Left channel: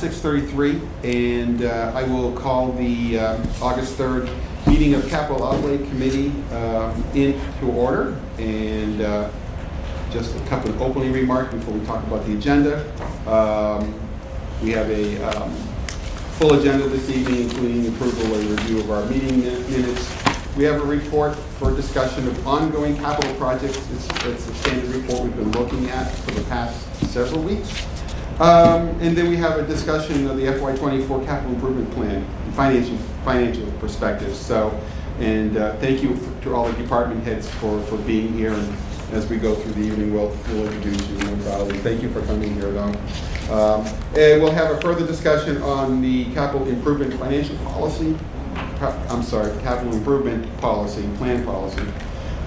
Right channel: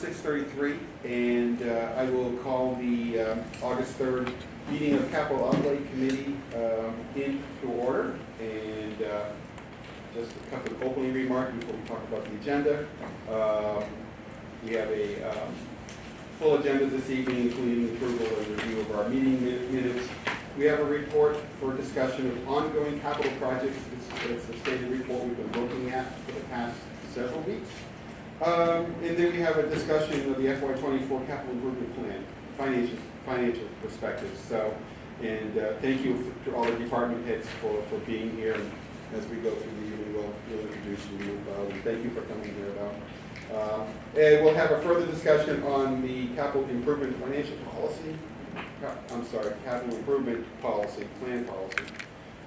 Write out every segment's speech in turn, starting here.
6:33, and I will call the August 3rd meeting of Capital Outlay Committee into order. And just a couple of opening remarks before we talk about the agenda. We have a full agenda this evening, including approval and review of our meeting minutes. We have a report for discussion of ongoing capital projects. It's a standard report we've been looking at for the past several weeks. And then we have a discussion of the FY24 capital improvement plan, financial perspective. So, and thank you to all the department heads for being here. And as we go through the evening, we'll introduce you. And thank you for coming here, Don. And we'll have a further discussion on the capital improvement financial policy. Capital improvement policy, plan policy.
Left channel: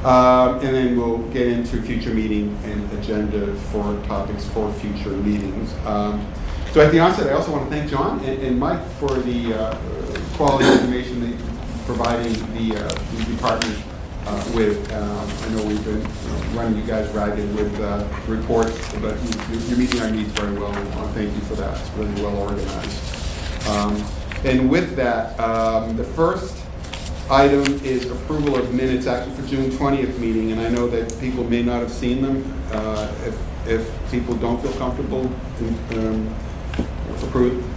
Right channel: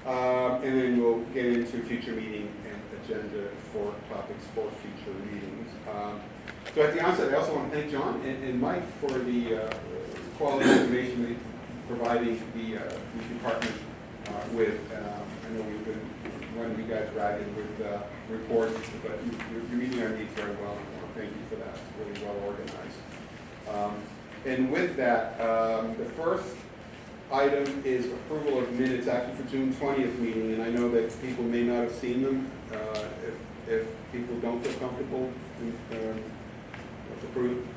And then we'll get into future meeting and agenda for topics for future meetings. So at the onset, I also want to thank John and Mike for the quality information that providing the department with. I know we've been running you guys ragged with reports, but you're meeting our needs very well. And I want to thank you for that. It's really well organized. And with that, the first item is approval of minutes actually for June 20th meeting, and I know that people may not have seen them. If people don't feel comfortable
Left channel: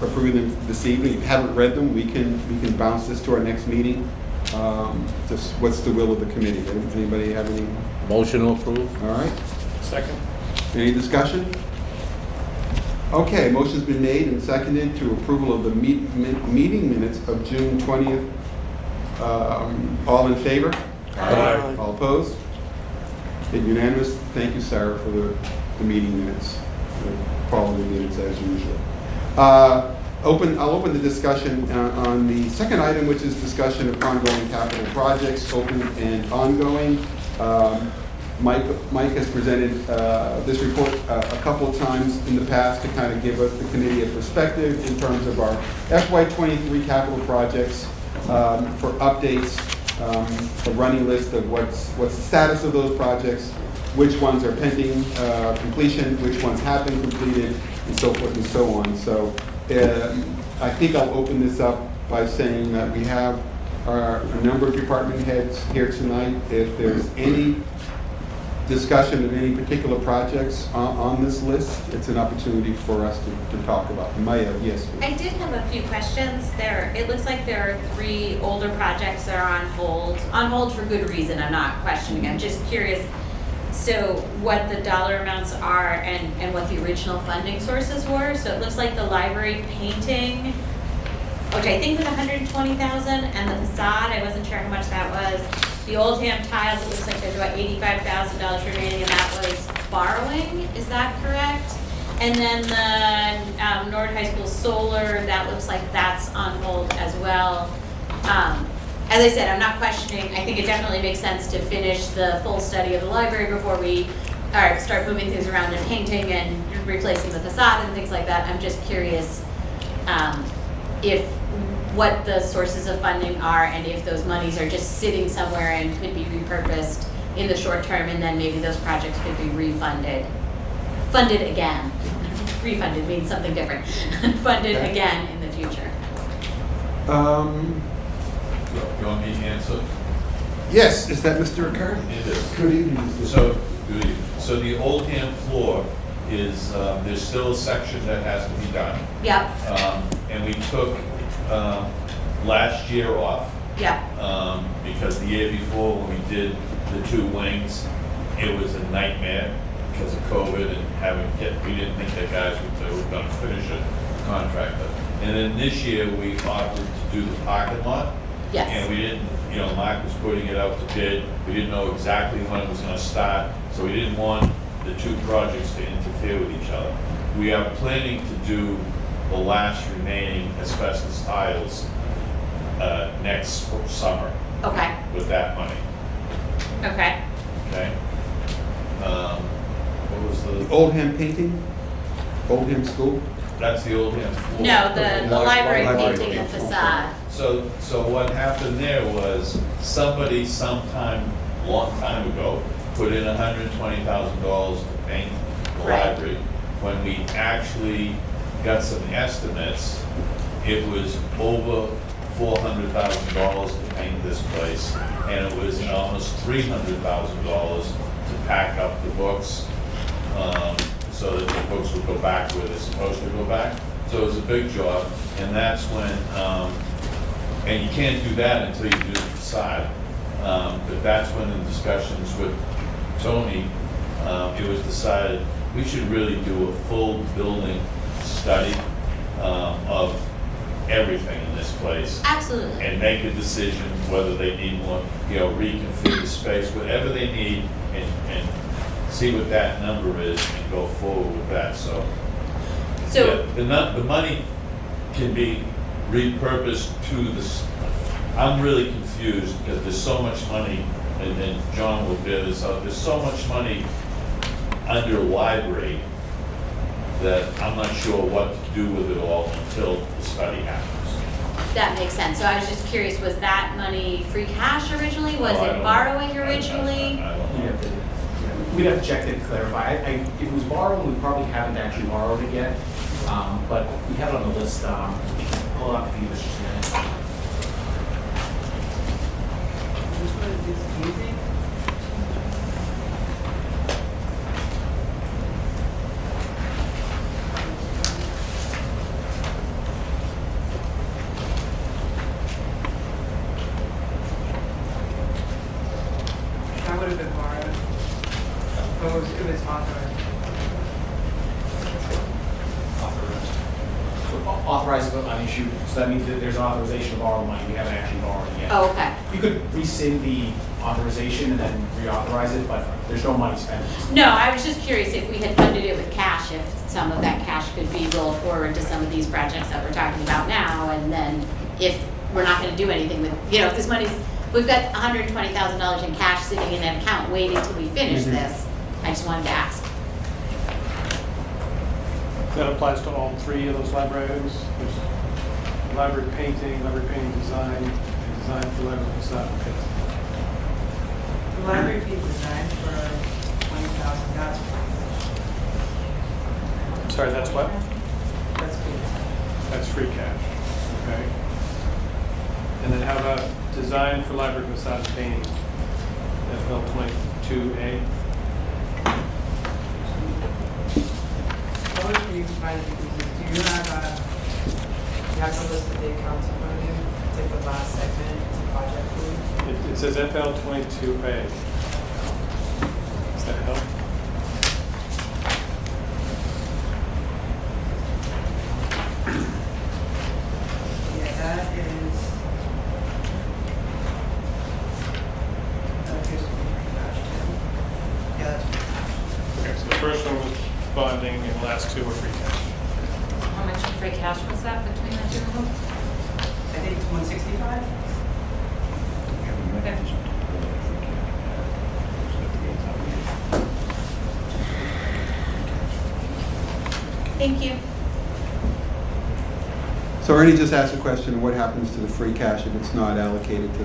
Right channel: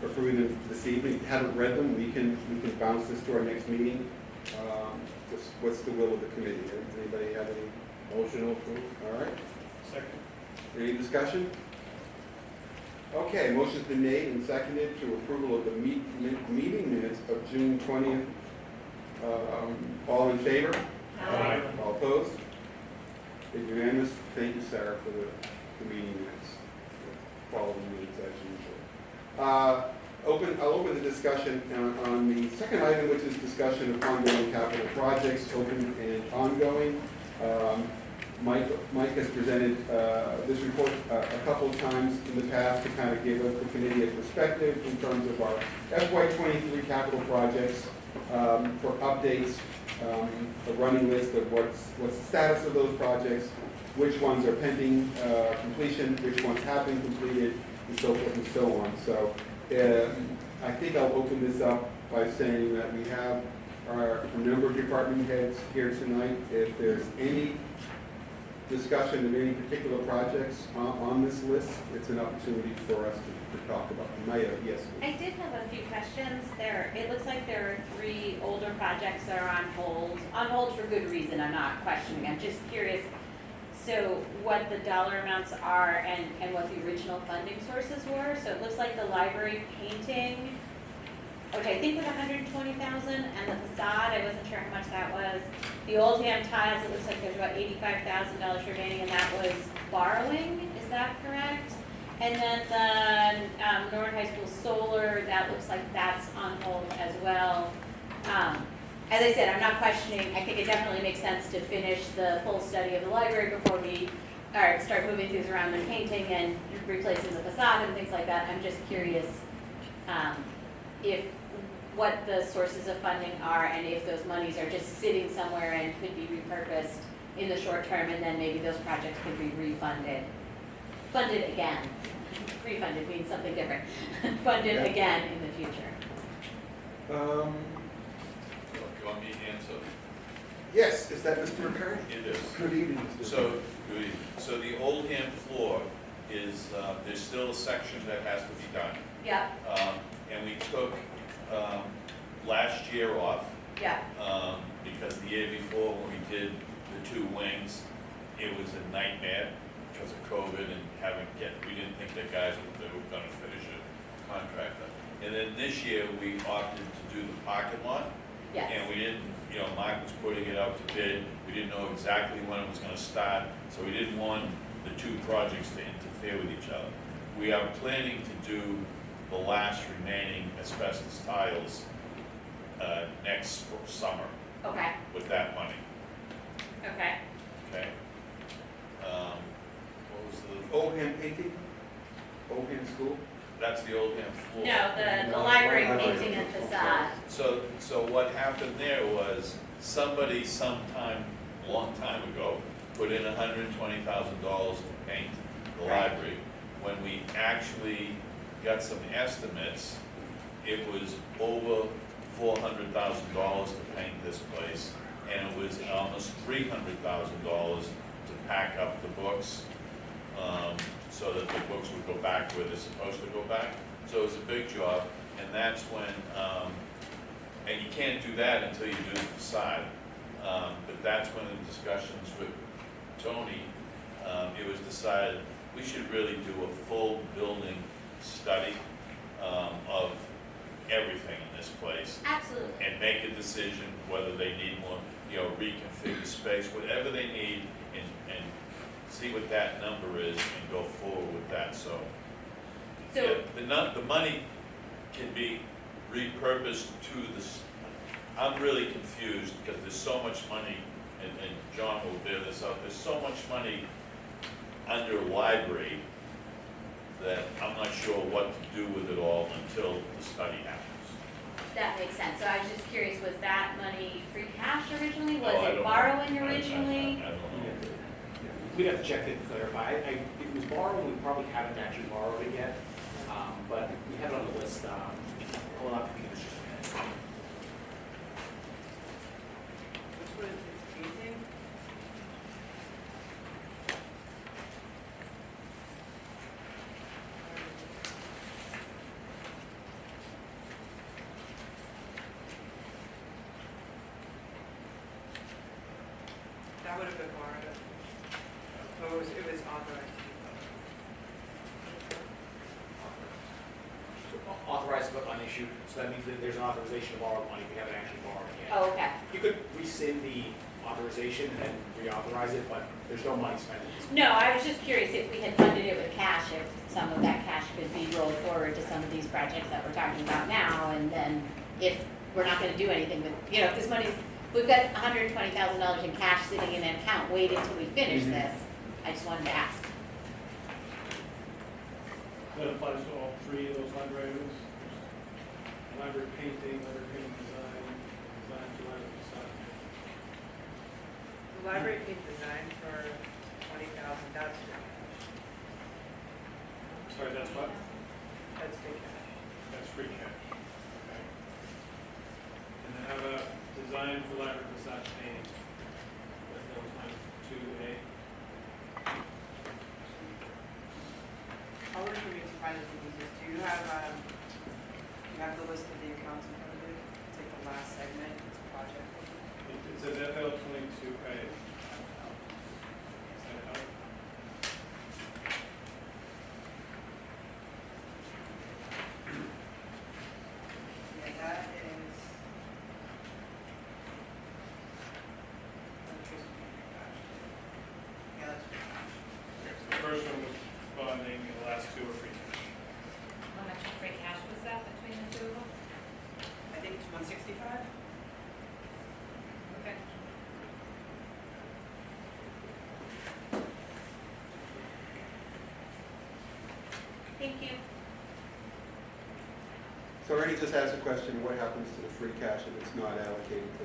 approving them this evening, if you haven't read them, we can bounce this to our next meeting. Just what's the will of the committee? Anybody have any? Motion to approve. All right. Second. Any discussion? Okay, motion's been made and seconded to approval of the meeting minutes of June 20th. All in favor? Aye. All opposed? Okay, unanimous. Thank you, Sarah, for the meeting minutes, the quality minutes as usual. I'll open the discussion on the second item, which is discussion of ongoing capital projects, open and ongoing. Mike has presented this report a couple of times in the past to kind of give us the committee a perspective in terms of our FY23 capital projects. For updates, a running list of what's the status of those projects, which ones are pending completion, which ones have been completed, and so forth and so on. So I think I'll open this up by saying that we have a number of department heads here tonight. If there's any discussion of any particular projects on this list, it's an opportunity for us to talk about. Maya, yes. I did have a few questions there. It looks like there are 3 older projects that are on hold for good reason. I'm not questioning. I'm just curious. So what the dollar amounts are and what the original funding sources were. So it looks like the library painting, which I think was $120,000, and the facade, I wasn't sure how much that was. The Oldham tiles, it looks like there's about $85,000 remaining, and that was borrowing. Is that correct? And then the Nord High School solar, that looks like that's on hold as well. As I said, I'm not questioning. I think it definitely makes sense to finish the full study of the library before we start moving things around and painting and replacing the facade and things like that. I'm just curious what the sources of funding are, and if those monies are just sitting somewhere and could be repurposed in the short term, and then maybe those projects could be funded again. Refunded means something different. Funded again in the future. You want me to answer? Yes, is that Mr. Ricard? It is. Good evening. So the Oldham floor is, there's still a section that has to be done. Yep. And we took last year off. Yep. Because the year before when we did the 2 wings, it was a nightmare because of COVID and we didn't think that guys were going to finish a contractor. And then this year we opted to do the parking lot. Yes. And we didn't, Mark was putting it out to bid. We didn't know exactly when it was going to start, so we didn't want the two projects to interfere with each other. We are planning to do the last remaining asbestos tiles next summer Okay, with that money, okay. okay? What was The the, Oldham painting? Oldham School? that's the old hand floor. No, the library Library painting and painting. facade. So what happened there was, somebody sometime, long time ago, put in $120,000 to paint the Right. library. When we actually got some estimates, it was over $400,000 to paint this place, and it was almost $300,000 to pack up the books, so that the books would go back where they're supposed to go back. So it was a big job, and that's when, and you can't do that until you do the facade. But that's when in discussions with Tony, it was decided we should really do a full building study of everything in this place Absolutely. and make a decision whether they need more, reconfigure the space, whatever they need, and see what that number is and go forward with that, so. So, Yeah, the money can be repurposed to this, I'm really confused because there's so much money, and John will bear this out, there's so much money under library that I'm not sure what to do with it all until the study happens. that makes sense. So I was just curious, was that money free cash originally? Was Oh, I it don't- borrowing originally? I don't We'd know. have to, we'd have to check to clarify. If it was borrowing, we probably haven't actually borrowed it yet, but we have it on the list. Pull it up for you just a minute. Which one is this painting? That would have been borrowed. But it was authorized. So authorized but unissued, so that means that there's an authorization to borrow money. We haven't actually borrowed it yet. Oh, okay. You could rescind the authorization and then reauthorize it, but there's no money spent. No, I was just curious if we had funded it with cash, if some of that cash could be rolled forward to some of these projects that we're talking about now, and then if we're not gonna do anything with, if this money's, we've got $120,000 in cash sitting in an account waiting till we finish Mhm. this, I just wanted to ask. That applies to all three of those library items? There's library painting design, and design for library facade. Okay. The library paid design for 20,000, that's, I'm sorry, that's what? that's paid. That's free cash, okay. And then how about design for library facade painting? FL 22A? What would you provide the people? Do you have the list of the accounts in front of you? It's like the last segment, it's a project fee. It says FL 22A. Does that help? Yeah, that is. Here's the free cash. Yeah, that's free cash. Okay, so the first one was bonding and the last two were free cash. How much free cash was that between the two of them? I think it's 165. Okay. Thank you. So Ernie just asked a question, what happens to the free cash if it's not allocated to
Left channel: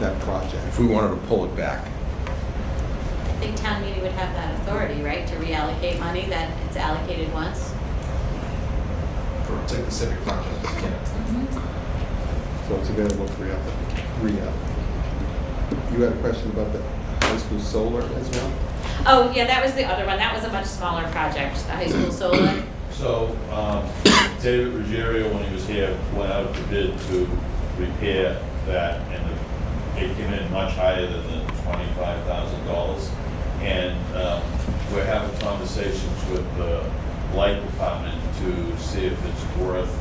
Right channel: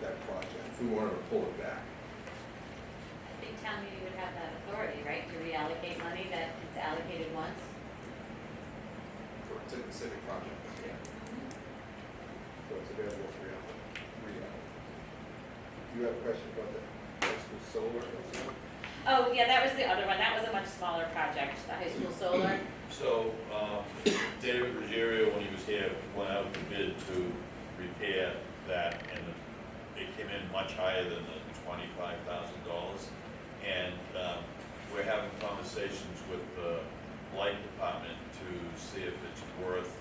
that project? If we wanted to pull it back. I think town meeting would have that authority, right, to reallocate money that it's allocated once? For a specific project. So it's available for reallocate. You had a question about the high school solar as well? Oh, yeah, that was the other one. That was a much smaller project, the high school solar. So, David Ruggiero, when he was here, went out to bid to repair that, and it came in much higher than the $25,000. And we're having conversations with the light department to see if it's worth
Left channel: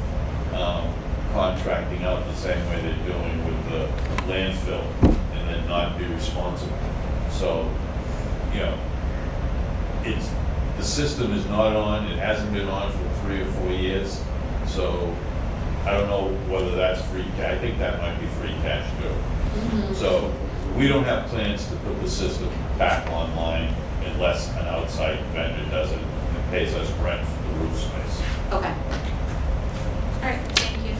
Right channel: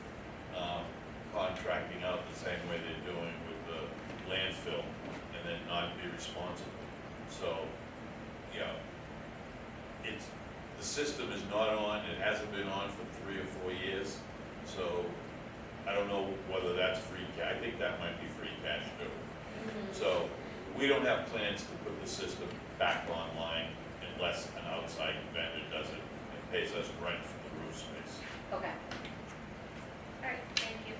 contracting out the same way they're doing with the landfill, and then not be responsible. So, the system is not on, it hasn't been on for 3 or 4 years. So I don't know whether that's free cash. I think that might be free cash too. So we don't have plans to put the system back online unless an outside vendor does it and pays us rent for the roof space. Okay. All right, thank you.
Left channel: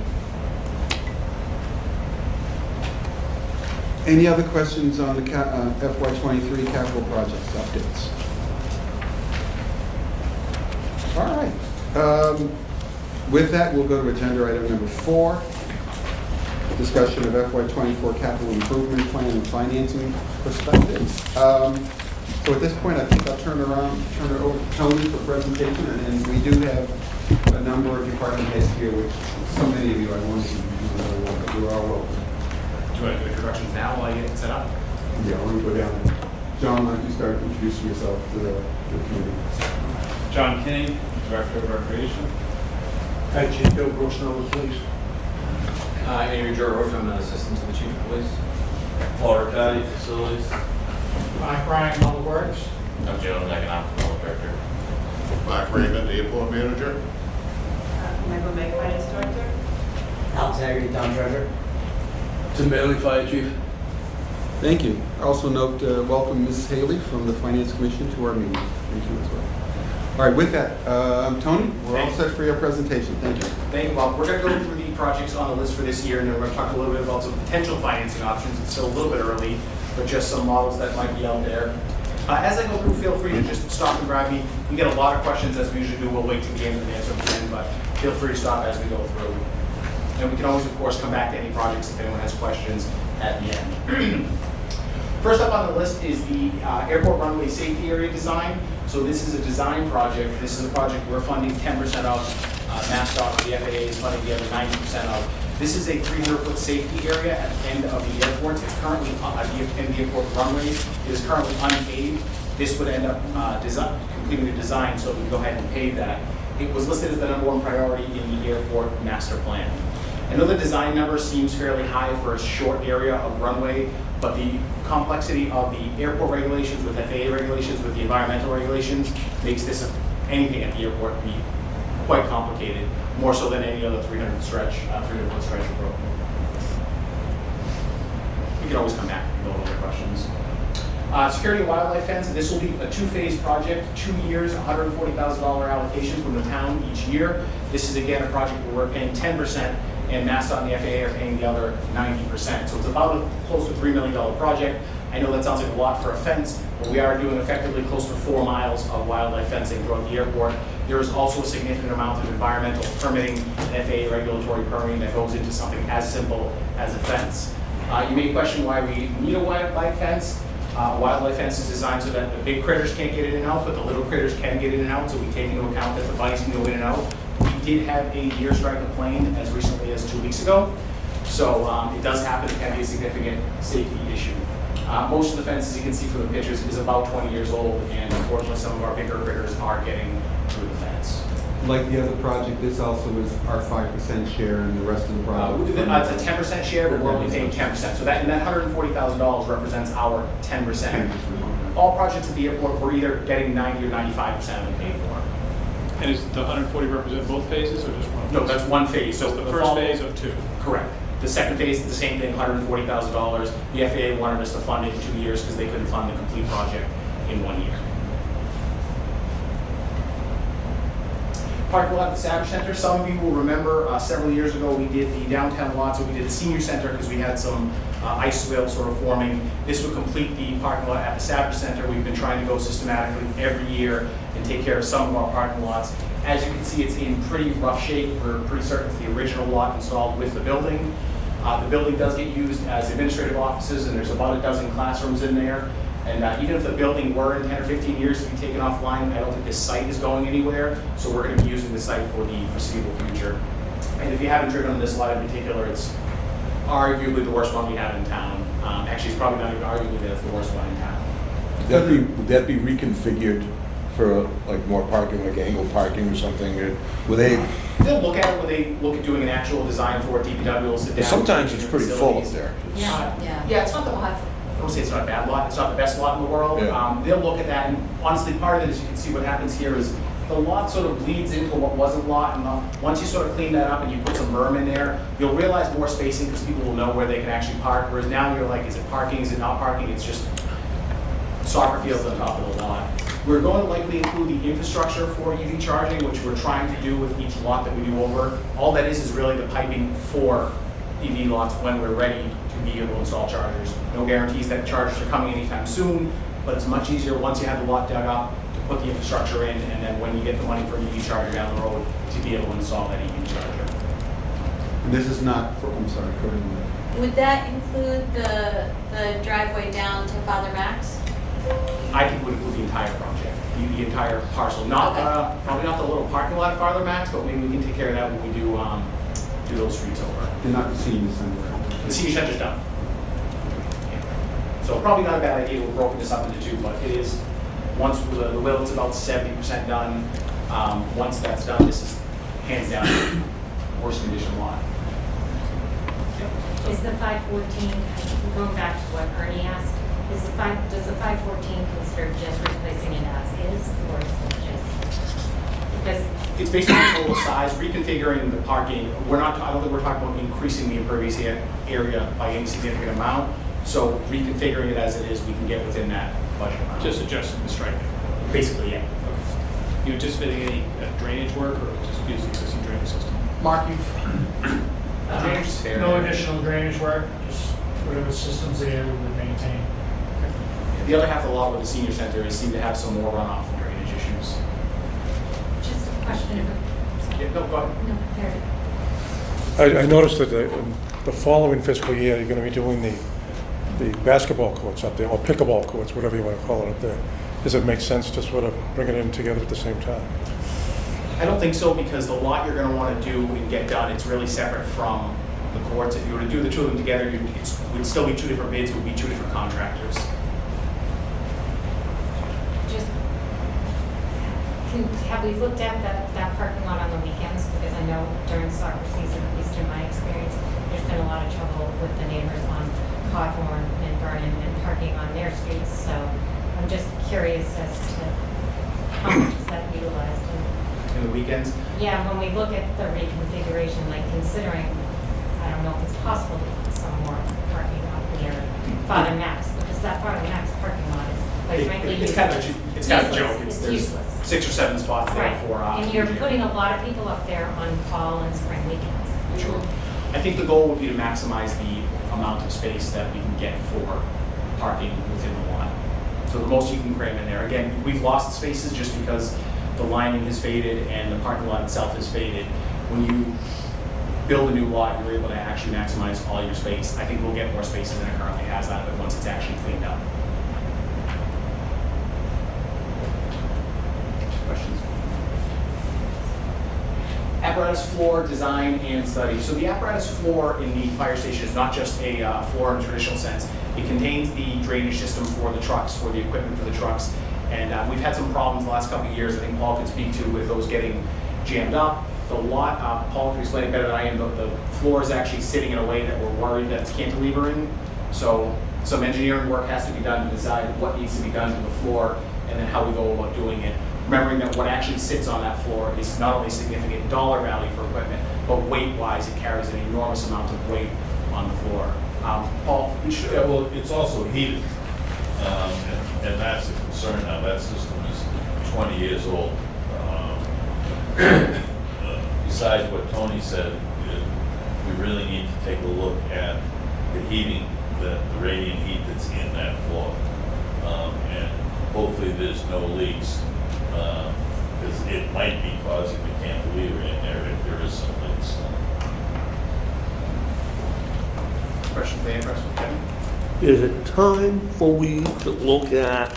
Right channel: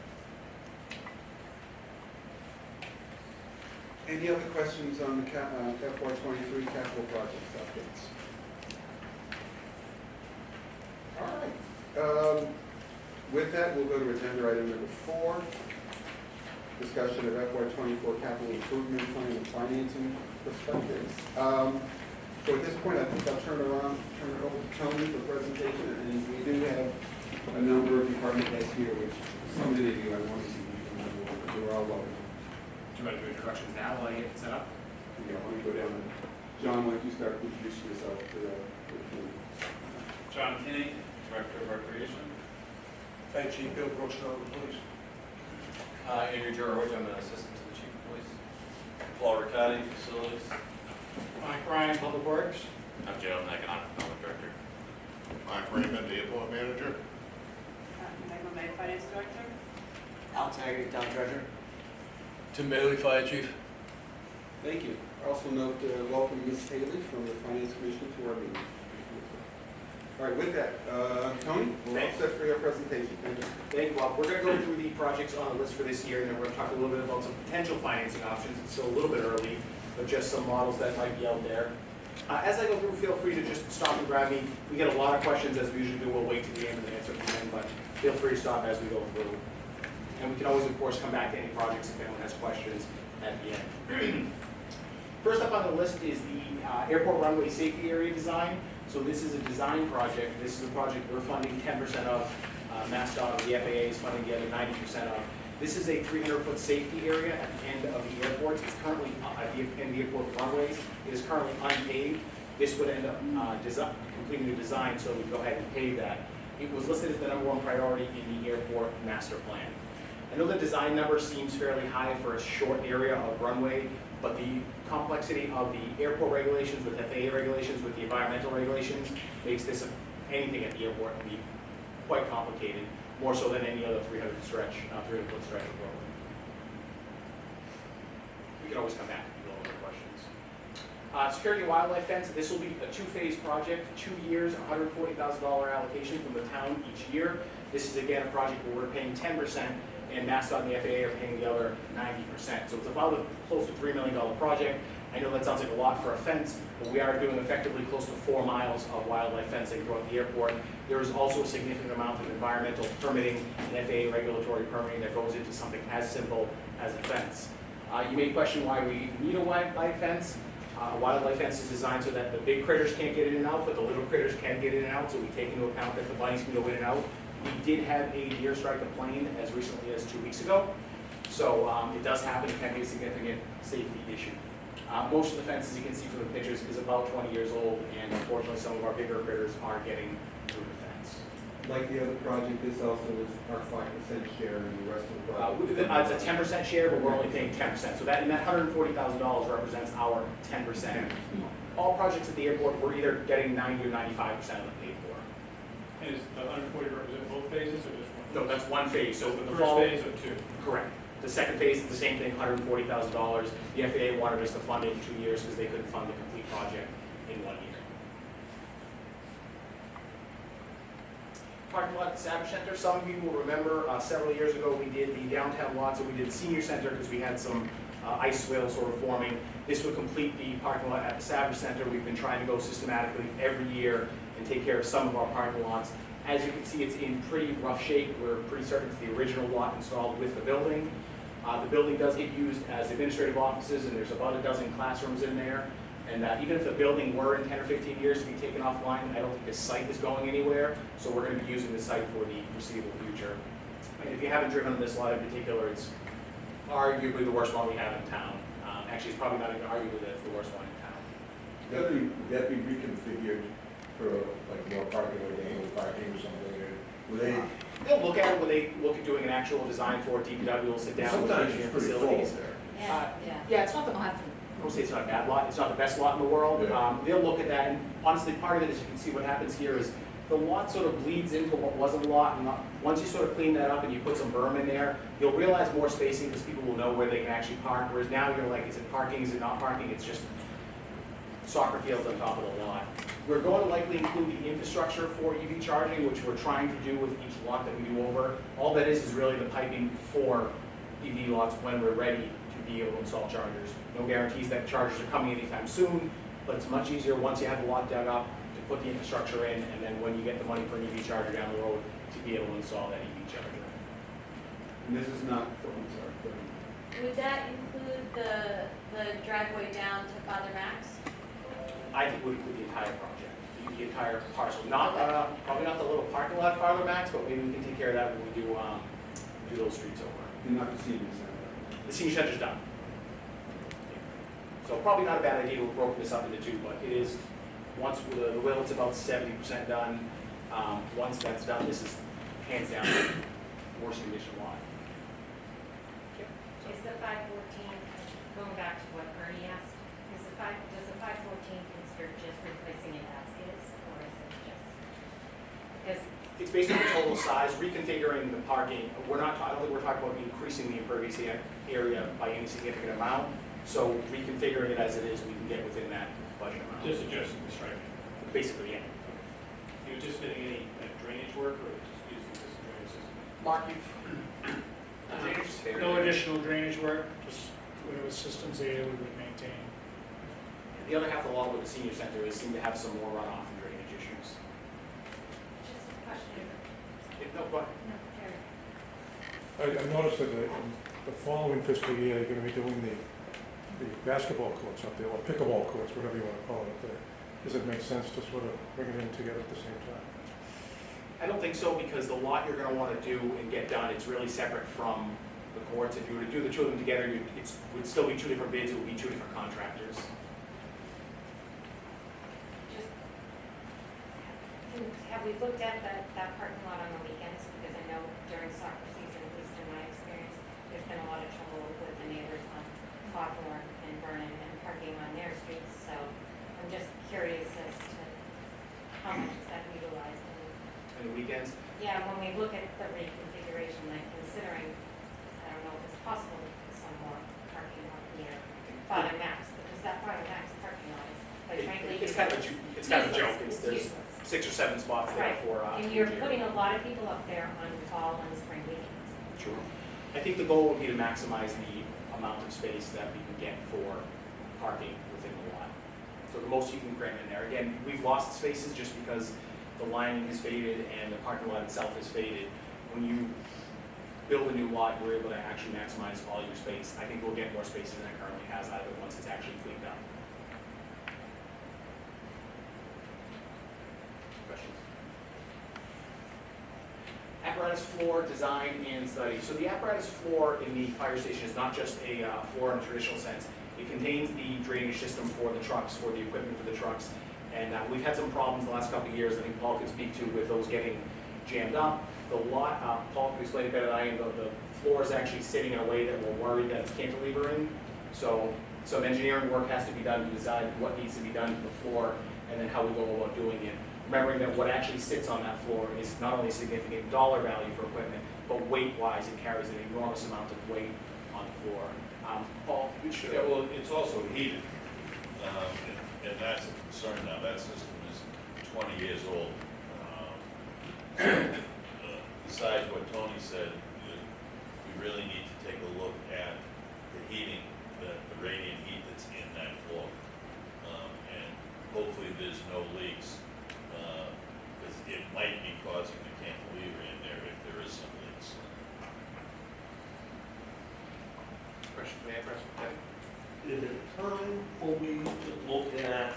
Any other questions on the FY23 capital projects updates? All right. With that, we'll go to agenda item number 4, discussion of FY24 capital improvement plan and financing perspectives. So at this point, I think I'll turn it over to Tony for presentation, and we do have a number of department heads here, which so many of you I wanted to you're all welcome. Do you want to do introductions now while I get set up? Yeah, I want to go down. John, why don't you start introducing yourself to the committee? John King, Director of Recreation. Hi, Chief Bill Brooks, Nova Police. Andrew George, I'm an Assistant to the Chief of Police. Florida County Facilities. Mike Ryan, Public Works. I'm General Economic Development Director. Mark Raymond, Airport Manager. Michael May, Finance Director. Alex Haggerty, Town Treasurer. Tim Bailey, Fire Chief. Thank you. Also note, welcome Ms. Haley from the Finance Commission to our meeting. Thank you as well. All right, with that, Tony, we're all set for your presentation. Thank you. Thank you, Bob. We're going to go through the projects on the list for this year, and then we're going to talk a little bit about some potential financing options. It's still a little bit early, but just some models that might be out there. As I go through, feel free to just stop and grab me. We get a lot of questions, as we usually do. We'll wait till the end and answer at the end, but feel free to stop as we go through. And we can always, of course, come back to any projects if anyone has questions at the end. First up on the list is the airport runway safety area design. So this is a design project. This is a project we're funding 10% of. MassDOT or the FAA is funding the other 90% of. This is a 300-foot safety area at the end of the airport. It's currently at the end of the airport runway. It is currently unpaved. This would end up completing the design, so we go ahead and pave that. It was listed as the #1 priority in the airport master plan. I know the design number seems fairly high for a short area of runway, but the complexity of the airport regulations with FAA regulations, with the environmental regulations, makes this anything at the airport be quite complicated, more so than any other 300-foot stretch approach. We can always come back if you have other questions. Security and wildlife fence, this will be a 2-phase project, 2 years, $140,000 allocation from the town each year. This is again a project where we're paying 10%, and MassDOT and the FAA are paying the other 90%. So it's about a close to $3 million project. I know that sounds like a lot for a fence, but we are doing effectively close to 4 miles of wildlife fencing throughout the airport. There is also a significant amount of environmental permitting and FAA regulatory permitting that goes into something as simple as a fence. You may question why we need a wildlife fence. A wildlife fence is designed so that the big critters can't get in and out, but the little critters can get in and out, so we take into account that the bunnies can go in and out. We did have a deer strike a plane as recently as 2 weeks ago, so it does happen. It can be a significant safety issue. Most of the fence, as you can see from the pictures, is about 20 years old, and unfortunately some of our bigger critters are getting through the fence. Like the other project, this also is our 5% share and the rest of the project. It's a 10% share, but we're only paying 10%. So that $140,000 represents our 10%. All projects at the airport, we're either getting 90 or 95% of them paid for. And is the 140 represent both phases or just one? No, that's one phase. So So the first phase of 2. Correct. The second phase is the same thing, $140,000. The FAA wanted us to fund it in 2 years because they couldn't fund the complete project in 1 year. Parking lot at the Savage Center. Some of you will remember several years ago we did the downtown lot, so we did the senior center because we had some ice swale sort of forming. This would complete the parking lot at the Savage Center. We've been trying to go systematically every year and take care of some of our parking lots. As you can see, it's in pretty rough shape. We're pretty certain it's the original lot installed with the building. The building does get used as administrative offices, and there's about a dozen classrooms in there. And even if the building were in 10 or 15 years to be taken offline, I don't think this site is going anywhere. So we're going to be using the site for the foreseeable future. And if you haven't driven on this lot in particular, it's arguably the worst one we have in town. Actually, it's probably not even arguably the worst one in town. Would that be reconfigured for like more parking, like angle parking or something? Or would they? They'll look at it when they look at doing an actual design for it. DPW will sit down. Sometimes it's pretty full up there. Yeah. Yeah, it's not the I don't say it's not a bad lot, it's not the best lot in the world. Yeah. They'll look at that, and honestly, part of it is you can see what happens here is the lot sort of bleeds into what was a lot, and once you sort of clean that up and you put some berm in there, you'll realize more spacing because people will know where they can actually park, whereas now you're like, is it parking, is it not parking? It's just soccer fields on top of the lot. We're going to likely include the infrastructure for EV charging, which we're trying to do with each lot that we do over. All that is really the piping for EV lots when we're ready to be able to install chargers. No guarantees that chargers are coming anytime soon, but it's much easier once you have the lot dug up to put the infrastructure in, and then when you get the money for an EV charger down the road, to be able to install that EV charger. And this is not for, I'm sorry, go ahead. Would that include the driveway down to Father Max? I think would include the entire project, the entire parcel. Not, Okay. probably not the little parking lot farther max, but maybe we can take care of that when we do those streets over. They're not the senior center. The senior center's done. Yeah. So probably not a bad idea, we've broken this up into two, but it is, once the building's about 70% done, once that's done, this is hands down worst condition lot. Is the 514, going back to what Ernie asked, does the 514 consider just replacing it as is, or is it just, because It's based on total size, reconfiguring the parking. I don't think we're talking about increasing the impervious area by any significant amount. So reconfiguring it as it is, we can get within that budget amount. Just adjusting the striping. Basically, yeah. You anticipating any drainage work or just use the existing drainage system? Mark, you've, drainage is fair. No additional drainage work, just whatever system's there, we would maintain. The other half of the lot with the senior center is seem to have some more runoff and drainage issues. just a question of, Yeah, no, go ahead. no, there, I noticed that the following fiscal year, you're going to be doing the basketball courts up there, or pickleball courts, whatever you want to call it up there. Does it make sense to sort of bring it in together at the same time? I don't think so, because the lot you're gonna wanna do and get done, it's really separate from the courts. If you were to do the two of them together, it would still be two different bids, it would be two different contractors. just, have we looked at that parking lot on the weekends? Because I know during soccer season, at least in my experience, there's been a lot of trouble with the neighbors on Cawthorn and Vernon and parking on their streets, so I'm just curious as to how much is that utilized? In the weekends, Yeah, when we look at the reconfiguration, like considering, I don't know if it's possible to put some more parking out near Father Max, because that Father Max parking lot is quite frankly it's useless. kind of a joke. It's There's useless. 6 or 7 spots there Right, for. and you're putting a lot of people up there on fall and spring weekends. Sure. I think the goal would be to maximize the amount of space that we can get for parking within the lot. So the most you can cram in there. Again, we've lost spaces just because the lining has faded and the parking lot itself has faded. When you build a new lot, you're able to actually maximize all your space. I think we'll get more spaces than it currently has out of it once it's actually cleaned up. Questions? Apparatus floor design and study. So the apparatus floor in the fire station is not just a floor in a traditional sense. It contains the drainage system for the trucks, for the equipment for the trucks. And we've had some problems the last couple of years, I think Paul can speak to, with those getting jammed up. The lot, Paul can explain it better than I am, the floor is actually sitting in a way that we're worried that it's cantilevering. So some engineering work has to be done to decide what needs to be done to the floor and then how we go about doing it. Remembering that what actually sits on that floor is not only a significant dollar value for equipment, but weight-wise, it carries an enormous amount of weight on the floor. Paul, you should. Yeah, well, it's also heated, and that's a concern now. That system is 20 years old. Besides what Tony said, we really need to take a look at the heating, the radiant heat that's in that floor. And hopefully there's no leaks, because it might be causing the cantilever in there if there is some leaks. Questions, Dan, questions, Kevin? Is it time for we to look at,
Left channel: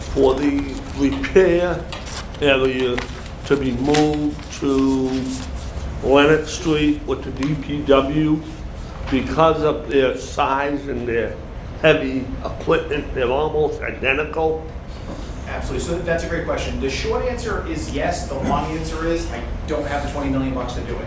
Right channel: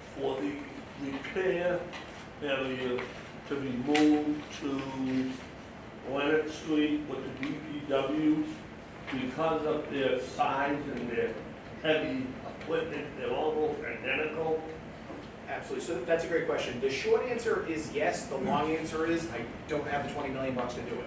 for the repair area to be moved to Leonard Street with the DPW? Because of their size and their heavy equipment, they're almost identical. Absolutely. So that's a great question. The short answer is yes. The long answer is I don't have the $20 million to do it.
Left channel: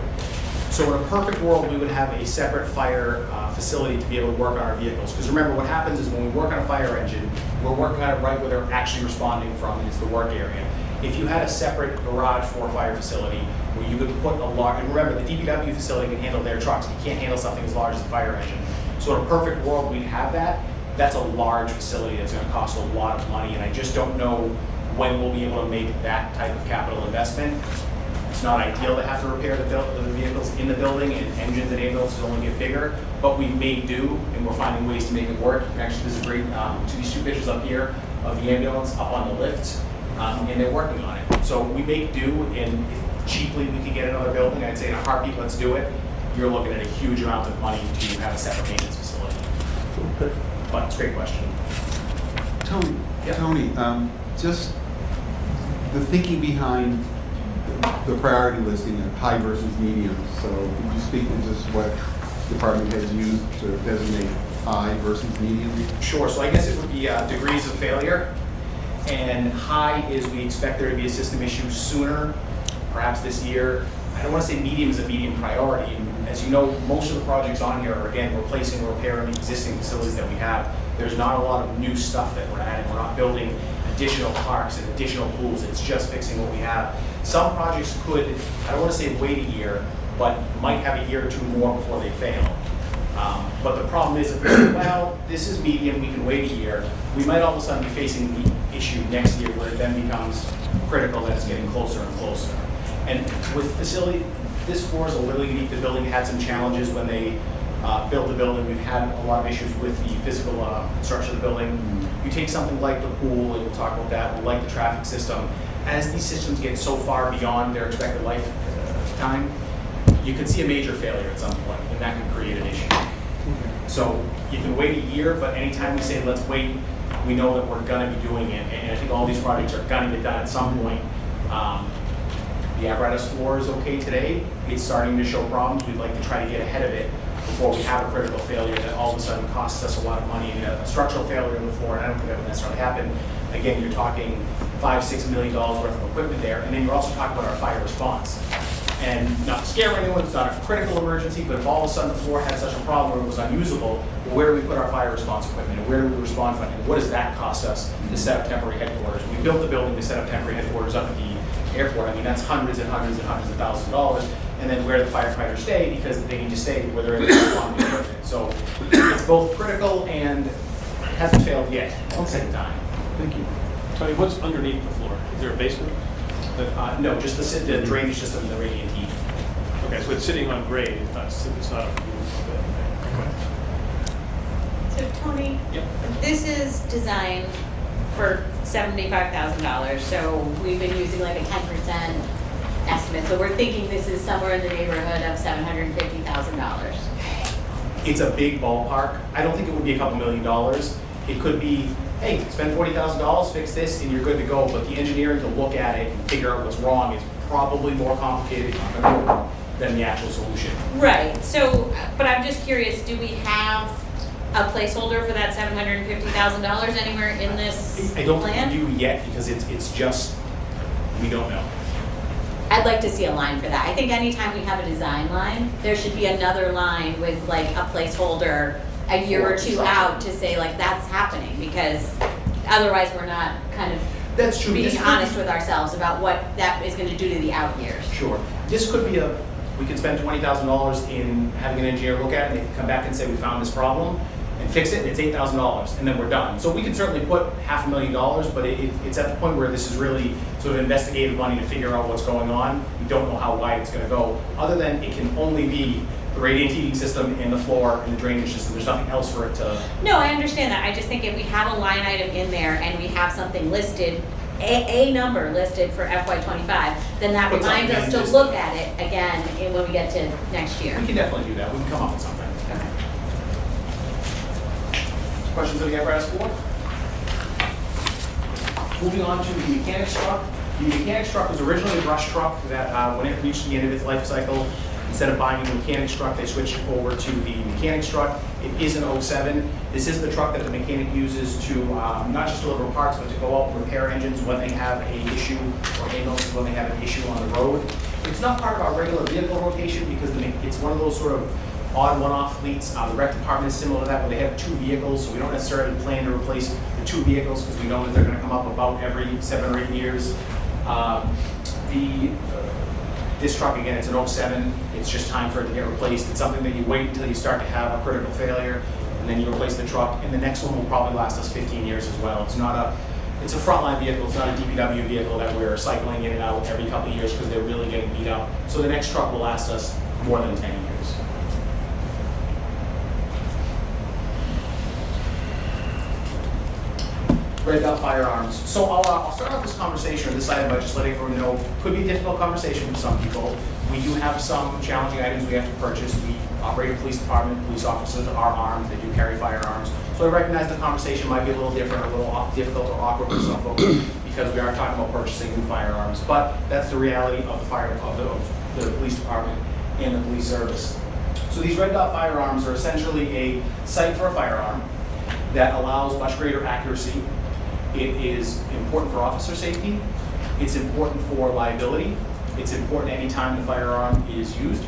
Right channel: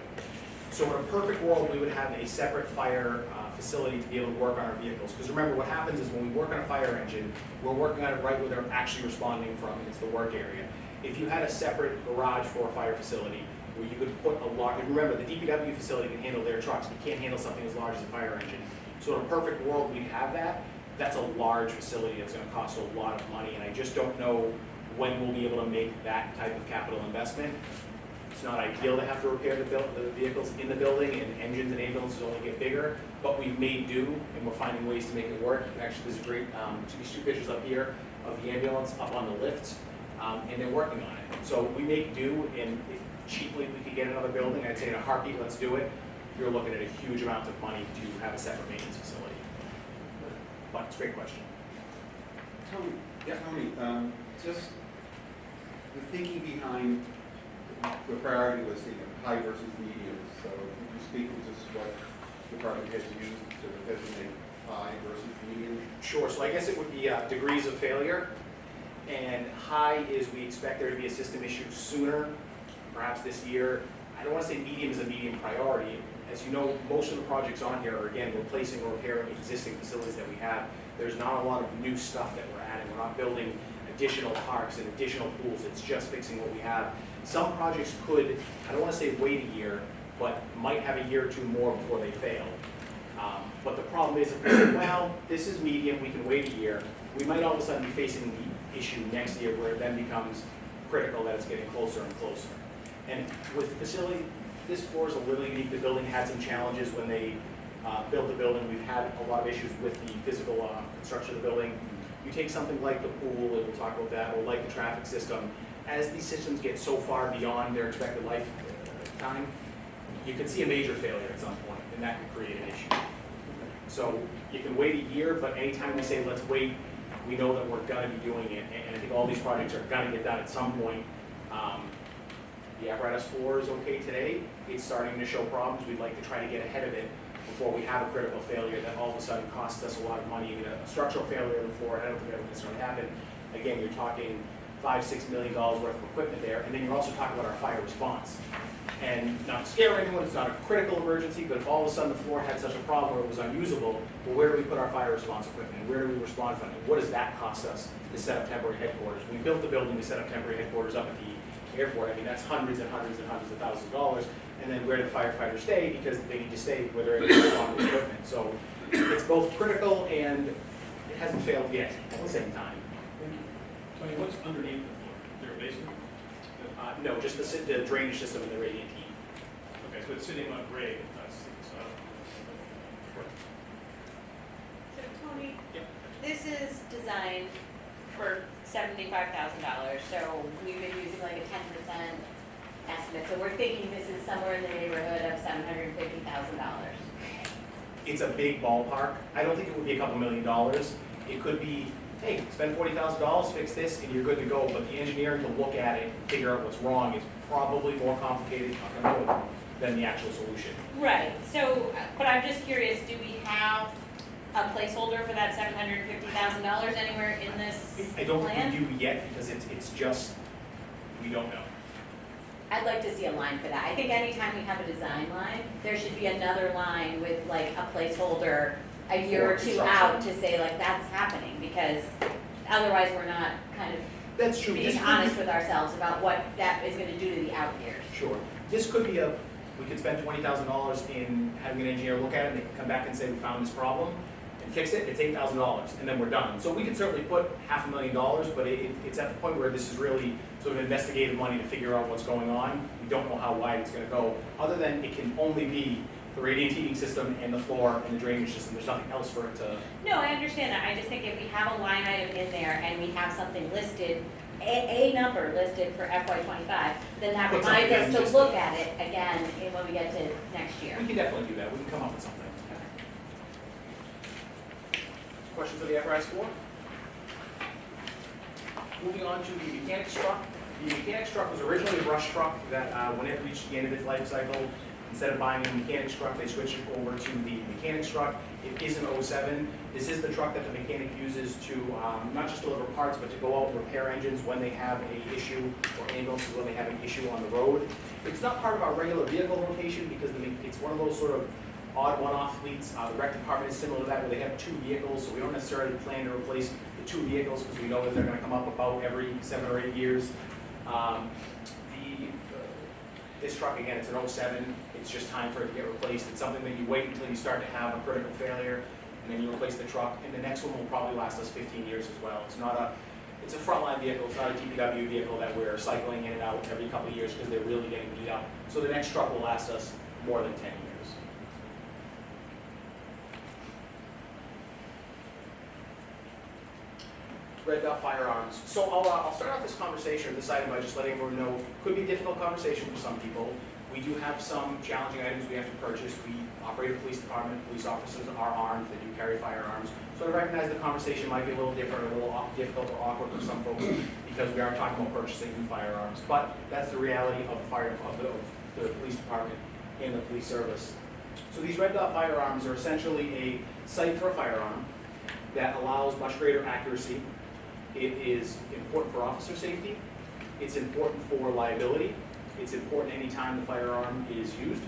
So in a perfect world, we would have a separate fire facility to be able to work on our vehicles. Because remember, what happens is when we work on a fire engine, we're working on it right where they're actually responding from, and it's the work area. If you had a separate garage for a fire facility where you could put a large, and remember, the DPW facility can handle their trucks, you can't handle something as large as a fire engine. So in a perfect world, we'd have that. That's a large facility that's gonna cost a lot of money, and I just don't know when we'll be able to make that type of capital investment. It's not ideal to have to repair the vehicles in the building, and engines and ambulances only get bigger, but we've made do, and we're finding ways to make it work. Actually, there's a great, these two pictures up here of the ambulance up on the lifts, and they're working on it. So we make do, and if cheaply we can get another building, I'd say in a heartbeat, let's do it. You're looking at a huge amount of money to have a separate maintenance facility. Okay. But it's a great question. Tony, Yeah. Tony, just the thinking behind the priority listing of high versus medium. So could you speak to just what department has used to designate high versus medium? Sure, so I guess it would be degrees of failure. And high is we expect there to be a system issue sooner, perhaps this year. I don't want to say medium is a medium priority. And as you know, most of the projects on here are, again, replacing or repairing existing facilities that we have. There's not a lot of new stuff that we're adding. We're not building additional parks and additional pools. It's just fixing what we have. Some projects could, I don't want to say wait a year, but might have a year or two more before they fail. But the problem is, if we say, well, this is medium, we can wait a year, we might all of a sudden be facing the issue next year where it then becomes critical that it's getting closer and closer. And with facility, this floor is a little unique. The building had some challenges when they built the building. We've had a lot of issues with the physical construction of the building. You take something like the pool, and we'll talk about that, or like the traffic system. As these systems get so far beyond their expected lifetime, you could see a major failure at some point, and that could create an issue. So you can wait a year, but anytime we say let's wait, we know that we're gonna be doing it, and I think all these projects are gonna get done at some point. The apparatus floor is okay today. It's starting to show problems. We'd like to try to get ahead of it before we have a critical failure that all of a sudden costs us a lot of money. And a structural failure on the floor, and I don't think that would necessarily happen. Again, you're talking $5-6 million worth of equipment there, and then you're also talking about our fire response. And not to scare anyone, it's not a critical emergency, but if all of a sudden the floor had such a problem where it was unusable, where do we put our fire response equipment, and where do we respond from it? And what does that cost us to set up temporary headquarters? We built the building to set up temporary headquarters up at the airport. I mean, that's hundreds and hundreds and hundreds of thousands of dollars. And then where do the firefighters stay? Because they need to stay where they're able to respond to the equipment. So it's both critical and it hasn't failed yet at the same time. Thank you. Tony, what's underneath the floor? Is there a basement? No, just the drainage system and the radiant heat. Okay, so it's sitting on grade, it's not. So Tony, Yep. this is designed for $75,000, so we've been using like a 10% estimate, so we're thinking this is somewhere in the neighborhood of $750,000. It's a big ballpark. I don't think it would be a couple $1 million. It could be, hey, spend $40,000, fix this, and you're good to go. But the engineering to look at it and figure out what's wrong is probably more complicated than the actual solution. Right, so, but I'm just curious, do we have a placeholder for that $750,000 anywhere in this I don't think plan? we do yet because it's just, we don't know. I'd like to see a line for that. I think anytime we have a design line, there should be another line with like a placeholder a year or two out to say like that's happening, because otherwise we're not kind of That's true. being This could honest be- with ourselves about what that is going to do to the out years. Sure. This could be we could spend $20,000 in having an engineer look at it, and they can come back and say, we found this problem, and fix it, and it's $8,000, and then we're done. So we could certainly put $500,000, but it's at the point where this is really sort of investigative money to figure out what's going on. We don't know how wide it's gonna go, other than it can only be the radiant heating system and the floor and the drainage system. There's nothing else for it to. No, I understand that. I just think if we have a line item in there and we have something listed, a number listed for FY25, then that Put something reminds us in to just- look at it again when we get to next year. We can definitely do that. We can come up with something. Questions of the apparatus floor? Moving on to the mechanics truck. The mechanics truck was originally a brush truck that when it reached the end of its life cycle, instead of buying a mechanics truck, they switched over to the mechanics truck. It is an 07. This is the truck that the mechanic uses to not just deliver parts, but to go out and repair engines when they have an issue, or ambulance when they have an issue on the road. It's not part of our regular vehicle rotation because it's one of those sort of odd one-off fleets. The rec department is similar to that, where they have 2 vehicles, so we don't necessarily plan to replace the 2 vehicles because we know that they're going to come up about every 7 or 8 years. This truck, again, it's an 07. It's just time for it to get replaced. It's something that you wait until you start to have a critical failure, and then you replace the truck, and the next one will probably last us 15 years as well. It's a frontline vehicle. It's not a DPW vehicle that we're cycling in and out every couple of years because they're really getting beat up. So the next truck will last us more than 10 years. Red Dot Firearms. So I'll start off this conversation, or this item, by just letting everyone know, could be a difficult conversation for some people. We do have some challenging items we have to purchase. We operate a police department. Police officers are armed. They do carry firearms. So I recognize the conversation might be a little different, a little difficult or awkward for some folks because we are talking about purchasing new firearms. But that's the reality of the police department and the police service. So these Red Dot Firearms are essentially a sight for a firearm that allows much greater accuracy. It is important for officer safety. It's important for liability. It's important anytime the firearm is used.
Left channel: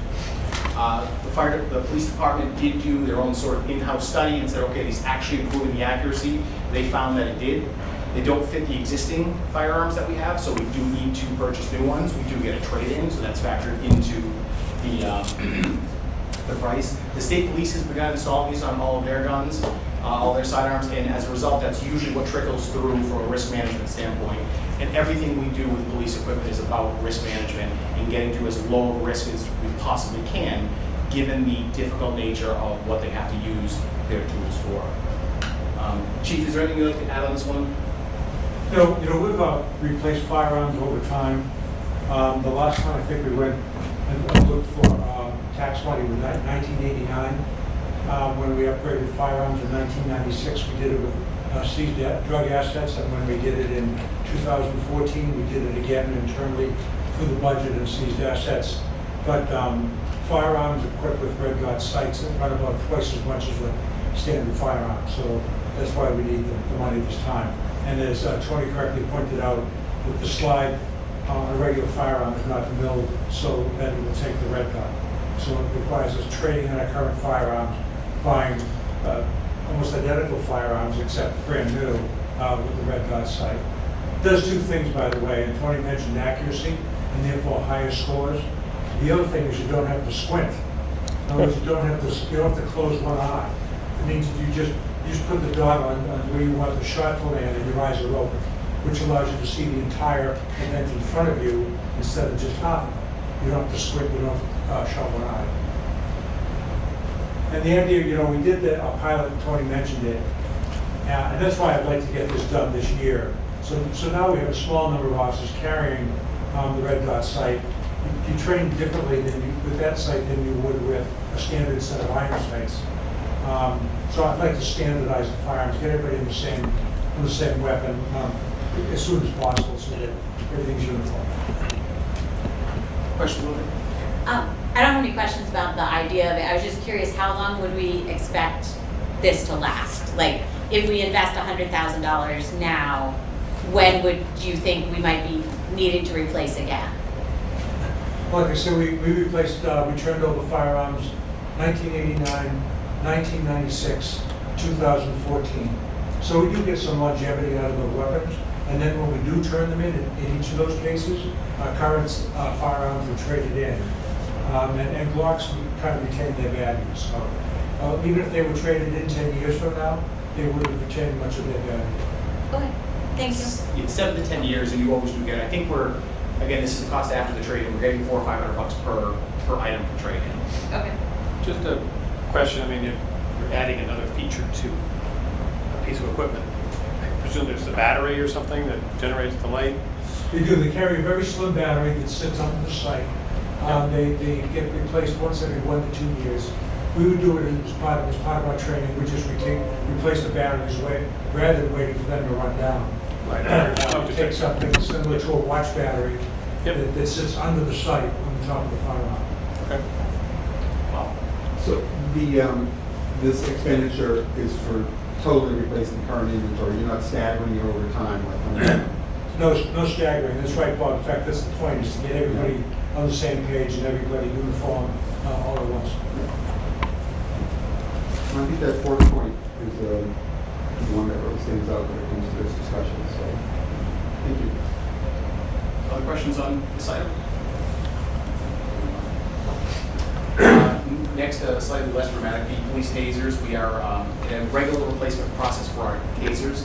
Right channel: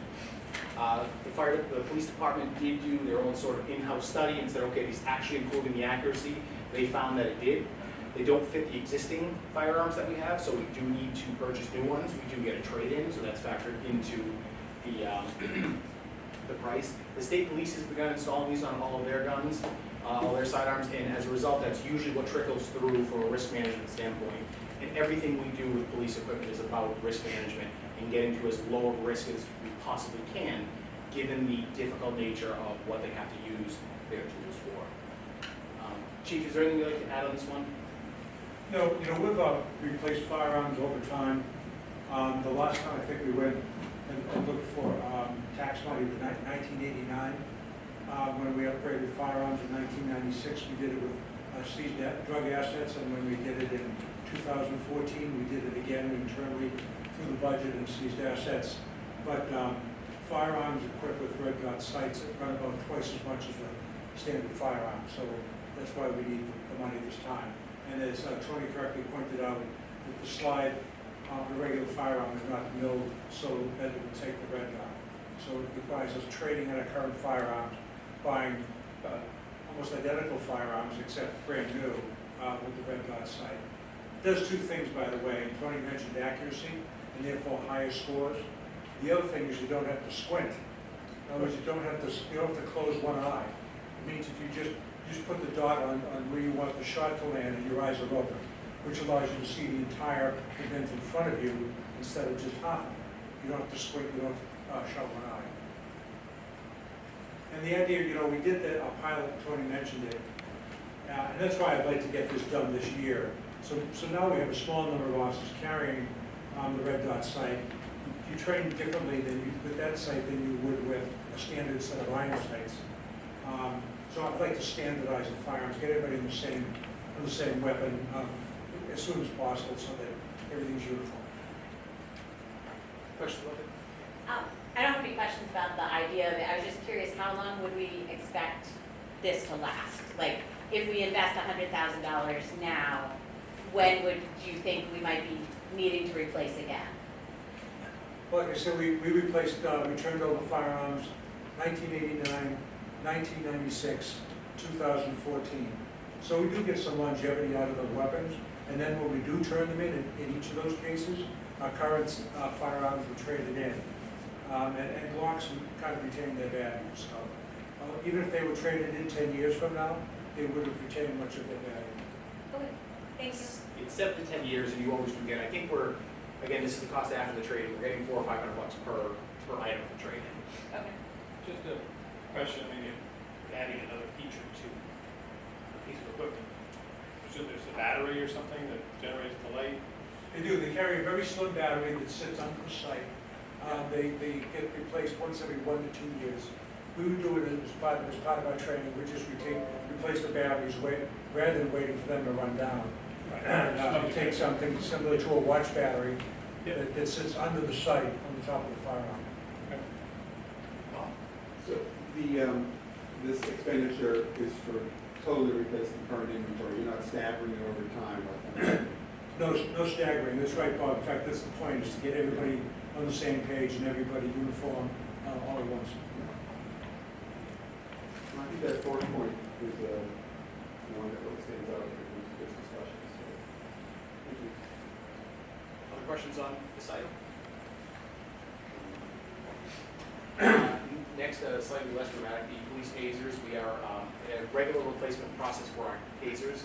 The police department did do their own sort of in-house study and said, okay, these actually improving the accuracy. They found that it did. They don't fit the existing firearms that we have, so we do need to purchase new ones. We do get a trade-in, so that's factored into the price. The state police has begun installing these on all of their guns, all their sidearms, and as a result, that's usually what trickles through from a risk management standpoint. And everything we do with police equipment is about risk management and getting to as low of risk as we possibly can, given the difficult nature of what they have to use their tools for. Chief, is there anything you'd like to add on this one? We've replaced firearms over time. The last one I think we went and looked for tax money was 1989. When we upgraded firearms in 1996, we did it with seized drug assets, and when we did it in 2014, we did it again internally through the budget and seized assets. But firearms equipped with red dot sights run about twice as much as the standard firearm, so that's why we need the money this time. And as Tony correctly pointed out, with the slide on a regular firearm is not milled so that it will take the red dot. So it requires us trading in our current firearms, buying almost identical firearms except brand new with the red dot sight. It does 2 things, by the way, and Tony mentioned accuracy and therefore higher scores. The other thing is you don't have to squint. In other words, you don't have to close one eye. It means you just put the dot on where you want the shot to land and your eyes are open, which allows you to see the entire event in front of you instead of just half of it. You don't have to squint, you don't have to shut one eye. And the idea, we did a pilot, Tony mentioned it, and that's why I'd like to get this done this year. So now we have a small number of officers carrying the red dot sight. You train differently with that sight than you would with a standard set of iron sights. So I'd like to standardize the firearms, get everybody on the same weapon as soon as possible, so that everything's uniform. Question, Willie? I don't have any questions about the idea of it. I was just curious, how long would we expect this to last? Like, if we invest $100,000 now, when would you think we might be needing to replace again? Like I said, we replaced, we turned over firearms 1989, 1996, 2014. So we do get some longevity out of the weapons, and then when we do turn them in each of those cases, our current firearms are traded in. And Glocks kind of retain their value. So even if they were traded in 10 years from now, they would have retained much of their value. Okay, thank you. It's 7 to 10 years, and you always do get. I think again, this is the cost after the trade-in. We're getting $400 or $500 per item for trade-in. Okay. Just a question, I mean, you're adding another feature to a piece of equipment. I presume there's a battery or something that generates the light? They do. They carry a very slim battery that sits under the sight. They get replaced once every 1 to 2 years. We would do it as part of our training. We just replace the batteries rather than waiting for them to run down. Right. We take something similar to a watch battery that sits under the sight on the top of the firearm. Okay. Wow. So the this expenditure is for totally replacing current inventory, you're not staggering it over time like. No staggering, that's right, Bob. In fact, that's the point, is to get everybody on the same page and everybody uniform all at once. I think that fourth point is the one that really stands out when it comes to this discussion, so, thank you. Other questions on this item? Next, slightly less dramatic, the police tasers. We are in a regular replacement process for our tasers.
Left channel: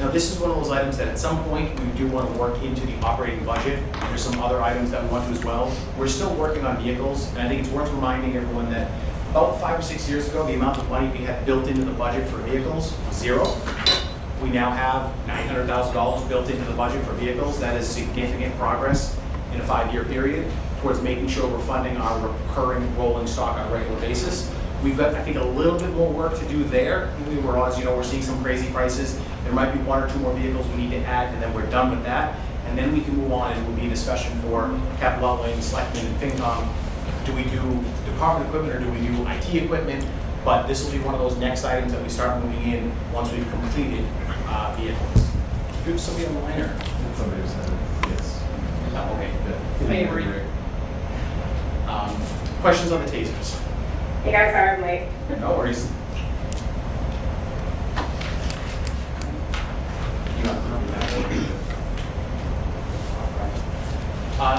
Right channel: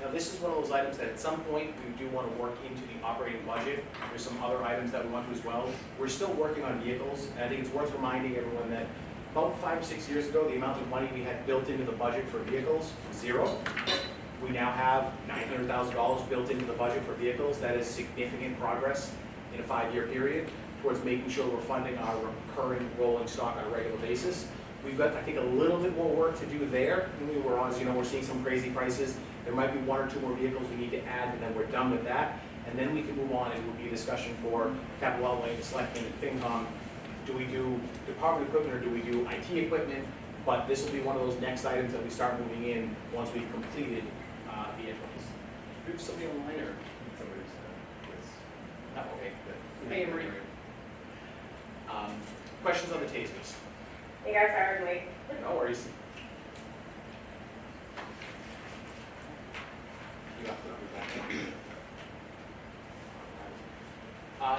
Now, this is one of those items that at some point we do want to work into the operating budget. There's some other items that we want to as well. We're still working on vehicles, and I think it's worth reminding everyone that about 5 or 6 years ago, the amount of money we had built into the budget for vehicles was $0. We now have $900,000 built into the budget for vehicles. That is significant progress in a 5-year period towards making sure we're funding our recurring rolling stock on a regular basis. We've got, I think, a little bit more work to do there. We're honest, we're seeing some crazy prices. There might be 1 or 2 more vehicles we need to add, and then we're done with that. And then we can move on, and it will be a discussion for capital outlay, selectmen, and FinCom. Do we do department equipment or do we do IT equipment? But this will be one of those next items that we start moving in once we've completed vehicles. Do somebody on the line or? Somebody said it, yes. Oh, okay. Hey, Marie. Questions on the tasers? Hey guys, sorry I'm late. No worries.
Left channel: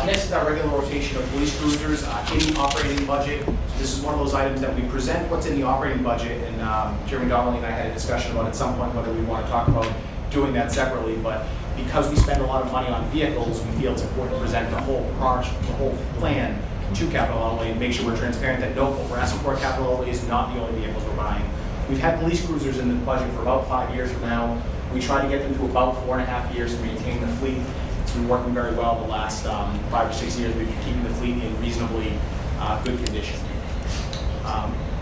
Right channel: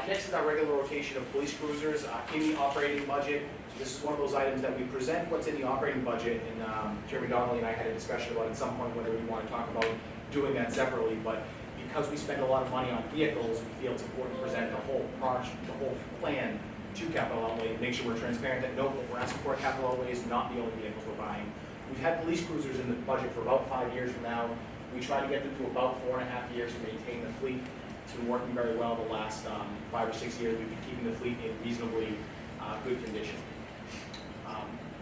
Next is our regular rotation of police cruisers in the operating budget. So this is one of those items that we present what's in the operating budget, and Jeremy Donnelly and I had a discussion about at some point whether we want to talk about doing that separately, but because we spend a lot of money on vehicles, we feel it's important to present the whole project, the whole plan to capital outlay and make sure we're transparent that no, what we're asking for capital outlay is not the only vehicles we're buying. We've had police cruisers in the budget for about 5 years now. We try to get them to about 4.5 years to maintain the fleet. It's been working very well the last 5 or 6 years. We've been keeping the fleet in reasonably good condition.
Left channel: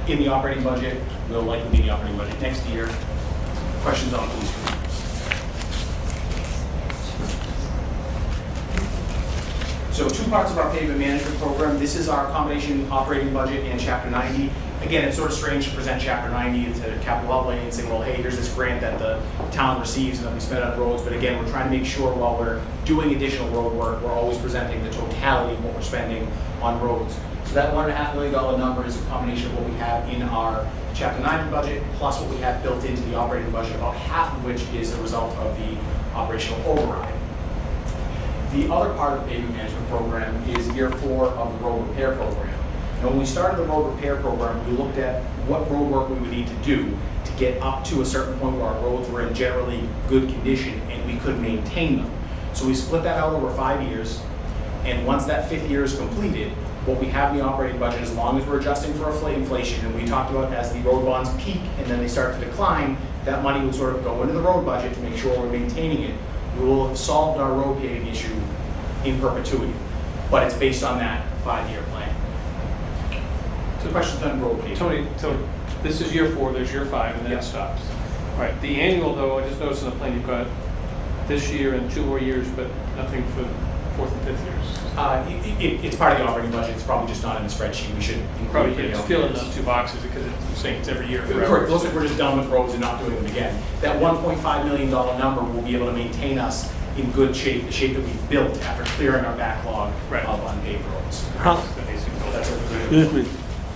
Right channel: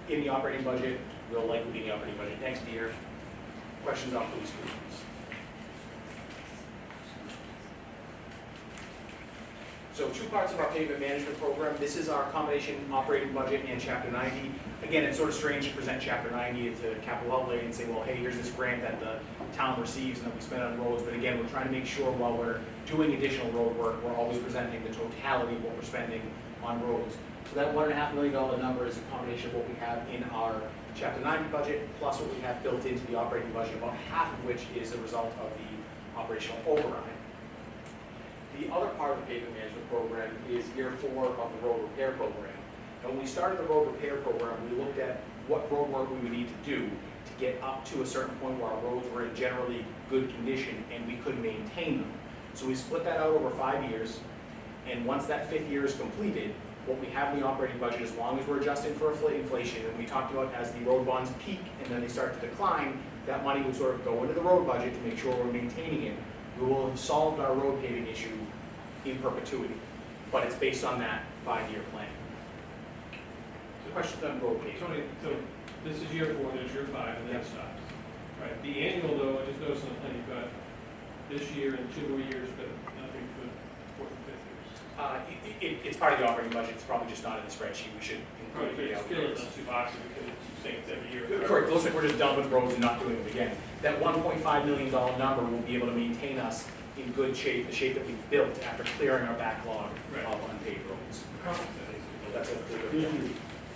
In the operating budget, we'll likely be in the operating budget next year. Questions on police cruisers? So 2 parts of our pavement management program. This is our combination operating budget and Chapter 90. Again, it's sort of strange to present Chapter 90 to capital outlay and say, well, hey, here's this grant that the town receives and then we spend on roads. But again, we're trying to make sure while we're doing additional road work, we're always presenting the totality of what we're spending on roads. So that $1.5 million number is a combination of what we have in our Chapter 90 budget plus what we have built into the operating budget, about half of which is a result of the operational override. The other part of the pavement management program is year 4 of the road repair program. And when we started the road repair program, we looked at what road work we would need to do to get up to a certain point where our roads were in generally good condition and we could maintain them. So we split that out over 5 years, and once that 5th year is completed, what we have in the operating budget, as long as we're adjusting for inflation, and we talked about as the road bonds peak and then they start to decline, that money would sort of go into the road budget to make sure we're maintaining it. We will have solved our road paving issue in perpetuity, but it's based on that 5-year plan. So questions on road paving? Tony, so this is year 4, there's year 5, and then it stops. All right, the annual though, I just noticed on the plan you've got this year and 2 more years, but nothing for 4th and 5th years. It's part of the operating budget. It's probably just not in the spreadsheet. We should include Probably it for the it's out filling years. those 2 boxes because it's saying it's every year forever. Correct. Looks like we're just done with roads and not doing them again. That $1.5 million number will be able to maintain us in good shape, the shape that we've built after clearing our backlog Right. of unpaved roads. How, That's the basic goal. That's what we're excuse doing. me,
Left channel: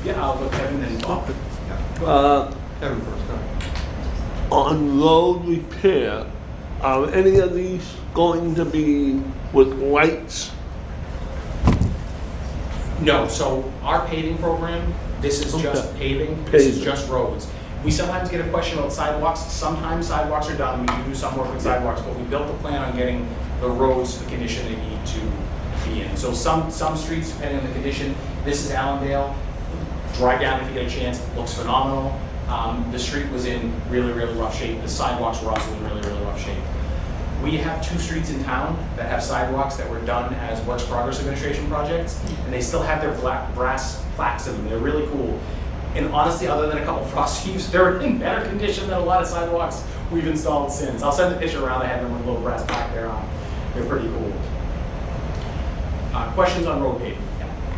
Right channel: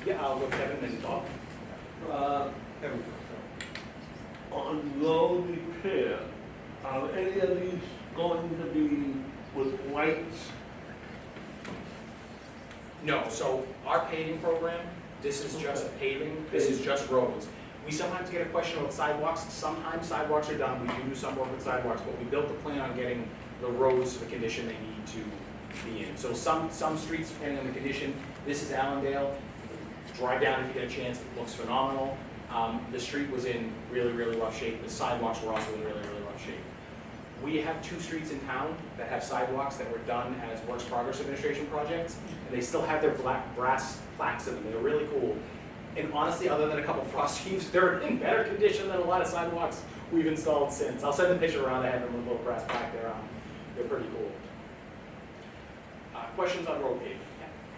Yeah, I'll look at them and talk. Kevin first, go ahead. on road repair, are any of these going to be with lights? No, so our paving program, this is just Okay. paving, this is Paving. just roads. We sometimes get a question about sidewalks. Sometimes sidewalks are done. We do some work with sidewalks, but we built a plan on getting the roads to the condition they need to be in. So some streets, depending on the condition, this is Allendale. Drive down if you get a chance, it looks phenomenal. The street was in really, really rough shape. The sidewalks were also in really, really rough shape. We have 2 streets in town that have sidewalks that were done as Works Progress Administration projects, and they still have their black brass plaques in them. They're really cool. And honestly, other than a couple frost heaves, they're in better condition than a lot of sidewalks we've installed since. I'll send the picture around. I have them with a little brass plaque there on. They're pretty cool. Questions on road paving?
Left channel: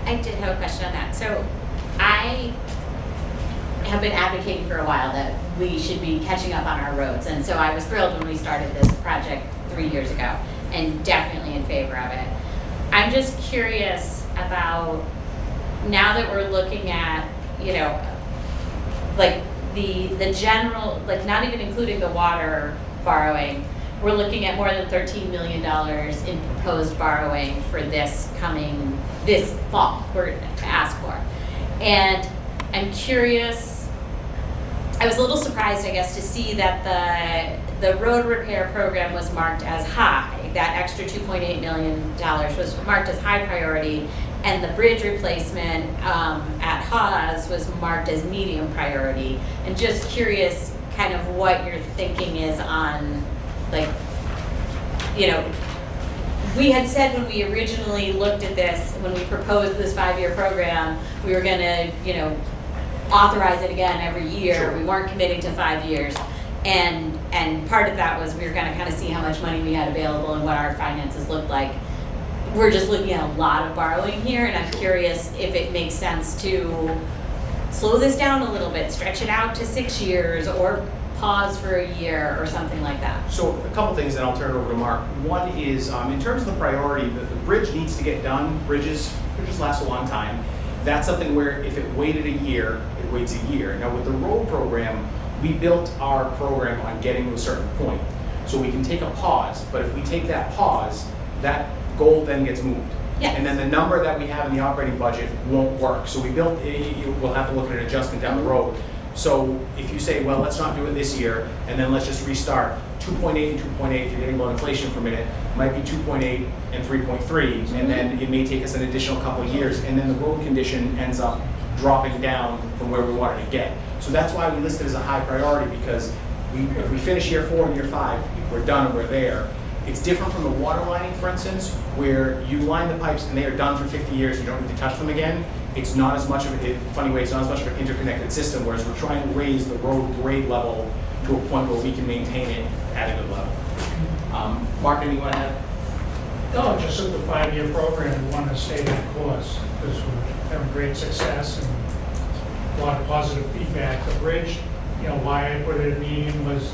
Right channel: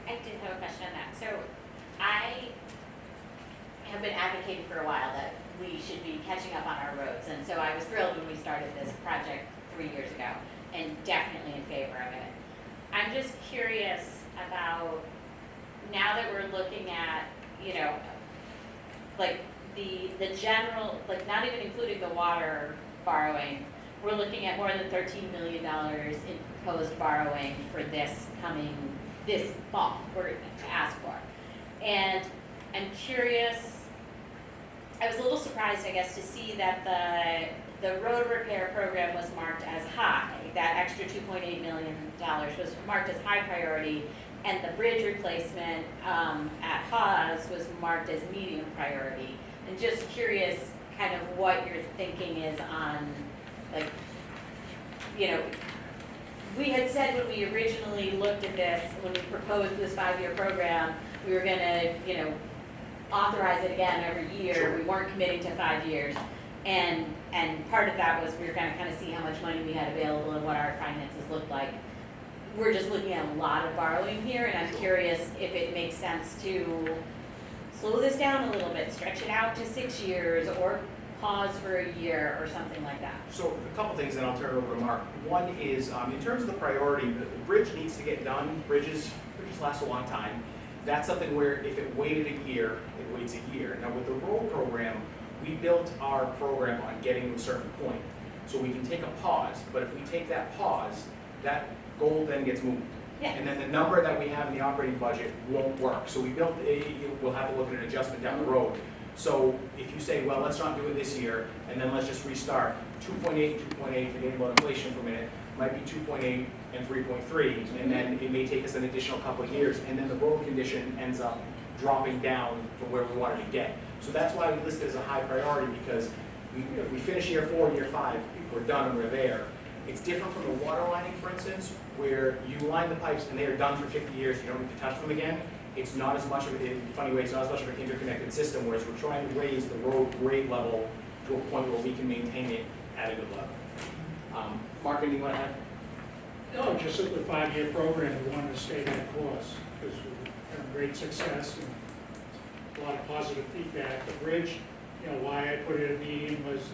I did have a question on that. So I have been advocating for a while that we should be catching up on our roads. And so I was thrilled when we started this project 3 years ago, and definitely in favor of it. I'm just curious about, now that we're looking at, you know, like the general, like not even including the water borrowing, we're looking at more than $13 million in proposed borrowing for this fall, we're to ask for. And I'm curious, I was a little surprised, I guess, to see that the road repair program was marked as high. That extra $2.8 million was marked as high priority, and the bridge replacement at Hawes was marked as medium priority. And just curious kind of what your thinking is on, like, you know, we had said when we originally looked at this, when we proposed this 5-year program, we were gonna, you know, authorize it again every year. Sure. We weren't committing to 5 years. And part of that was we were gonna kind of see how much money we had available and what our finances looked like. We're just looking at a lot of borrowing here, and I'm curious if it makes sense to slow this down a little bit, stretch it out to 6 years, or pause for a year or something like that. So a couple things, and I'll turn it over to Mark. One is, in terms of the priority, the bridge needs to get done. Bridges last a long time. That's something where if it waited a year, it waits a year. Now with the road program, we built our program on getting to a certain point. So we can take a pause, but if we take that pause, that goal then gets moved. Yeah. And then the number that we have in the operating budget won't work. So we built we'll have to look at an adjustment down the road. So if you say, well, let's not do it this year, and then let's just restart, 2.8 and 2.8, if you're getting about inflation for a minute, might be 2.8 and 3.3, and then it may take us an additional couple of years, and then the road condition ends up dropping down from where we wanted to get. So that's why we listed it as a high priority, because if we finish year 4 and year 5, we're done and we're there. It's different from the water lining, for instance, where you line the pipes and they are done for 50 years, you don't need to touch them again. It's not as much of a, funny way, it's not as much of an interconnected system, whereas we're trying to raise the road grade level to a point where we can maintain it at a good level. Mark, anything you want to add? No, just that the 5-year program, we want to stay that course, because we're having great success and a lot of positive feedback. The bridge, you know, why I put it at medium was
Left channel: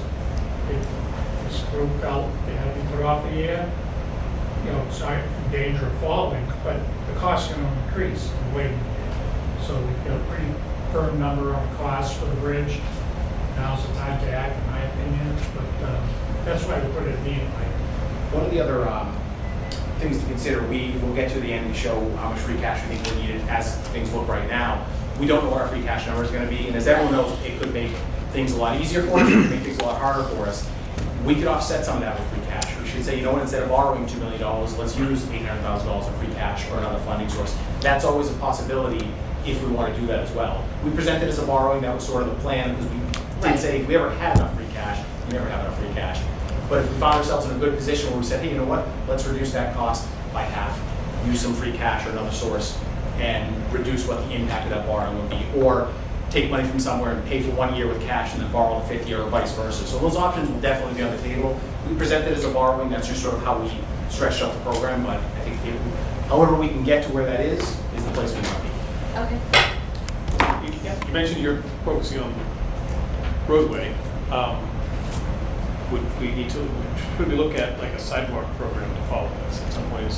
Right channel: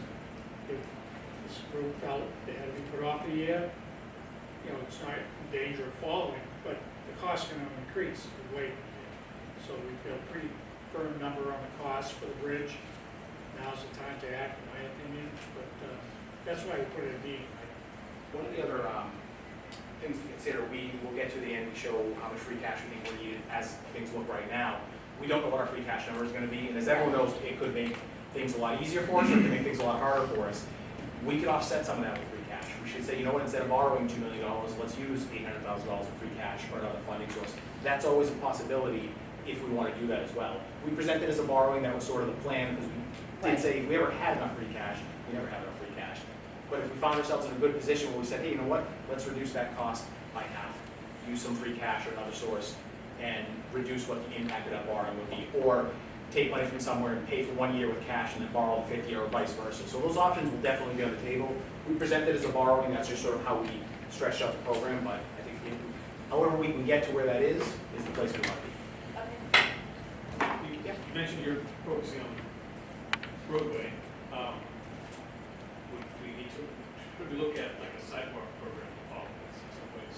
this group felt they had to be put off a year. You know, it's not in danger of falling, but the cost can only increase in waiting. So we've got a pretty firm number on the cost for the bridge. Now's the time to act, in my opinion, but that's why we put it at medium. One of the other things to consider, we will get to the end and show how much free cash we think we needed as things look right now. We don't know what our free cash number is going to be, and as everyone knows, it could make things a lot easier for us, it could make things a lot harder for us. We could offset some of that with free cash. We should say, you know what, instead of borrowing $2 million, let's use $800,000 in free cash or another funding source. That's always a possibility if we want to do that as well. We presented as a borrowing, that was sort of the plan, because we did say if we ever had enough free cash, we never have enough free cash. But if we found ourselves in a good position where we said, hey, you know what, let's reduce that cost by half, use some free cash or another source, and reduce what the impact of that borrowing would be, or take money from somewhere and pay for 1 year with cash and then borrow the 5th year or vice versa. So those options will definitely be on the table. We present it as a borrowing, that's just sort of how we stretched out the program, but I think however we can get to where that is the place we want to be. Okay. You mentioned you're focusing on roadway. Could we look at like a sidewalk program to follow this at some point?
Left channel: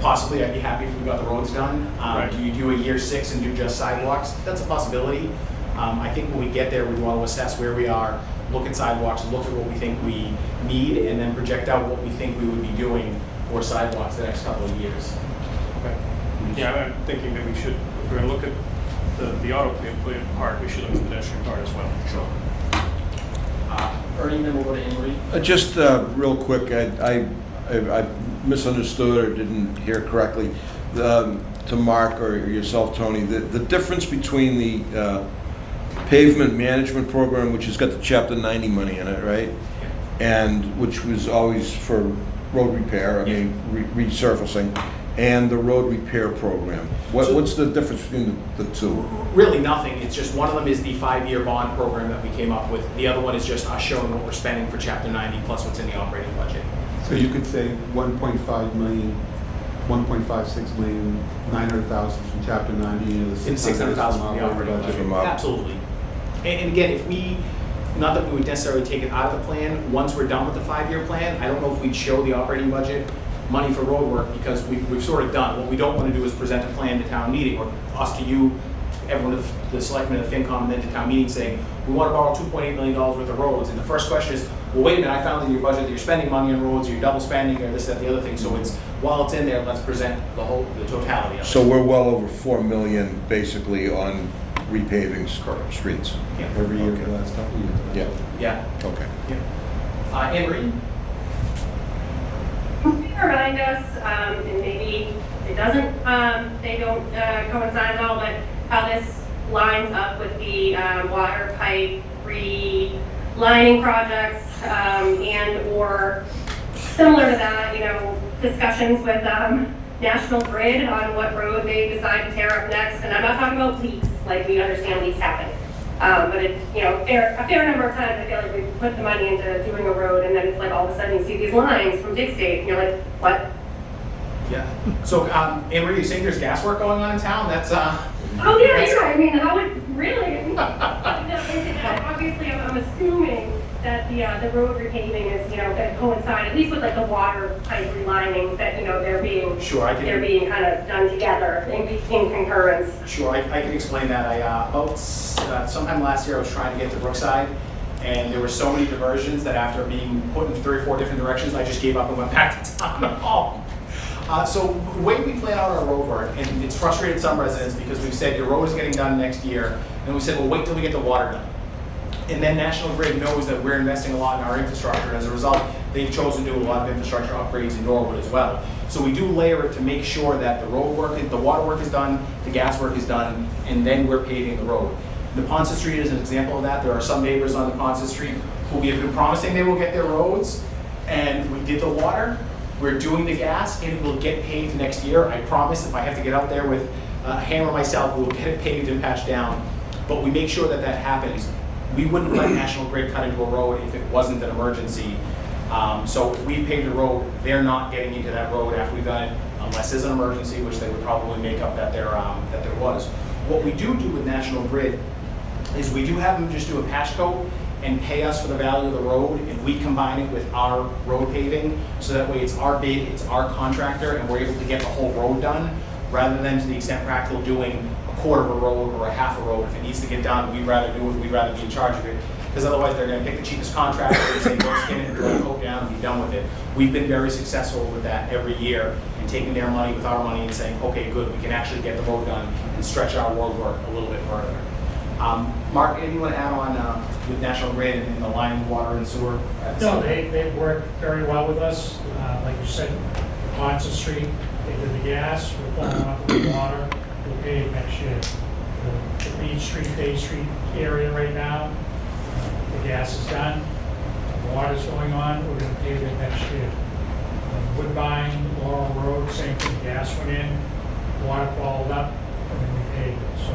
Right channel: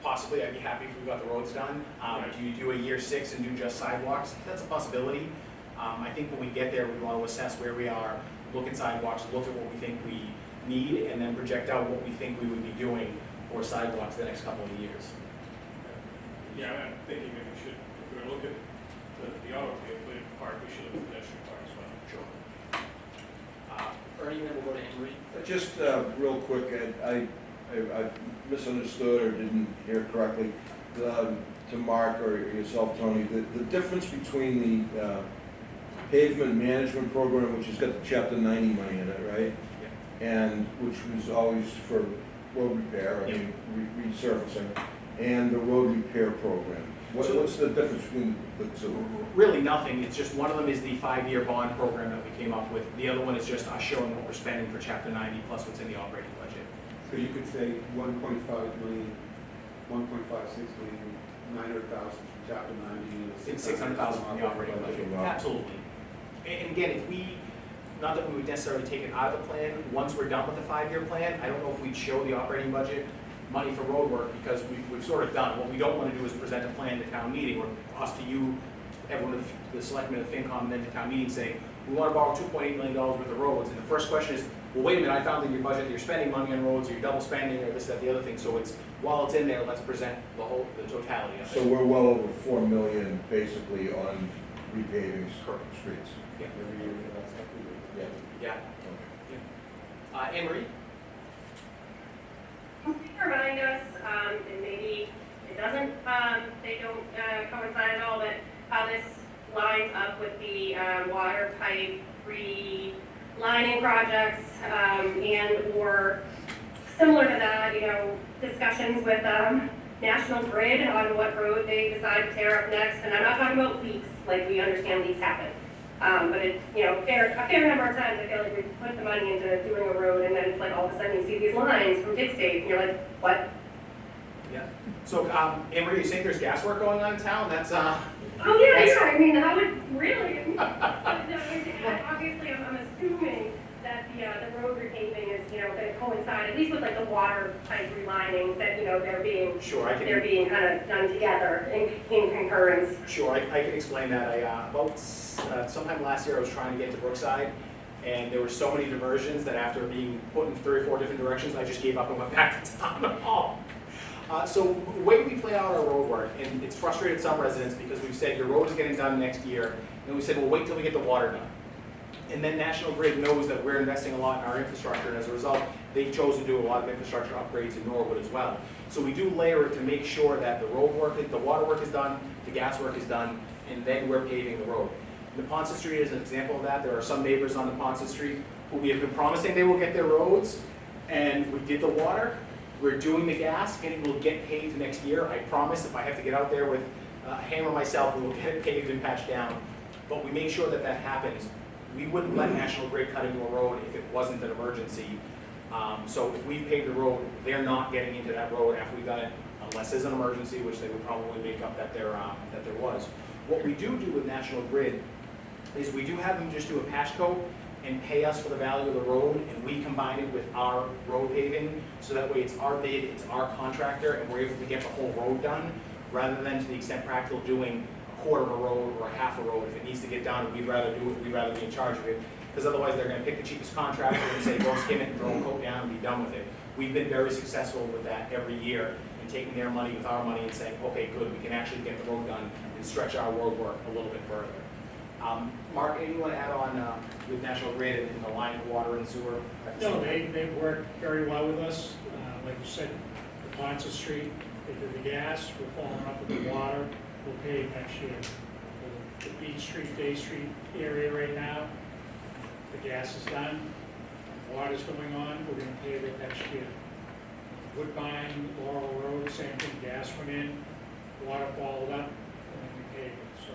Possibly, I'd be happy if we got the roads done. Right. Do you do a year 6 and do just sidewalks? That's a possibility. I think when we get there, we want to assess where we are, look at sidewalks, look at what we think we need, and then project out what we think we would be doing for sidewalks the next couple of years. Okay. Yeah, I'm thinking that we should, if we're going to look at the auto play part, we should look at the pedestrian part as well. Sure. Ernie, then we'll go to Anne Marie. Just real quick, I misunderstood or didn't hear correctly to Mark or yourself, Tony, the difference between the pavement management program, which has got the Chapter 90 money in it, right? Yeah. And which was always for road repair, resurfacing, and the road repair program. What's the difference between the two? Really nothing. It's just one of them is the 5-year bond program that we came up with. The other one is just us showing what we're spending for Chapter 90 plus what's in the operating budget. So you could say 1.5 million 1.56 million, 900,000 from chapter 90 and the And 600,000 from the operating budget. From op- Absolutely. And again, if we, not that we would necessarily take it out of the plan, once we're done with the 5-year plan, I don't know if we'd show the operating budget money for road work, because we've sort of done. What we don't want to do is present a plan to town meeting, or us to you, everyone, the selectmen of FinCom, and then to town meeting saying, we want to borrow $2.8 million worth of roads. And the first question is, well, wait a minute, I found in your budget that you're spending money on roads, or you're double spending, or this, that, and the other thing. So it's, while it's in there, let's present the totality of it. So we're well over 4 million basically on repaving streets. Yeah. Every year for the last couple of years. Yeah. Okay. Yeah. Anne Marie? Can you remind us, and maybe it doesn't, they don't coincide at all, but how this lines up with the water pipe relining projects, and or similar to that, you know, discussions with National Grid on what road they decide to tear up next. And I'm not talking about leaks, like we understand leaks happen. But it's, you know, a fair number of times I feel like we've put the money into doing a road, and then it's like all of a sudden you see these lines from dig state, and you're like, what? Yeah. So, Anne Marie, you saying there's gas work going on in town? That's, Oh, yeah, I mean, how would, really? Obviously, I'm assuming that the road repaving is, you know, going to coincide, at least with like the water pipe relining, that, you know, they're being, Sure, I can- they're being kind of done together in concurrence. Sure, I can explain that. About sometime last year, I was trying to get to Brookside, and there were so many diversions that after being put in 3 or 4 different directions, I just gave up and went back to town hall. So the way we plan out our road work, and it's frustrated some residents because we've said your road is getting done next year, and we said, well, wait till we get the water done. And then National Grid knows that we're investing a lot in our infrastructure, and as a result, they've chosen to do a lot of infrastructure upgrades in Norwood as well. So we do layer it to make sure that the road work, the water work is done, the gas work is done, and then we're paving the road. The Ponce Street is an example of that. There are some neighbors on the Ponce Street who we have been promising they will get their roads, and we did the water, we're doing the gas, and it will get paved next year. I promise if I have to get out there with a hammer myself, we will get it paved and patched down. But we make sure that that happens. We wouldn't let National Grid cut into a road if it wasn't an emergency. So if we paved a road, they're not getting into that road after we've done it, unless there's an emergency, which they would probably make up that there was. What we do with National Grid is we do have them just do a patch coat and pay us for the value of the road, and we combine it with our road paving, so that way it's our bid, it's our contractor, and we're able to get the whole road done, rather than to the extent practical doing a quarter of a road or a half a road. If it needs to get done, we'd rather do it, we'd rather be in charge of it, because otherwise they're gonna pick the cheapest contractor and say, go skin it, throw the coat down, and be done with it. We've been very successful with that every year, and taking their money with our money and saying, okay, good, we can actually get the road done and stretch our road work a little bit further. Mark, anything you want to add on with National Grid and the line, water, and sewer? No, they work very well with us. Like you said, Ponce Street, they did the gas, we're following up with the water, we'll pave next year. The Beach Street, Bay Street area right now, the gas is done, the water's going on, we're gonna pave it next year. Woodbine, Laurel Road, same thing, gas went in, water followed up, and then we paved it. So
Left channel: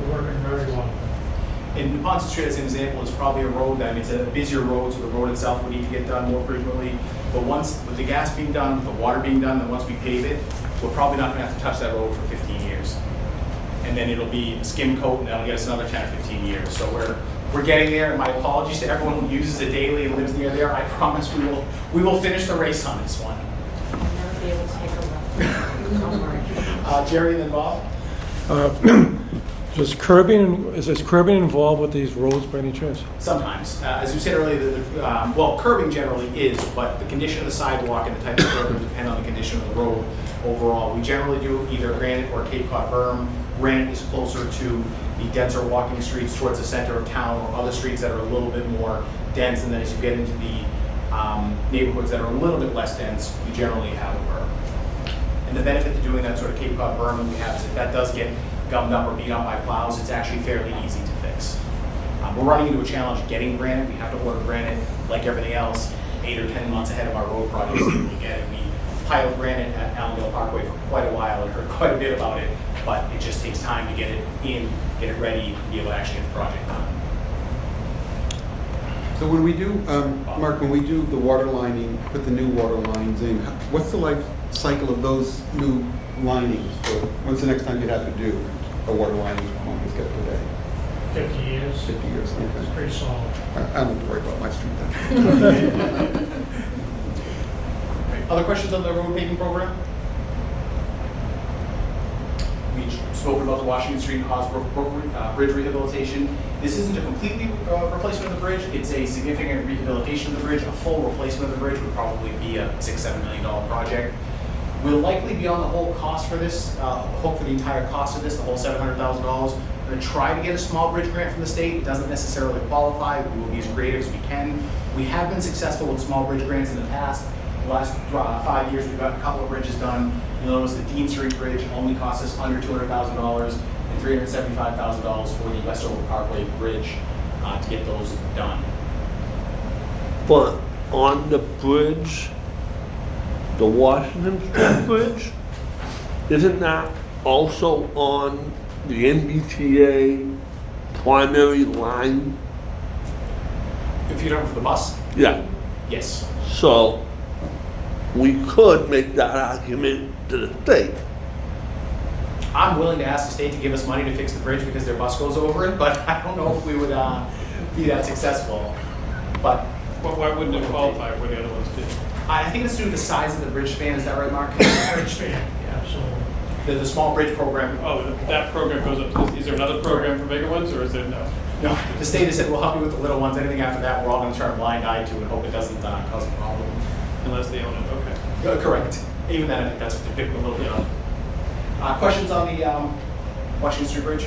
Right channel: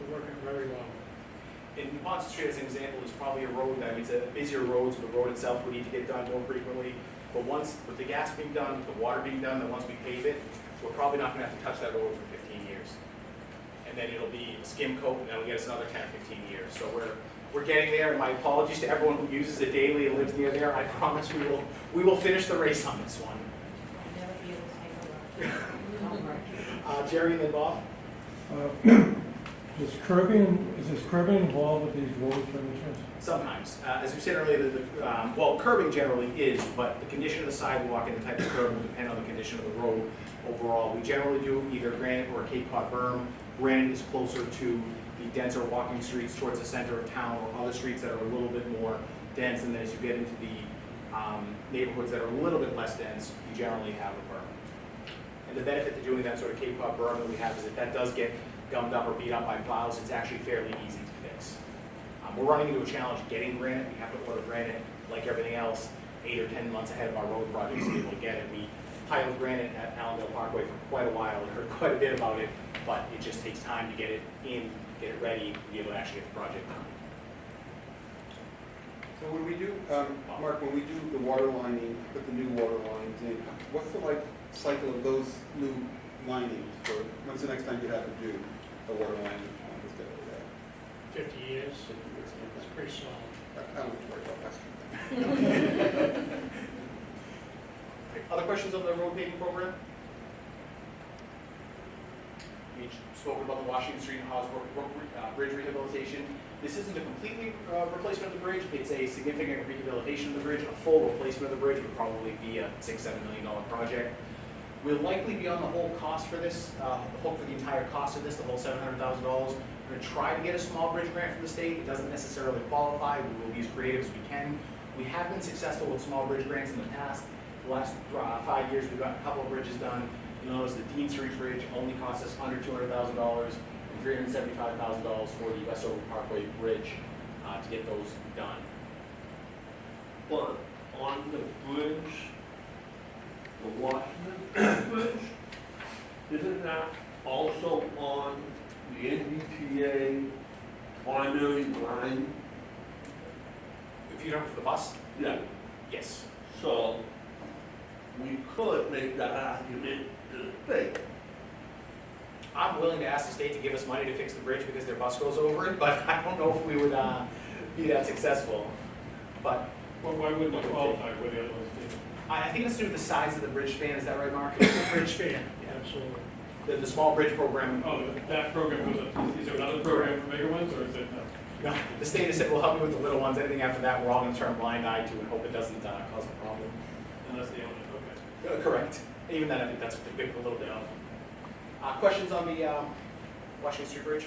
we're working very well. And Ponce Street, as an example, is probably a road that, I mean, it's a busier road, so the road itself would need to get done more frequently. But once, with the gas being done, with the water being done, then once we pave it, we're probably not gonna have to touch that road for 15 years. And then it'll be skim coat, and that'll get us another 10 or 15 years. So we're getting there. My apologies to everyone who uses it daily and lives near there. I promise we will finish the race on this one. I'll never be able to take a left. Don't worry. Jerry and then Bob? Is curbing involved with these roads by any chance? Sometimes. As you said earlier, well, curbing generally is, but the condition of the sidewalk and the type of curb will depend on the condition of the road overall. We generally do either granite or Cape Cod berm. Granite is closer to the denser walking streets towards the center of town, or other streets that are a little bit more dense, and then as you get into the neighborhoods that are a little bit less dense, you generally have a berm. And the benefit to doing that sort of Cape Cod berm that we have is if that does get gummed up or beat up by plows, it's actually fairly easy to fix. We're running into a challenge getting granite. We have to order granite, like everything else, 8 or 10 months ahead of our road projects. Again, we piled granite at Allendale Parkway for quite a while and heard quite a bit about it, but it just takes time to get it in, get it ready, and be able to actually get the project done. So when we do, Mark, when we do the water lining, put the new water lines in, what's the life cycle of those new linings? For when's the next time you'd have to do a water lining on this get today? 50 years. 50 years, It's okay. pretty solid. I don't have to worry about my street then. Other questions on the road paving program? We spoke about the Washington Street Osbrook Bridge rehabilitation. This isn't a completely replacement of the bridge, it's a significant rehabilitation of the bridge. A full replacement of the bridge would probably be a $6-7 million project. We'll likely be on the whole cost for this, hook for the entire cost of this, the whole $700,000. We're going to try to get a small bridge grant from the state. It doesn't necessarily qualify. We will be as creative as we can. We have been successful with small bridge grants in the past. The last 5 years, we've got a couple of bridges done. You'll notice the Dean Street Bridge only cost us under $200,000 and $375,000 for the Westover Parkway Bridge to get those done. But on the bridge, the Washington Street Bridge, isn't that also on the MBTA primary line? If you're done for the bus? Yeah. Yes. So we could make that argument to the state. I'm willing to ask the state to give us money to fix the bridge because their bus goes over it, but I don't know if we would be that successful. But Why wouldn't it qualify where the other ones did? I think it's due to the size of the bridge span. Is that right, Mark? Bridge span, yeah, absolutely. The small bridge program. Oh, that program goes up to, is there another program for bigger ones, or is there no? No, the state has said we'll help you with the little ones. Anything after that, we're all going to turn a blind eye to and hope it doesn't cause a problem. Unless they own it, okay. Correct. Even then, I think that's what they're picking a little bit on. Questions on the Washington Street Bridge?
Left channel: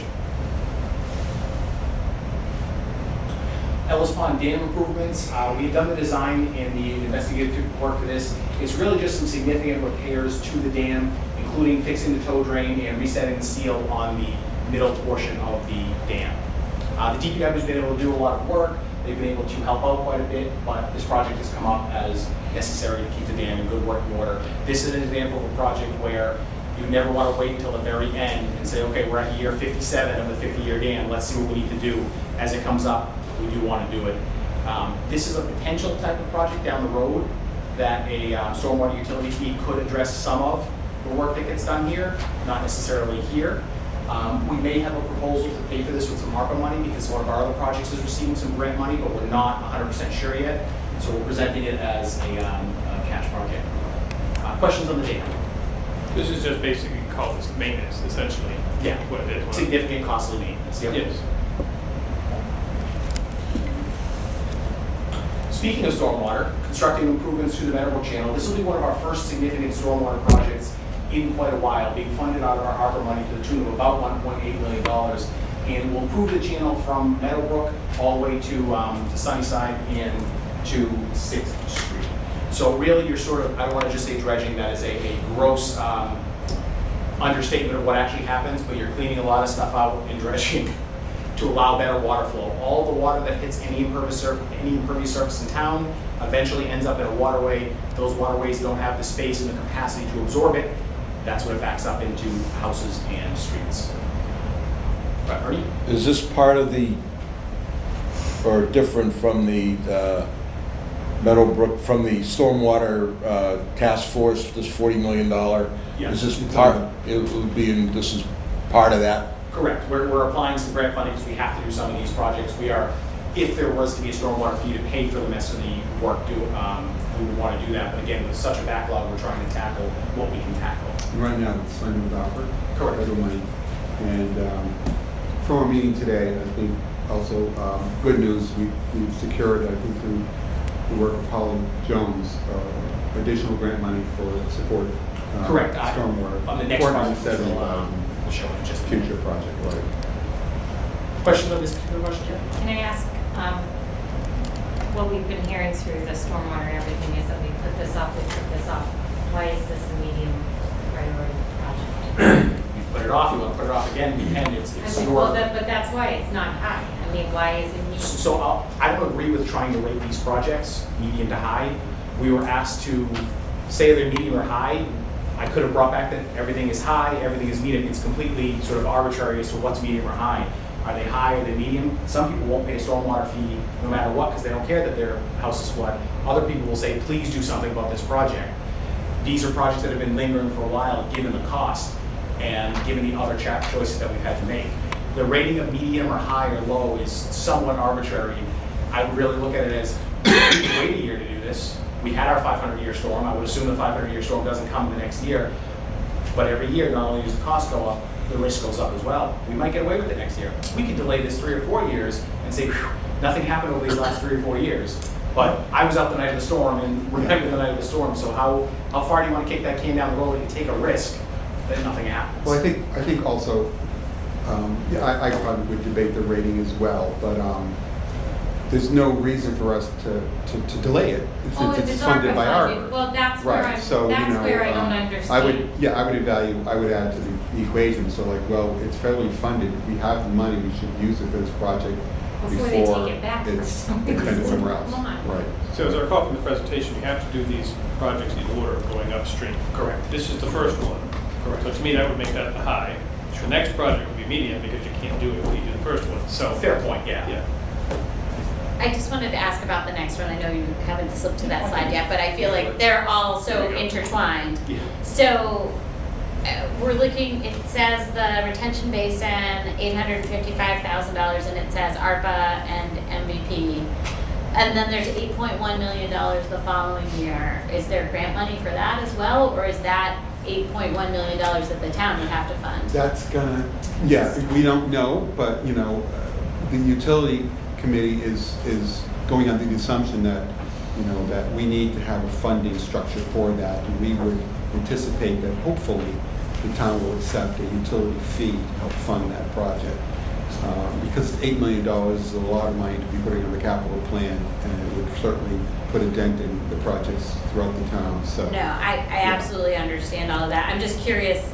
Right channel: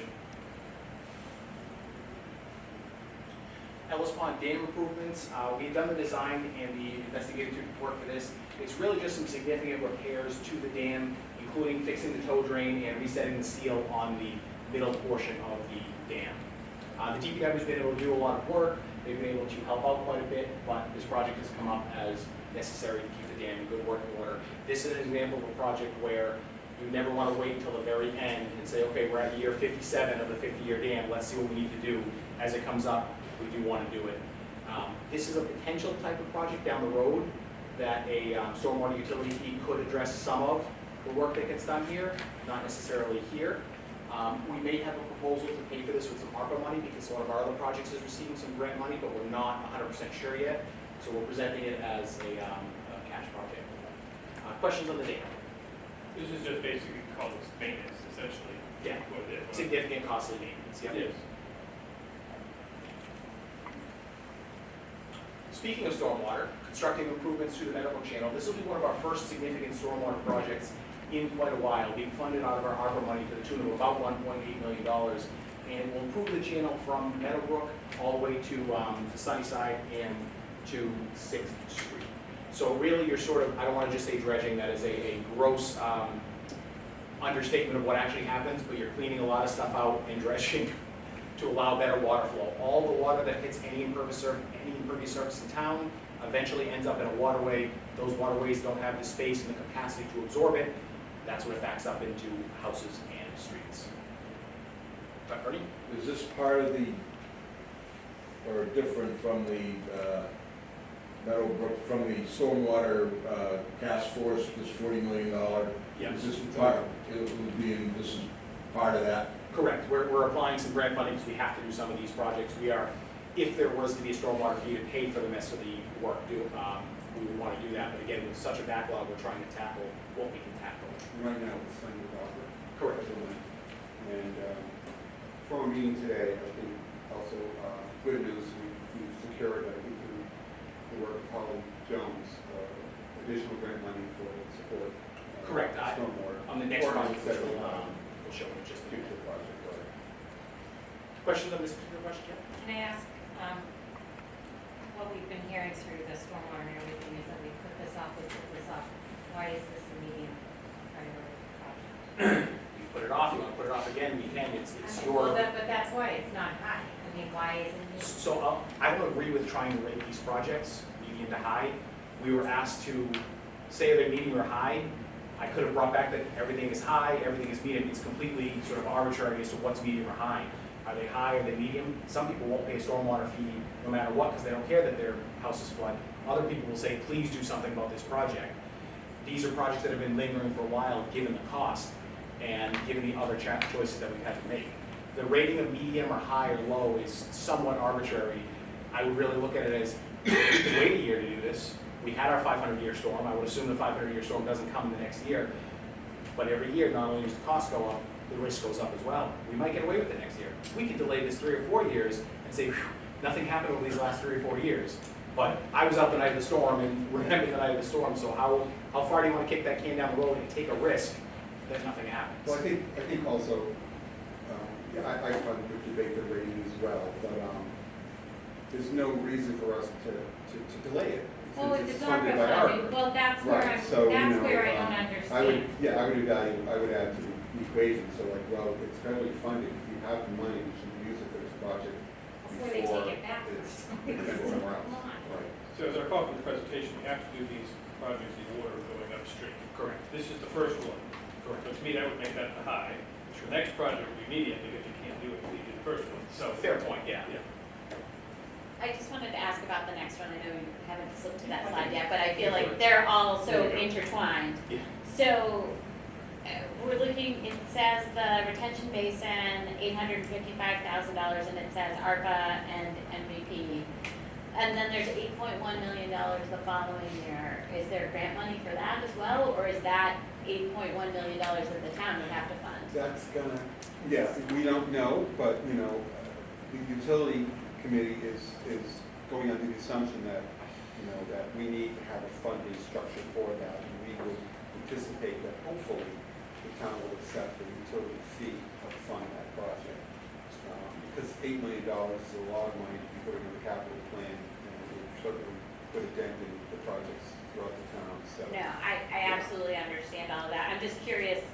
Ellis Pond Dam improvements. We had done the design and the investigative work for this. It's really just some significant repairs to the dam, including fixing the tow drain and resetting the seal on the middle portion of the dam. The DPW has been able to do a lot of work. They've been able to help out quite a bit, but this project has come up as necessary to keep the dam in good working order. This is an example of a project where you never want to wait until the very end and say, okay, we're at year 57 of the 50-year dam. Let's see what we need to do. As it comes up, we do want to do it. This is a potential type of project down the road that a stormwater utility fee could address some of the work that gets done here, not necessarily here. We may have a proposal to pay for this with some ARPA money because one of our other projects is receiving some grant money, but we're not 100% sure yet. So we're presenting it as a cash project. Questions on the dam? This is just basically called this maintenance, essentially. Yeah. What it is. Significant costly maintenance. Yep. Yes. Speaking of stormwater, constructing improvements to the Meadowbrook Channel, this will be one of our first significant stormwater projects in quite a while, being funded out of our ARPA money to the tune of about $1.8 million. And will improve the channel from Meadowbrook all the way to Sunnyside and to 6th Street. So really you're sort of, I don't want to just say dredging, that is a gross understatement of what actually happens, but you're cleaning a lot of stuff out in dredging to allow better water flow. All the water that hits any impervious surface in town eventually ends up in a waterway. Those waterways don't have the space and the capacity to absorb it. That's what it backs up into houses and streets. Ernie? Is this part of the, or different from the Meadowbrook, from the stormwater task force, this $40 million? Yeah. Is this part, it would be, this is part of that? Correct. We're applying some grant funding because we have to do some of these projects. We are, if there was to be a stormwater fee to pay for the rest of the work, we would want to do that. But again, with such a backlog, we're trying to tackle what we can tackle. Right now, it's funded with ARPA. Correct. Federal money. And from our meeting today, I think also good news, we've secured, I think through the work of Holly Jones, additional grant money for support. Correct. Stormwater. On the next project, we'll show it just future project, right? Questions on this particular question, Jen? Can I ask, what we've been hearing through the stormwater and everything is that we put this off. Why is this a medium priority project? You put it off, you want to put it off again, we can, it's Well, but that's why it's not high. I mean, why is it medium? So I don't agree with trying to rate these projects medium to high. We were asked to say they're medium or high. I could have brought back that everything is high, everything is medium. It's completely sort of arbitrary as to what's medium or high. Are they high, are they medium? Some people won't pay a stormwater fee no matter what, because they don't care that their house is flooded. Other people will say, please do something about this project. These are projects that have been lingering for a while, given the cost, and given the other choices that we've had to make. The rating of medium or high or low is somewhat arbitrary. I would really look at it as, we can wait a year to do this. We had our 500-year storm. I would assume the 500-year storm doesn't come in the next year. But every year, not only does the cost go up, the risk goes up as well. We might get away with it next year. We can delay this 3 or 4 years and say, nothing happened over these last 3 or 4 years. But I was out the night of the storm and remember the night of the storm. So how far do you want to kick that can down the road and take a risk that nothing happens? Well, I think also, I probably would debate the rating as well, but there's no reason for us to delay it since it's funded by ARPA. Well, that's where Right, so, that's you know, where I don't understand. I would add to the equation, so like, well, it's federally funded, if we have the money, we should use it for this project Before they take it back for it's some spent reason. somewhere else. Come on. Right. So as I recall from the presentation, you have to do these projects in order of going upstream. Correct. This is the first one. Correct. So to me, that would make that the high. The next project would be medium because you can't do it if you do the first one. So Fair point, yeah. yeah. I just wanted to ask about the next one. I know you haven't slipped to that slide yet, but I feel like they're all so There you go. intertwined. Yeah. So we're looking, it says the retention basin, $855,000, and it says ARPA and MVP. And then there's $8.1 million the following year. Is there grant money for that as well, or is that $8.1 million that the town would have to fund? That's gonna, yeah, we don't know, but, you know, the utility committee is going under the assumption that, you know, that we need to have a funding structure for that, and we would anticipate that hopefully the town will accept a utility fee to help fund that project. Because $8 million is a lot of money to be putting on the capital plan, and it would certainly put a dent in the projects throughout the town, so. No, I absolutely understand all of that. I'm just curious,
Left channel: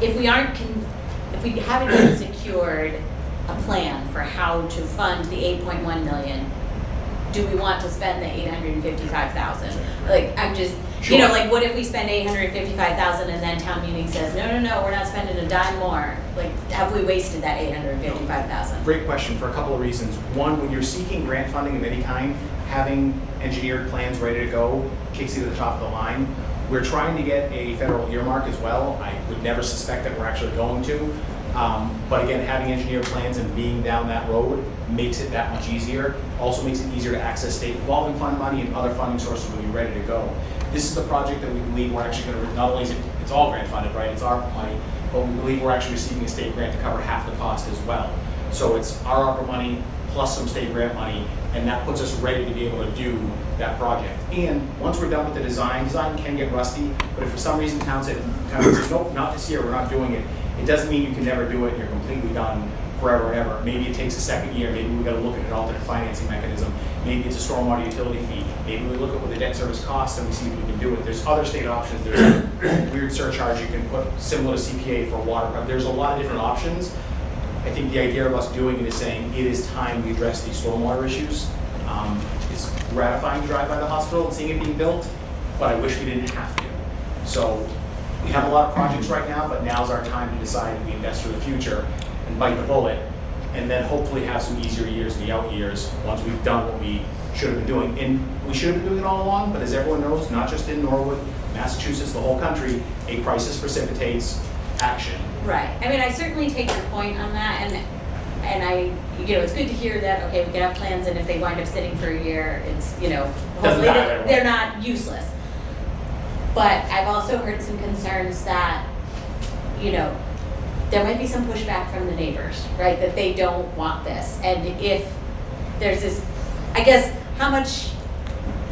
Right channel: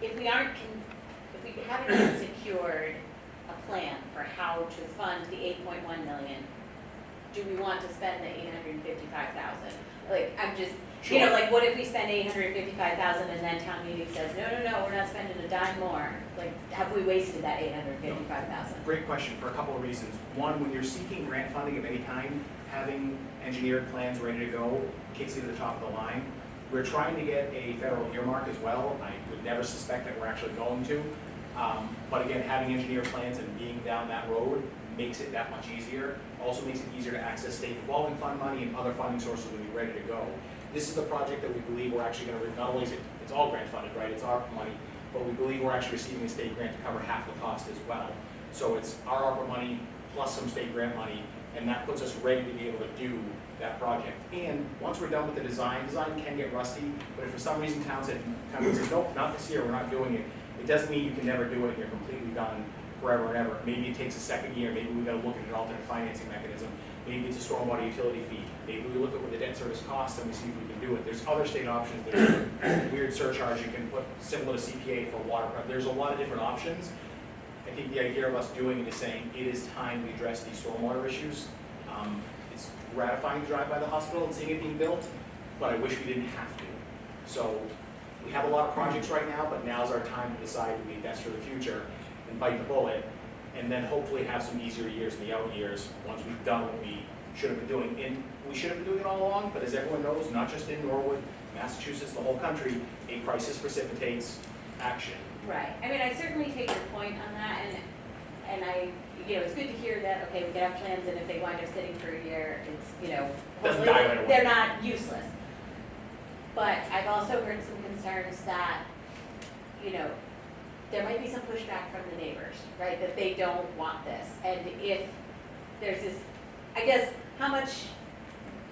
if we haven't even secured a plan for how to fund the 8.1 million, do we want to spend the 855,000? Like, I'm just, you know, like, what if we spend 855,000 and then town meeting says, no, we're not spending a dime more? Like, have we wasted that 855,000? Great question for a couple of reasons. One, when you're seeking grant funding of any kind, having engineered plans ready to go kicks you to the top of the line. We're trying to get a federal earmark as well. I would never suspect that we're actually going to. But again, having engineered plans and being down that road makes it that much easier. Also makes it easier to access state revolving fund money and other funding sources when you're ready to go. This is the project that we believe we're actually going to, not only is it's all grant funded, right? It's our money, but we believe we're actually receiving a state grant to cover half the cost as well. So it's our ARPA money plus some state grant money, and that puts us ready to be able to do that project. And once we're done with the design can get rusty, but if for some reason town says, nope, not this year, we're not doing it, it doesn't mean you can never do it, you're completely done forever and ever. Maybe it takes a second year, maybe we gotta look at an alternate financing mechanism, maybe it's a stormwater utility fee, maybe we look at what the debt service costs and we see if we can do it. There's other state options, there's a weird surcharge you can put similar to CPA for water, there's a lot of different options. I think the idea of us doing it is saying it is time we address these stormwater issues. It's gratifying to drive by the hospital and seeing it being built, but I wish we didn't have to. So we have a lot of projects right now, but now's our time to decide if we invest for the future and bite the bullet, and then hopefully have some easier years in the out years once we've done what we should have been doing. And we should have been doing it all along, but as everyone knows, not just in Norwood, Massachusetts, the whole country, a crisis precipitates action. Right. I mean, I certainly take your point on that, and I, you know, it's good to hear that, okay, we can have plans, and if they wind up sitting for a year, it's, you know, hopefully they're not useless. But I've also heard some concerns that, you know, there might be some pushback from the neighbors, right, that they don't want this. And if there's this, I guess, how much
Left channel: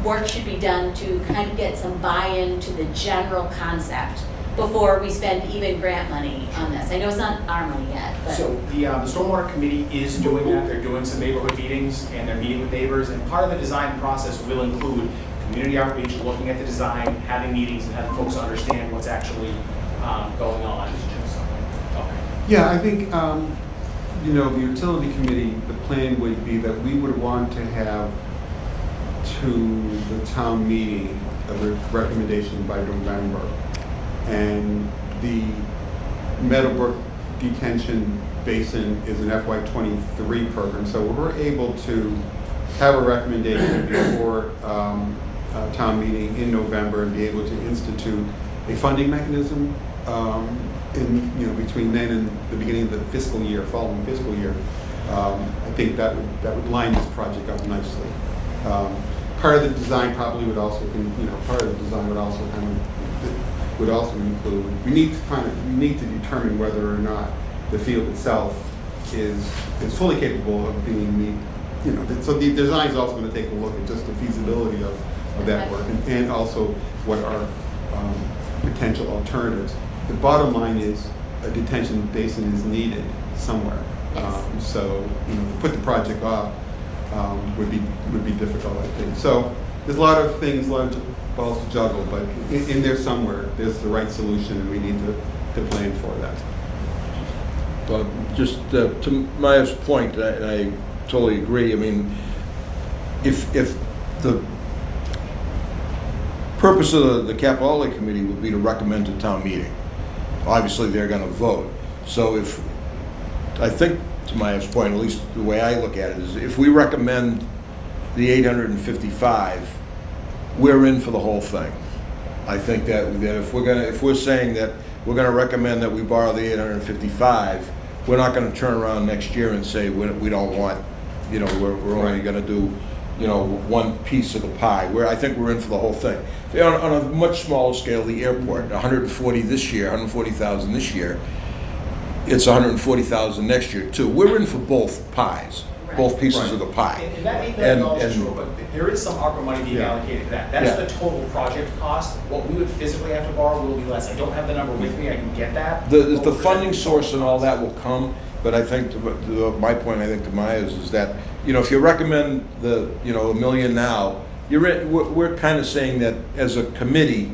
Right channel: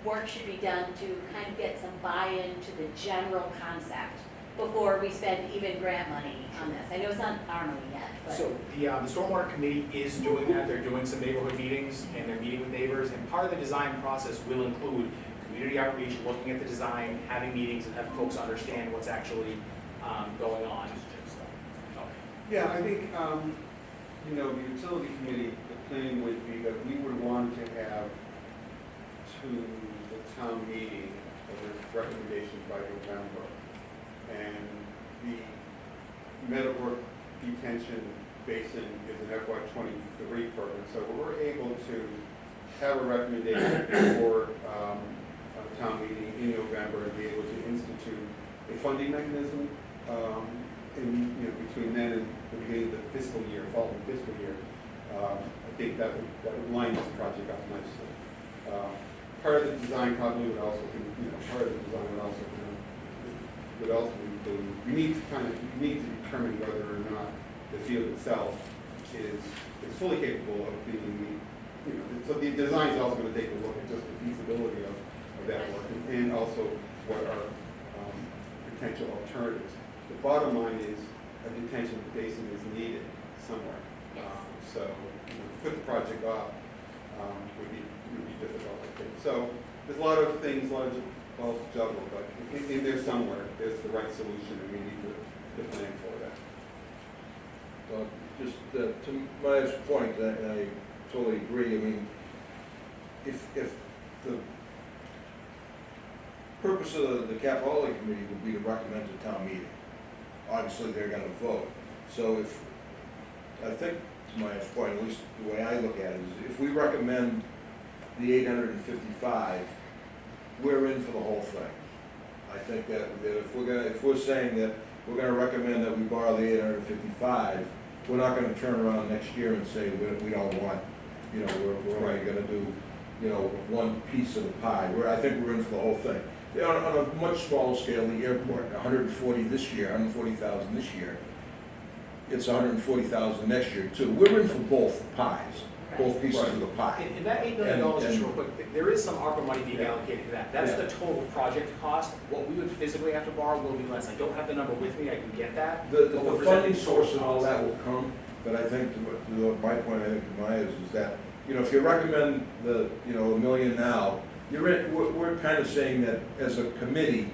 work should be done to kind of get some buy-in to the general concept before we spend even grant money on this? I know it's not our money yet, but. So the Stormwater Committee is doing that. They're doing some neighborhood meetings and they're meeting with neighbors, and part of the design process will include community outreach, looking at the design, having meetings, and having folks understand what's actually going on. Okay. Yeah, I think, you know, the utility committee, the plan would be that we would want to have to the town meeting a recommendation by November. And the Meadowbrook detention Basin is an FY '23 program, so we're able to have a recommendation before town meeting in November and be able to institute a funding mechanism in, between then and the beginning of the fiscal year, following fiscal year. I think that would line this project up nicely. Part of the design probably would also be, part of the design would also include, we need to determine whether or not the field itself is fully capable of being, so the design is also going to take a look at just the feasibility of that work and also what are potential alternatives. The bottom line is a detention basin is needed somewhere. So to put the project off would be difficult, I think. So there's a lot of things, a lot of balls to juggle, but in there somewhere, there's the right solution, and we need to plan for that. But just to Maya's point, and I totally agree. I mean, if the purpose of the Capital Outlay Committee would be to recommend to town meeting, obviously they're going to vote. So if, I think to Maya's point, at least the way I look at it is, if we recommend the 855, we're in for the whole thing. I think that if we're saying that we're going to recommend that we borrow the 855, we're not going to turn around next year and say we don't want, we're only going to do, one piece of the pie. I think we're in for the whole thing. On a much smaller scale, the airport, 140 this year, 140,000 this year. It's 140,000 next year too. We're in for both pies, both pieces of the pie. And that $8 million is true, but there is some ARPA money being allocated to that. That's the total project cost. What we would physically have to borrow will be less. I don't have the number with me. I can get that. The funding source and all that will come, but I think my point, I think to Maya's is that if you recommend the $1 million now, we're kind of saying that as a committee,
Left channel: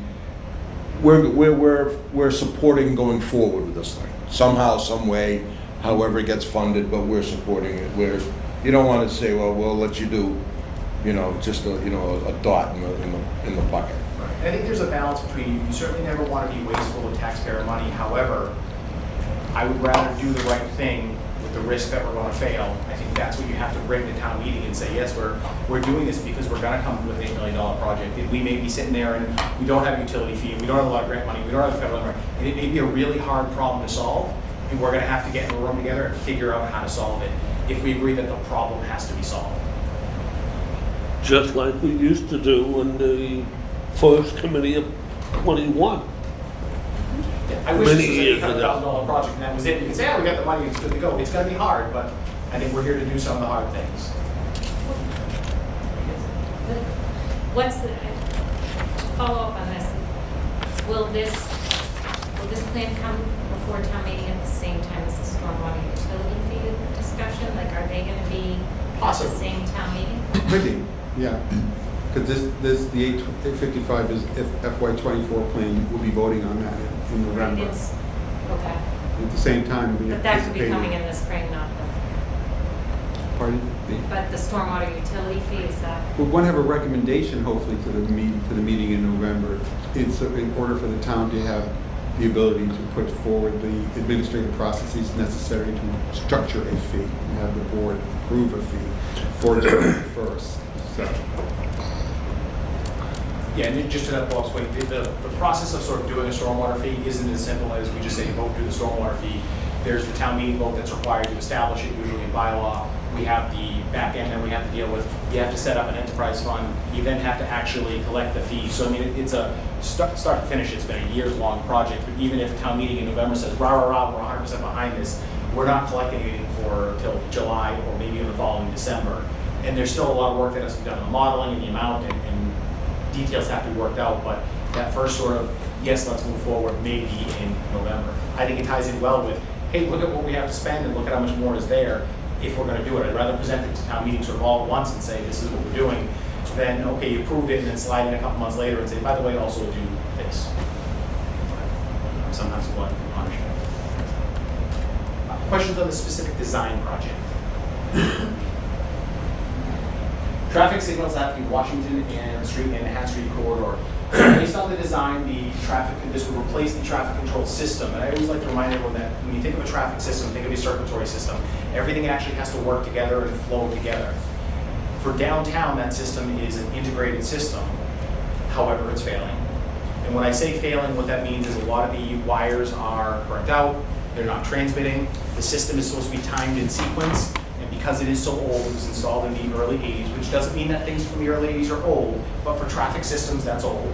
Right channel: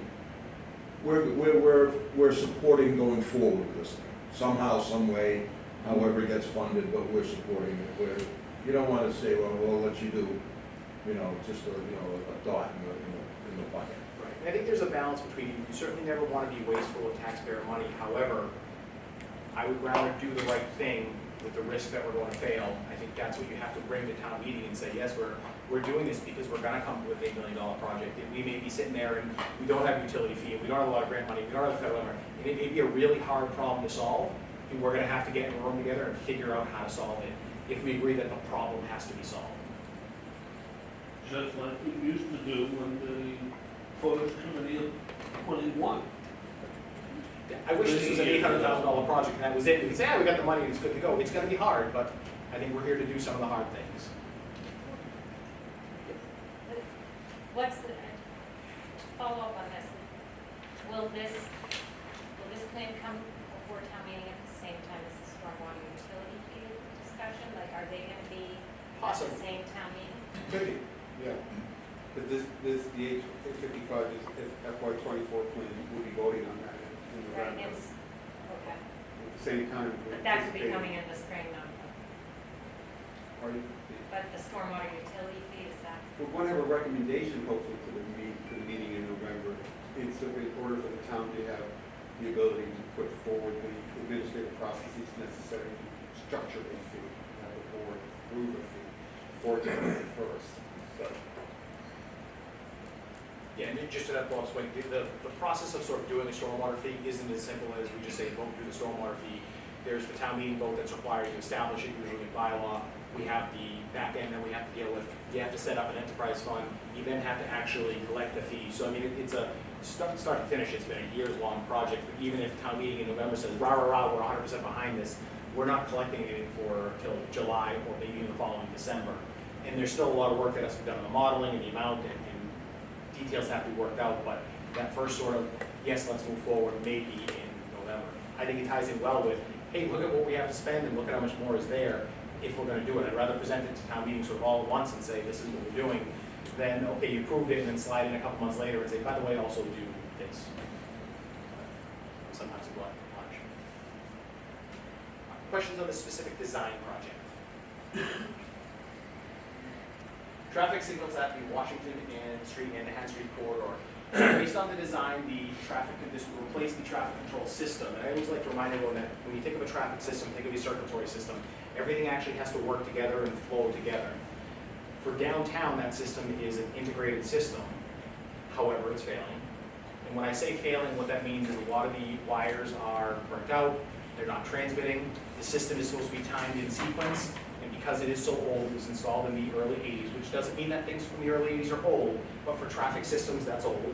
we're supporting going forward with this thing somehow, some way, however it gets funded, but we're supporting it. You don't want to say, well, we'll let you do, just a dot in the bucket. I think there's a balance between you certainly never want to be wasteful of taxpayer money. However, I would rather do the right thing with the risk that we're going to fail. I think that's what you have to bring to town meeting and say, yes, we're doing this because we're going to come with an $8 million project. We may be sitting there and we don't have utility fee, and we don't have a lot of grant money, we don't have the federal money, and it may be a really hard problem to solve, and we're going to have to get in a room together and figure out how to solve it if we agree that the problem has to be solved. Just like we used to do in the first committee of 21. I wish this was an $800,000 project and that was it. We could say, we got the money, it's good to go. It's going to be hard, but I think we're here to do some of the hard things. Follow up on this, will this plan come before town meeting at the same time as the stormwater utility fee discussion? Like, are they going to be at the same town meeting? Could be, yeah. Because the 855 is FY '24 plan. We'll be voting on that in November. Okay. At the same time, we But that could be anticipate- coming in the spring, not the, Pardon? but the stormwater utility fee, is that? We want to have a recommendation, hopefully, to the meeting in November. It's in order for the town to have the ability to put forward the administrative processes necessary to structure a fee and have the board approve a fee for July 1st. So. Yeah, and just to that Bob's point, the process of sort of doing a stormwater fee isn't as simple as we just say vote do the stormwater fee. There's the town meeting vote that's required to establish it, usually in bylaw. We have the back end that we have to deal with. You have to set up an enterprise fund. You then have to actually collect the fee. So I mean, it's a start to finish. It's been a years-long project. But even if town meeting in November says, rah, rah, rah, we're 100% behind this, we're not collecting anything for till July or maybe even the following December. And there's still a lot of work that has to be done on the modeling and the amount and details have to be worked out. But that first sort of, yes, let's move forward, maybe in November. I think it ties in well with, hey, look at what we have to spend and look at how much more is there. If we're going to do it, I'd rather present it to town meeting sort of all at once and say, this is what we're doing, than, okay, you approved it and then slide in a couple months later and say, by the way, also do this. Sometimes one punishment. Questions on the specific design project? Traffic signals have to be Washington and Street and Hat Street corridor. Based on the design, the this would replace the traffic control system. And I always like to remind everyone that when you think of a traffic system, think of a circulatory system. Everything actually has to work together and flow together. For downtown, that system is an integrated system. However, it's failing. And when I say failing, what that means is a lot of the wires are burnt out, they're not transmitting. The system is supposed to be timed in sequence, and because it is so old, it was installed in the early 80s, which doesn't mean that things from the early 80s are old, but for traffic systems, that's old.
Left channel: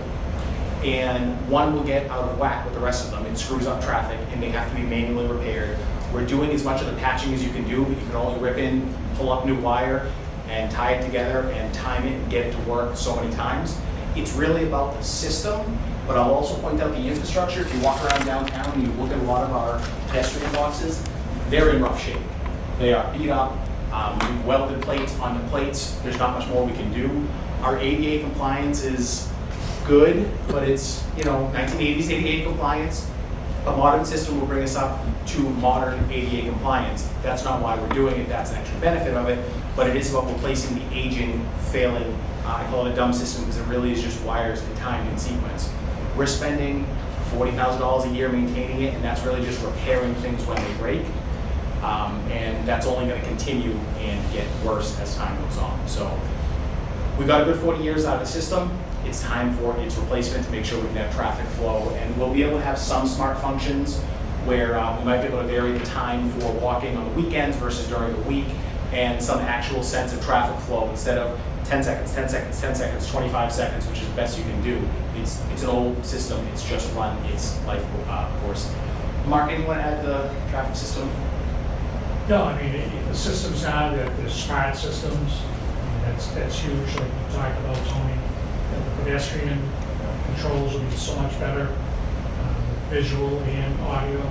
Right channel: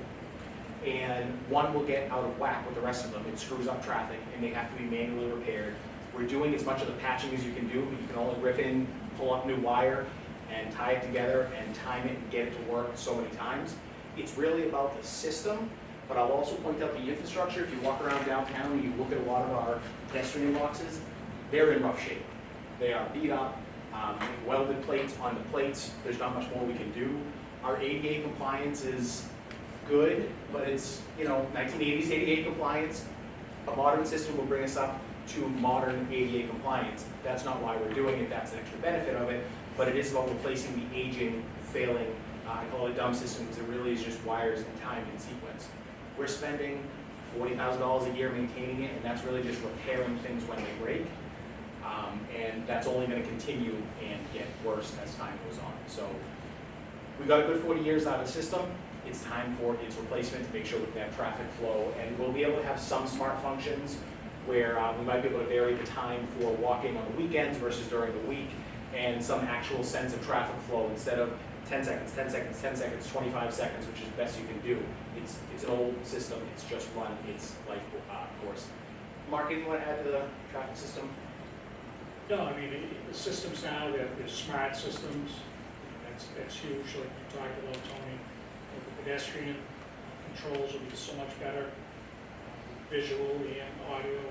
And one will get out of whack with the rest of them. It screws up traffic, and they have to be manually repaired. We're doing as much of the patching as you can do, but you can only rip in, pull up new wire, and tie it together and time it and get it to work so many times. It's really about the system, but I'll also point out the infrastructure. If you walk around downtown and you look at a lot of our pedestrian boxes, they're in rough shape. They are beat up. We've welded plates on the plates. There's not much more we can do. Our ADA compliance is good, but it's 1980s ADA compliance. A modern system will bring us up to modern ADA compliance. That's not why we're doing it. That's an extra benefit of it, but it is about replacing the aging, failing, I call it a dumb system because it really is just wires and timed in sequence. We're spending $40,000 a year maintaining it, and that's really just repairing things when they break. And that's only going to continue and get worse as time goes on. So we've got a good 40 years out of the system. It's time for its replacement to make sure we can have traffic flow, and we'll be able to have some smart functions where we might be able to vary the time for walking on the weekends versus during the week, and some actual sense of traffic flow instead of 10 seconds, 10 seconds, 10 seconds, 25 seconds, which is the best you can do. It's an old system. It's just run its life course. Mark, anything you want to add to the traffic system? No, I mean, the systems now, they're smart systems. I mean, that's huge, like you talked about, Tony. The pedestrian controls will be so much better, visual and audio.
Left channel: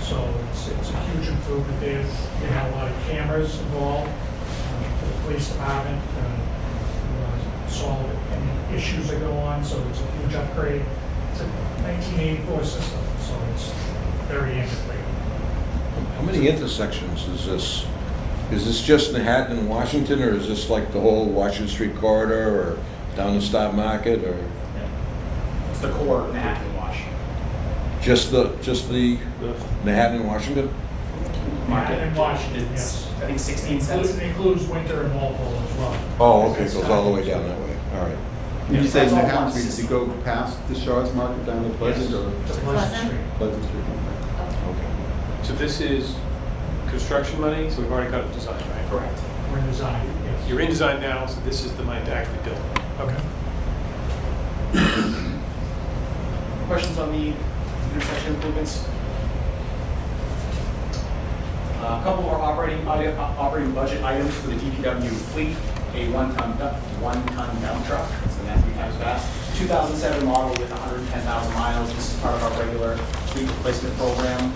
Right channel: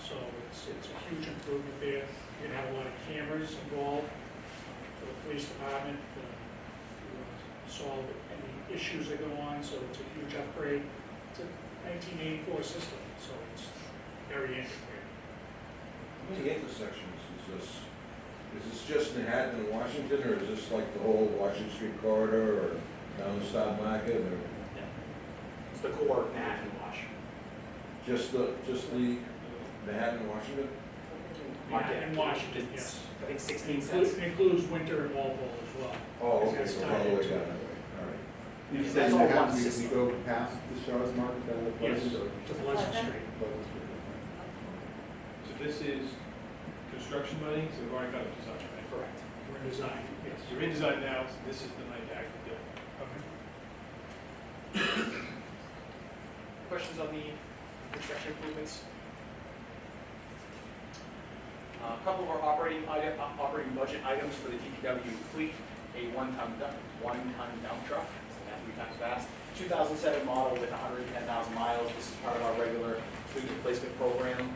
So it's a huge improvement there. We have a lot of cameras involved for the police department, solve any issues that go on. So it's a huge upgrade. It's a 1984 system, so it's very integrated. How many intersections is this? Is this just Manhattan and Washington, or is this like the whole Washington Street corridor, or down the Stock Market, or? Yeah. It's the core of Manhattan and Wash. Just the Manhattan and Washington? Manhattan and Washington, It's, yes. I think 16 cents. It includes Winter and Walpole as well. Oh, okay, it goes all the way down that way, all right. Did you say That's all Manhattan one Street, system. you go past the Shaw's Market down to Pleasant, Yes. or To Pleasant? Street. Pleasant Street? So this is construction money, so we've already got it designed, right? Correct. We're in design, yes. You're in design now, so this is the money to actually build. Okay. Questions on the intersection improvements? A couple more operating budget items for the DPW fleet. A one-ton dump truck, so that's 3 times fast. 2007 model with 110,000 miles. This is part of our regular fleet replacement program.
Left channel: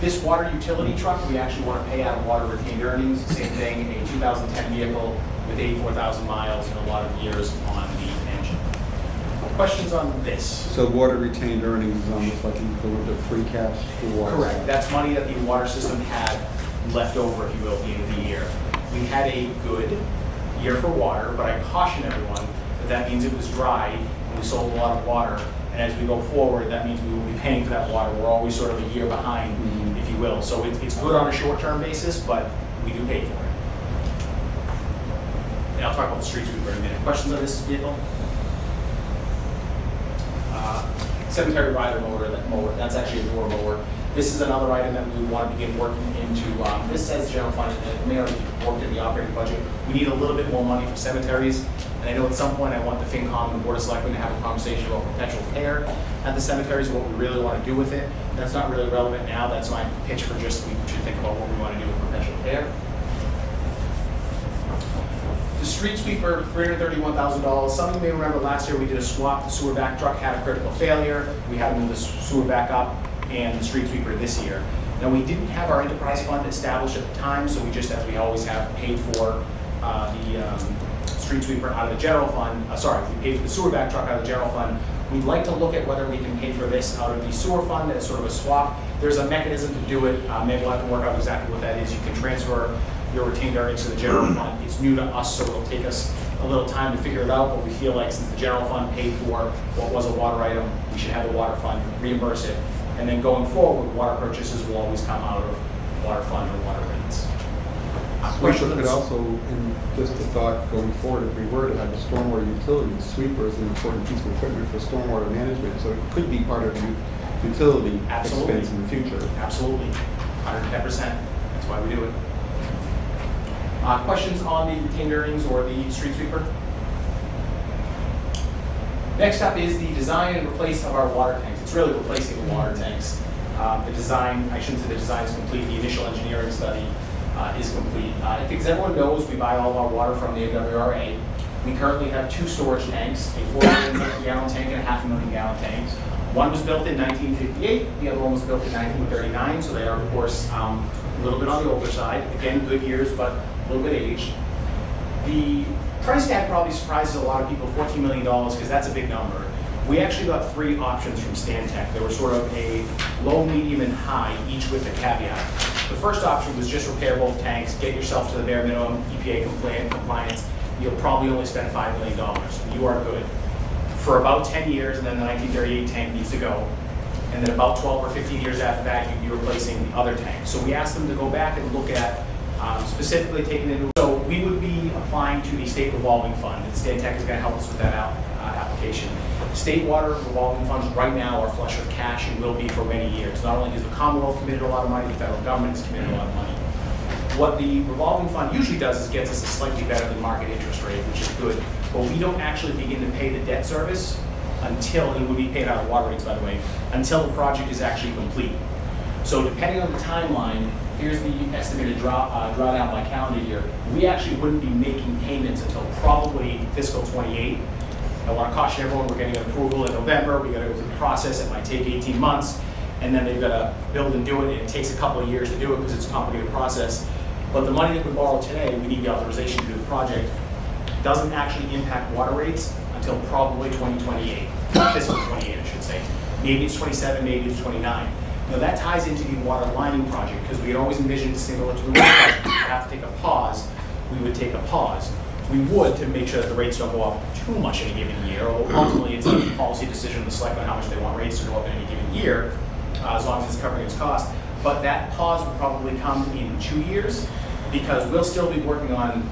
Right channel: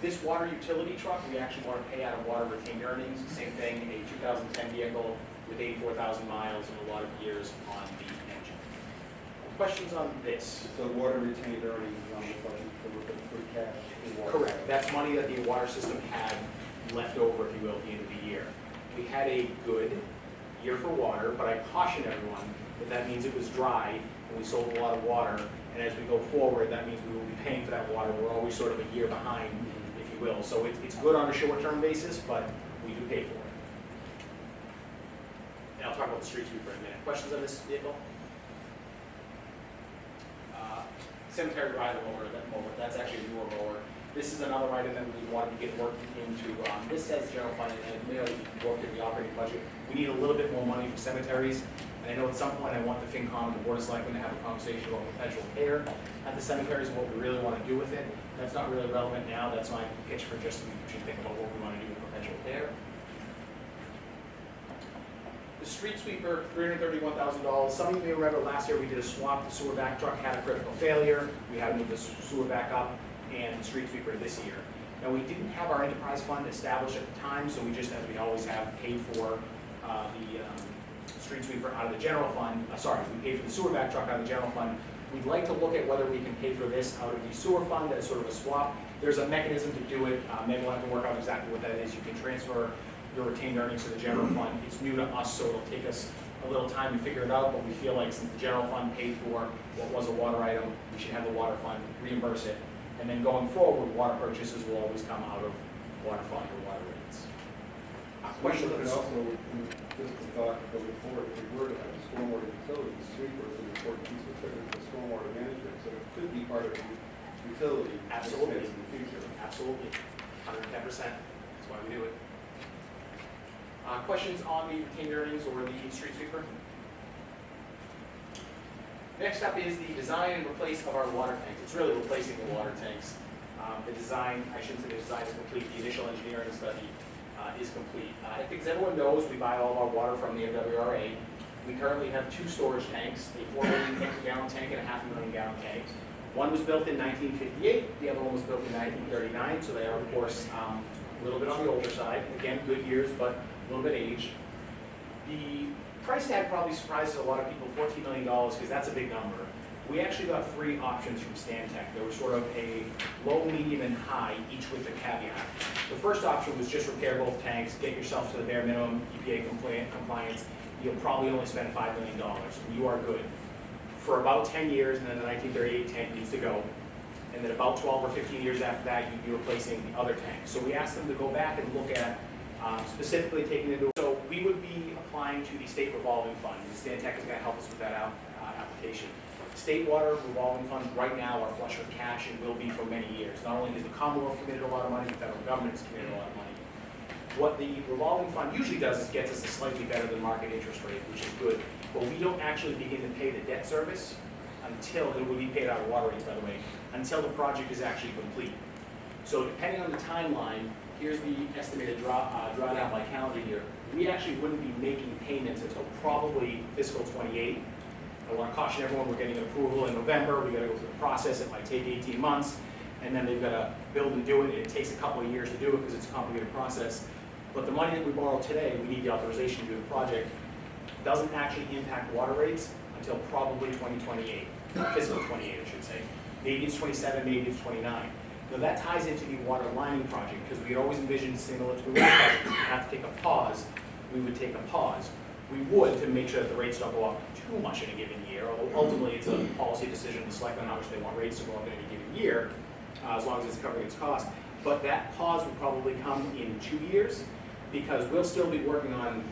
This water utility truck, we actually want to pay out of water retained earnings. Same thing, a 2010 vehicle with 84,000 miles and a lot of years on the engine. Questions on this? So water retained earnings is almost like the free cash for. Correct. That's money that the water system had left over, if you will, at the end of the year. We had a good year for water, but I caution everyone that means it was dry and we sold a lot of water. And as we go forward, that means we will be paying for that water. We're always sort of a year behind, if you will. So it's good on a short-term basis, but we do pay for it. And I'll talk about the street sweeper in a minute. Questions on this vehicle? Cemetery rider mower, that's actually a door mower. This is another item that we would want to begin working into. This says general fund, and it may already be worked in the operating budget. We need a little bit more money for cemeteries. And I know at some point I want the FinCom and the Board of Selectmen to have a conversation about perpetual care at the cemeteries, what we really want to do with it. That's not really relevant now. That's my pitch for just, we should think about what we want to do with perpetual care. The street sweeper, $331,000. Some of you may remember last year we did a swap. The sewer back truck had a critical failure. We had to move the sewer back up, and the street sweeper this year. Now, we didn't have our enterprise fund established at the time, so we just, as we always have, paid for the street sweeper out of the general fund. We paid for the sewer back truck out of the general fund. We'd like to look at whether we can pay for this out of the sewer fund as sort of a swap. There's a mechanism to do it. Maybe we'll have to work out exactly what that is. You can transfer your retained earnings to the general fund. It's new to us, so it'll take us a a little time to figure it out, but we feel like since the general fund paid for what was a water item, we should have the water fund reimburse it. And then going forward, water purchases will always come out of water fund or water rates. Sweeper could also, and just a thought going forward, if we were to have a stormwater utility, sweeper is an important piece of equipment for stormwater management, so it could be part of the utility Absolutely. expense in the future. Absolutely, 110%. That's why we do it. Questions on the retained earnings or the street sweeper? Next up is the design and replace of our water tanks. It's really replacing the water tanks. The design, I shouldn't say the design is complete, the initial engineering study is complete. I think as everyone knows, we buy all of our water from the MWRA. We currently have 2 storage tanks, a 450 gallon tank and a 500,000 gallon tank. One was built in 1958, the other one was built in 1939, so they are of course a little bit on the older side. Again, good years, but a little bit aged. The price tag probably surprises a lot of people, $14 million, because that's a big number. We actually got 3 options from Stantec. They were sort of a low, medium, and high, each with a caveat. The first option was just repair both tanks, get yourself to the bare minimum EPA compliance. You'll probably only spend $5 million, and you are good. For about 10 years, and then the 1938 tank needs to go. And then about 12 or 15 years after that, you'd be replacing the other tank. So we asked them to go back and look at specifically taking into, so we would be applying to the state revolving fund. And Stantec is going to help us with that application. State water revolving funds right now are flush with cash and will be for many years. Not only has the Commonwealth committed a lot of money, the federal government has committed a lot of money. What the revolving fund usually does is gets us a slightly better than market interest rate, which is good. But we don't actually begin to pay the debt service until, it would be paid out of water rates, by the way, until the project is actually complete. So depending on the timeline, here's the estimated drawdown by calendar year. We actually wouldn't be making payments until probably fiscal 28. I want to caution everyone, we're getting an approval in November, we got to go through the process, it might take 18 months, and then they've got to build and do it, and it takes a couple of years to do it because it's a complicated process. But the money that we borrow today, we need the authorization to do the project, doesn't actually impact water rates until probably 2028, fiscal 28, I should say. Maybe it's 27, maybe it's 29. Now that ties into the water lining project because we had always envisioned similar to the water project. If we have to take a pause, we would take a pause. We would to make sure that the rates don't go up too much in a given year, although ultimately it's a policy decision of the select on how much they want rates to go up in any given year, as long as it's covering its cost. But that pause would probably come in 2 years because we'll still be working on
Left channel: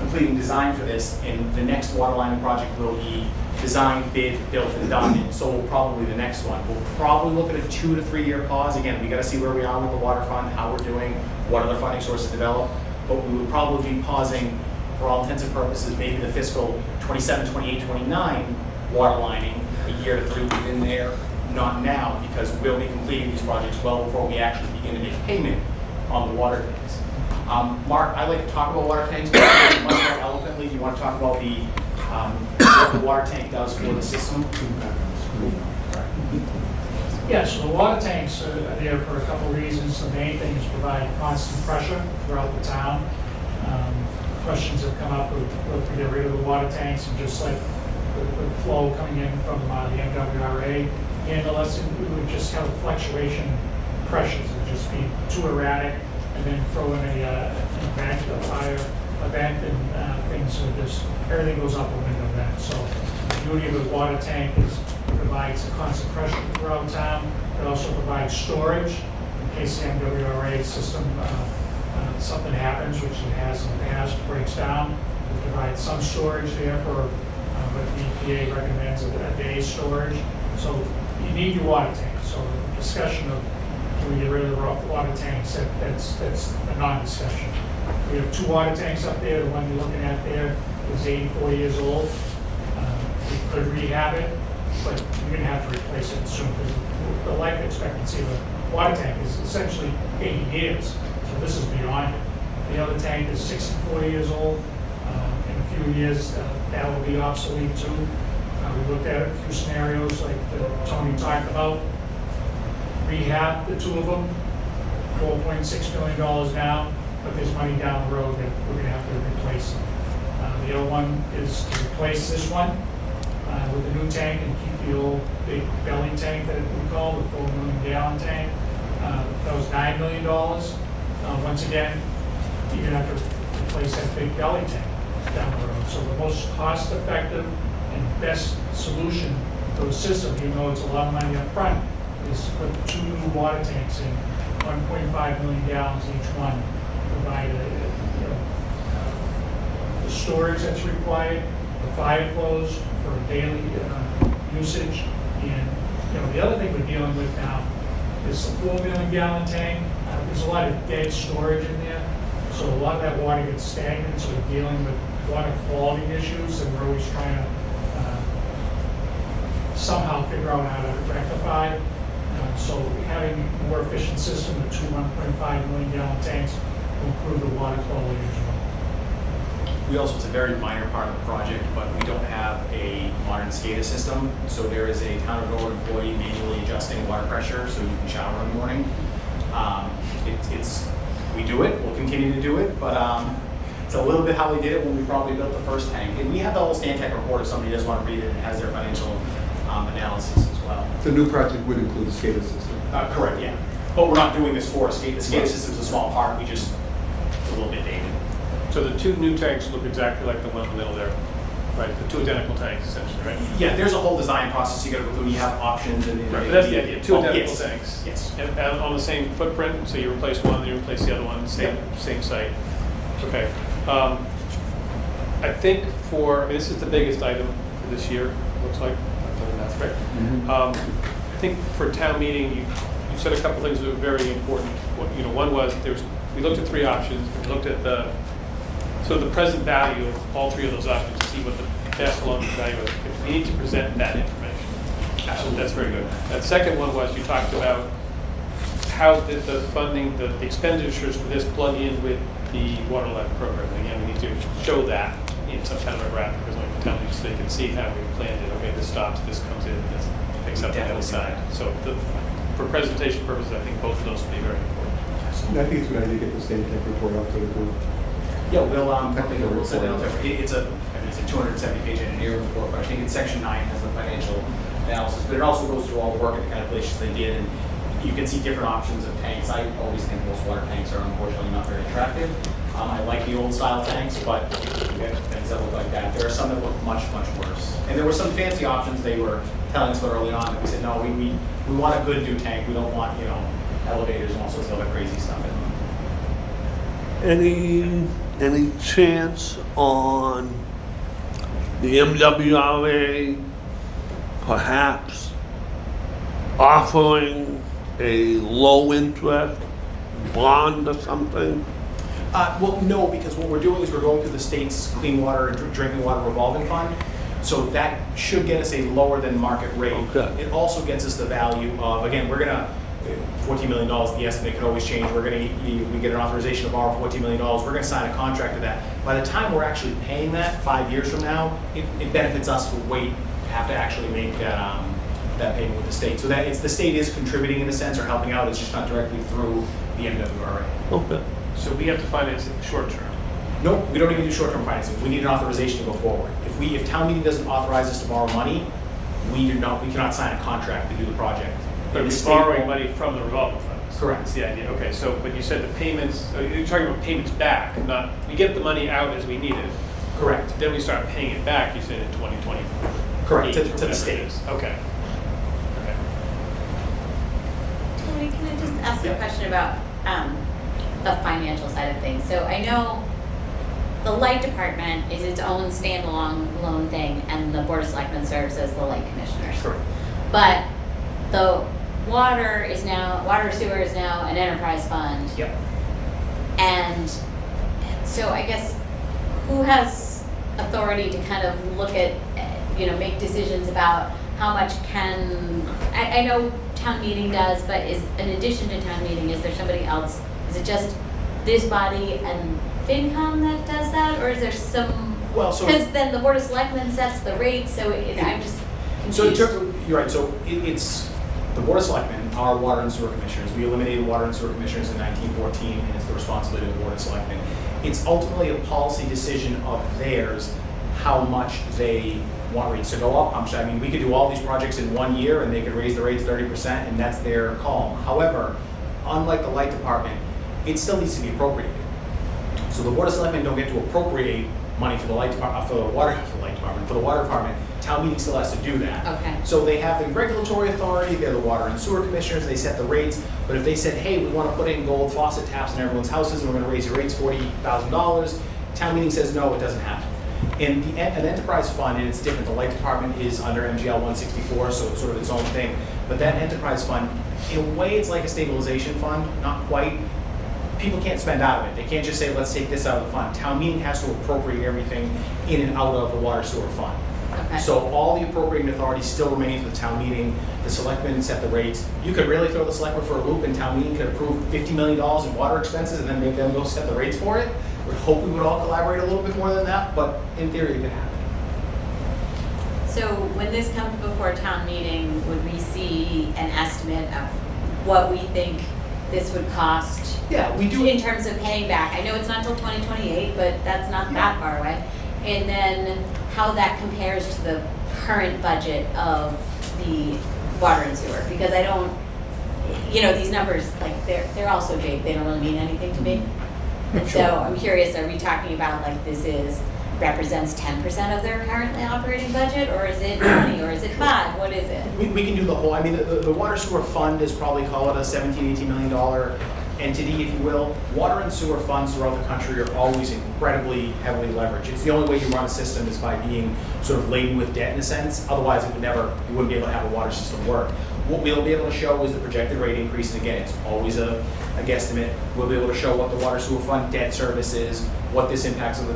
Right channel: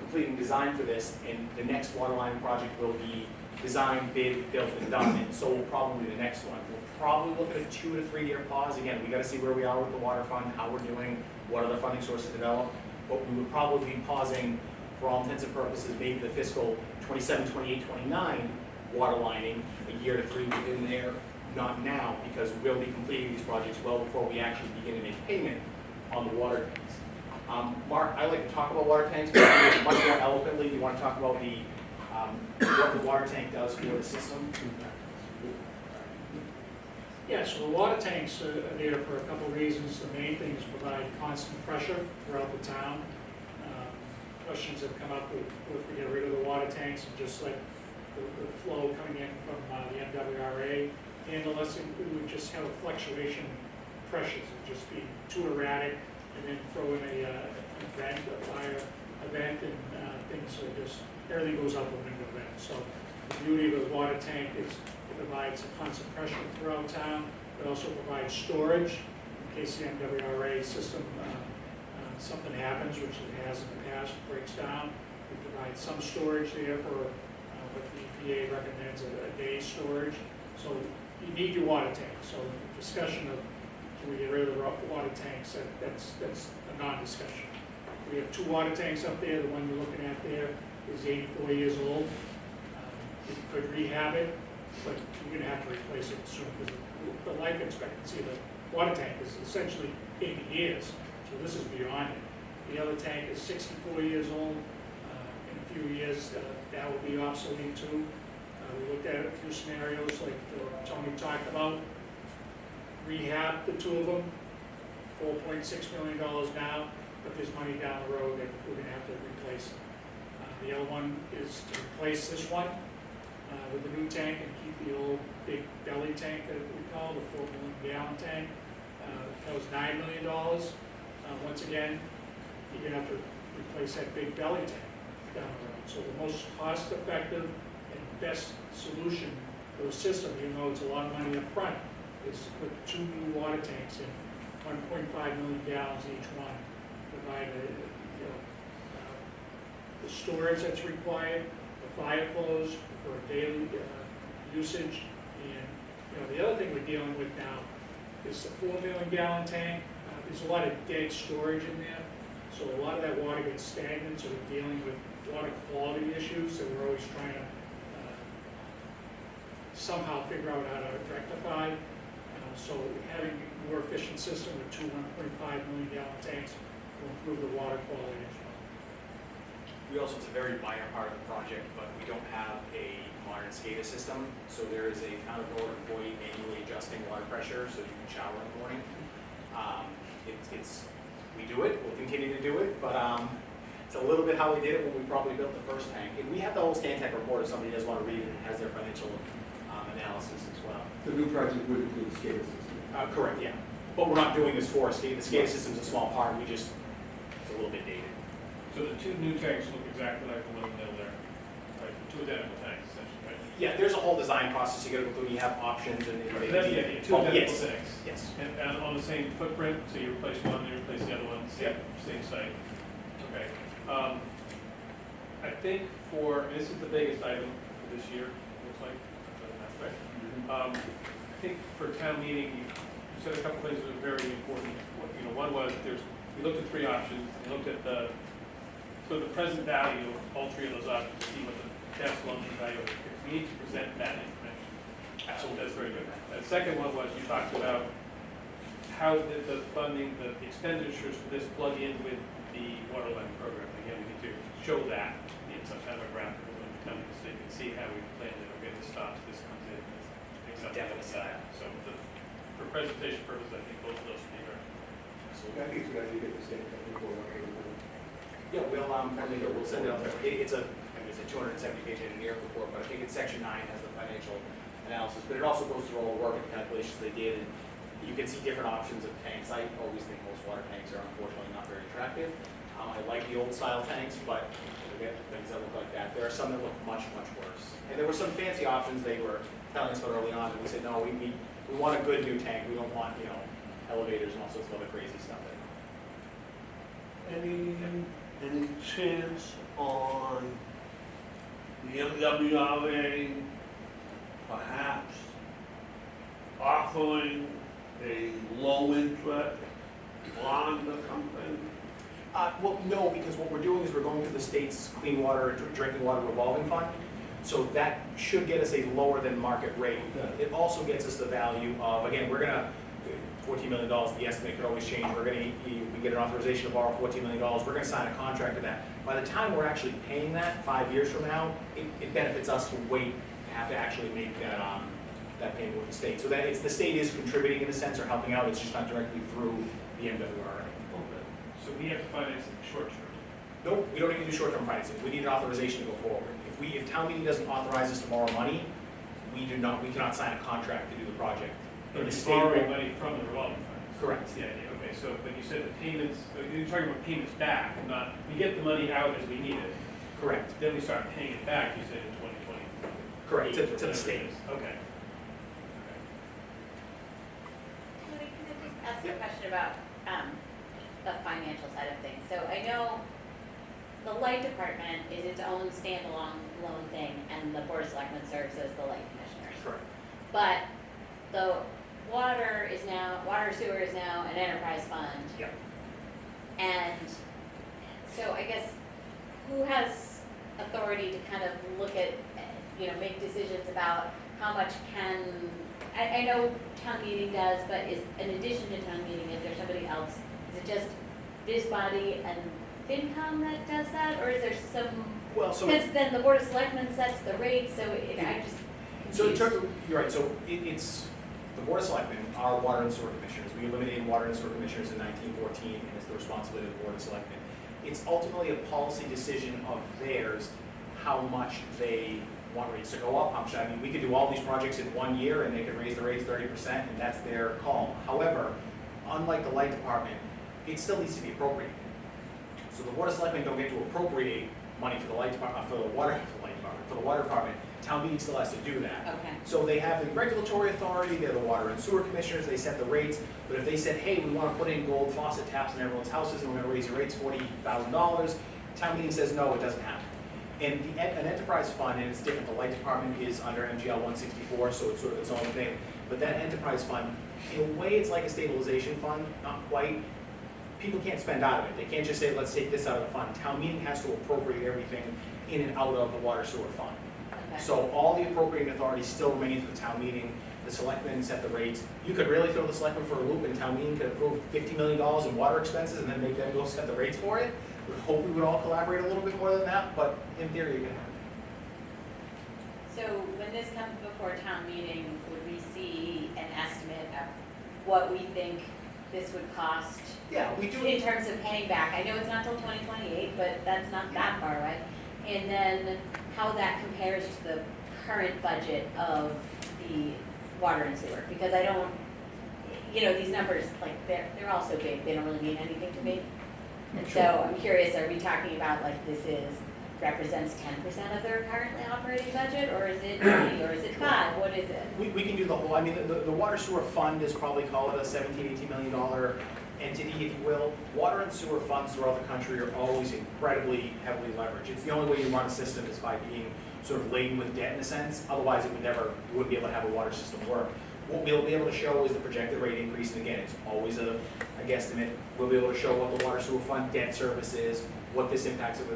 completing design for this, and the next water lining project will be designed, bid, built, and done, and so will probably the next one. We'll probably look at a 2 to 3 year pause. Again, we got to see where we are with the water fund, how we're doing, what other funding sources develop, but we would probably be pausing for all intents and purposes, maybe the fiscal 27, 28, 29 water lining, a year to 3 within there, not now, because we'll be completing these projects well before we actually begin to make payment on the water tanks. Mark, I like to talk about water tanks, but much more eloquently, do you want to talk about the what the water tank does for the system? Yeah, so the water tanks are there for a couple of reasons. The main thing is provide constant pressure throughout the town. Questions have come up if we get rid of the water tanks and just like the flow coming in from the MWRA, and unless we would just have a fluctuation in pressures, it would just be too erratic, and then throw in an event, a fire event, and things, so just everything goes up a window then. So the beauty of the water tank is it provides a constant pressure throughout town. It also provides storage in case the MWRA system something happens, which it has in the past, breaks down. It provides some storage there for what the EPA recommends a day's storage. So you need your water tank. So the discussion of can we get rid of the water tanks, that's a non-discussion. We have 2 water tanks up there. The one you're looking at there is 84 years old. We could rehab it, but you're going to have to replace it soon because the life expectancy of the water tank is essentially 80 years. So this is beyond it. The other tank is 64 years old. In a few years, that will be obsolete too. We looked at a few scenarios like Tony talked about. Rehab the 2 of them, $4.6 million now, but there's money down the road that we're going to have to replace them. The other one is to replace this one with a new tank and keep the old big belly tank that we call the 4 million gallon tank. That was $9 million. Once again, you're going to have to replace that big belly tank. down the road. So the most cost-effective and best solution for the system, even though it's a lot of money up front, is to put 2 new water tanks in, 1.5 million gallons each one, provide the storage that's required, the fire flows for daily usage, and the other thing we're dealing with now is a 4 million gallon tank. There's a lot of dead storage in there, so a lot of that water gets stagnant, so we're dealing with water quality issues, and we're always trying to somehow figure out how to rectify. So having a more efficient system with 2 1.5 million gallon tanks will improve the water quality as well. We also, it's a very minor part of the project, but we don't have a modern SCADA system. So there is a town of Norwood employee manually adjusting water pressure so you can shower in the morning. We do it, we'll continue to do it, but it's a little bit how we did it when we probably built the first tank. And we have the whole Stantec report if somebody does want to read it, and has their financial analysis as well. The new project would include a SCADA system. Correct, yeah. But we're not doing this for a SCADA. The SCADA system's a small part, it's a little bit dated. So the 2 new tanks look exactly like the one in the middle there, right? The 2 identical tanks, essentially, right? Yeah, there's a whole design process you gotta go through. You have options and. Right, but that's the idea, 2 identical yes. tanks. Yes. And on the same footprint, so you replace one, then you replace the other one, same site. Okay. I think this is the biggest item for this year, looks like. That's right. I think for town meeting, you said a couple things that were very important. One was we looked at 3 options. We looked at the present value of all 3 of those options to see what the best long-term value is. We need to present that information. Absolutely. That's very good. The second one was you talked about how the funding, the expenditures for this plug in with the water line program. And again, we need to show that in some kind of a graphic or something for town meetings so they can see how we planned it. Okay, this stops, this comes in, this picks up the other side. So for presentation purposes, I think both of those would be very important. And I think it's a good idea to get the Stantec report out to the group. Yeah, we'll send it out there. It's a 270-page engineering report, but I think in section 9 has the financial analysis. But it also goes through all the work and the calculations they did, and you can see different options of tanks. I always think most water tanks are unfortunately not very attractive. I like the old style tanks, but we have things that look like that. There are some that look much, much worse. And there were some fancy options they were telling us about early on, and we said, no, we want a good new tank. We don't want, elevators and all sorts of other crazy stuff in them. Any chance on the MWRA perhaps offering a low interest bond or something? Well, no, because what we're doing is we're going through the state's clean water and drinking water revolving fund. So that should get us a lower than market rate. Okay. It also gets us the value of, again, we're gonna, $14 million, the estimate could always change. We get an authorization to borrow $14 million. We're gonna sign a contract to that. By the time we're actually paying that 5 years from now, it benefits us to wait to have to actually make that payment with the state. So that the state is contributing in a sense or helping out. It's just not directly through the MWRA. Okay. So we have to finance it short term. No, we don't even do short-term financing. We need an authorization to go forward. If town meeting doesn't authorize us to borrow money, we cannot sign a contract to do the project. But we're borrowing money from the revolving fund. Correct. That's the idea. Okay, but you said the payments, you're talking about payments back, not, we get the money out as we need it. Correct. Then we start paying it back, you said in 2024. Correct, to the state. Okay. Tony, can I just ask you a question about the financial side of things? So I know the light department is its own standalone thing, and the Board of Selectmen serves as the light commissioners. Correct. But the water sewer is now an enterprise fund. Yep. And so I guess who has authority to kind of look at, make decisions about how much I know town meeting does, but in addition to town meeting, is there somebody else? Is it just this body and FinCom that does that, or is there some? Well, so because then the Board of Selectmen sets the rate, so I'm just confused. So in terms of, you're right. So it's the Board of Selectmen, our water and sewer commissioners. We eliminated water and sewer commissioners in 1914, and it's the responsibility of the Board of Selectmen. It's ultimately a policy decision of theirs how much they want rates to go up. We could do all these projects in 1 year, and they could raise the rates 30%, and that's their call. However, unlike the light department, it still needs to be appropriated. So the Board of Selectmen don't get to appropriate money for the light department, for the water department, town meeting still has to do that. Okay. So they have the regulatory authority, they're the water and sewer commissioners, they set the rates, but if they said, hey, we wanna put in gold faucet taps in everyone's houses, and we're gonna raise your rates $40,000, town meeting says, no, it doesn't happen. And an enterprise fund, and it's different, the light department is under MGL 164, so it's sort of its own thing, but that enterprise fund, in a way, it's like a stabilization fund, not quite. People can't spend out of it. They can't just say, let's take this out of the fund. Town meeting has to appropriate everything in and out of the water sewer fund. Okay. So all the appropriating authority still remains with town meeting. The selectmen set the rates. You could really throw the selectmen for a loop, and town meeting could approve $50 million in water expenses and then make them go set the rates for it. We hope we would all collaborate a little bit more than that, but in theory it could happen. So when this comes before town meeting, would we see an estimate of what we think this would cost? Yeah, we do. In terms of paying back. I know it's not till 2028, but that's not that far away. And then how that compares to the current budget of the water and sewer, because I don't, these numbers, like, they're all so big, they don't really mean anything to me. And so I'm curious, are we talking about like represents 10% of their currently operating budget, or is it 20, or is it 5? What is it? We can do the whole, I mean, the water sewer fund is probably, call it a $17, $18 million entity, if you will. Water and sewer funds throughout the country are always incredibly heavily leveraged. It's the only way you run a system is by being sort of laden with debt in a sense. Otherwise, you wouldn't be able to have a water system work. What we'll be able to show is the projected rate increase, and again, it's always a guesstimate. We'll be able to show what the water sewer fund debt service is, what this impacts over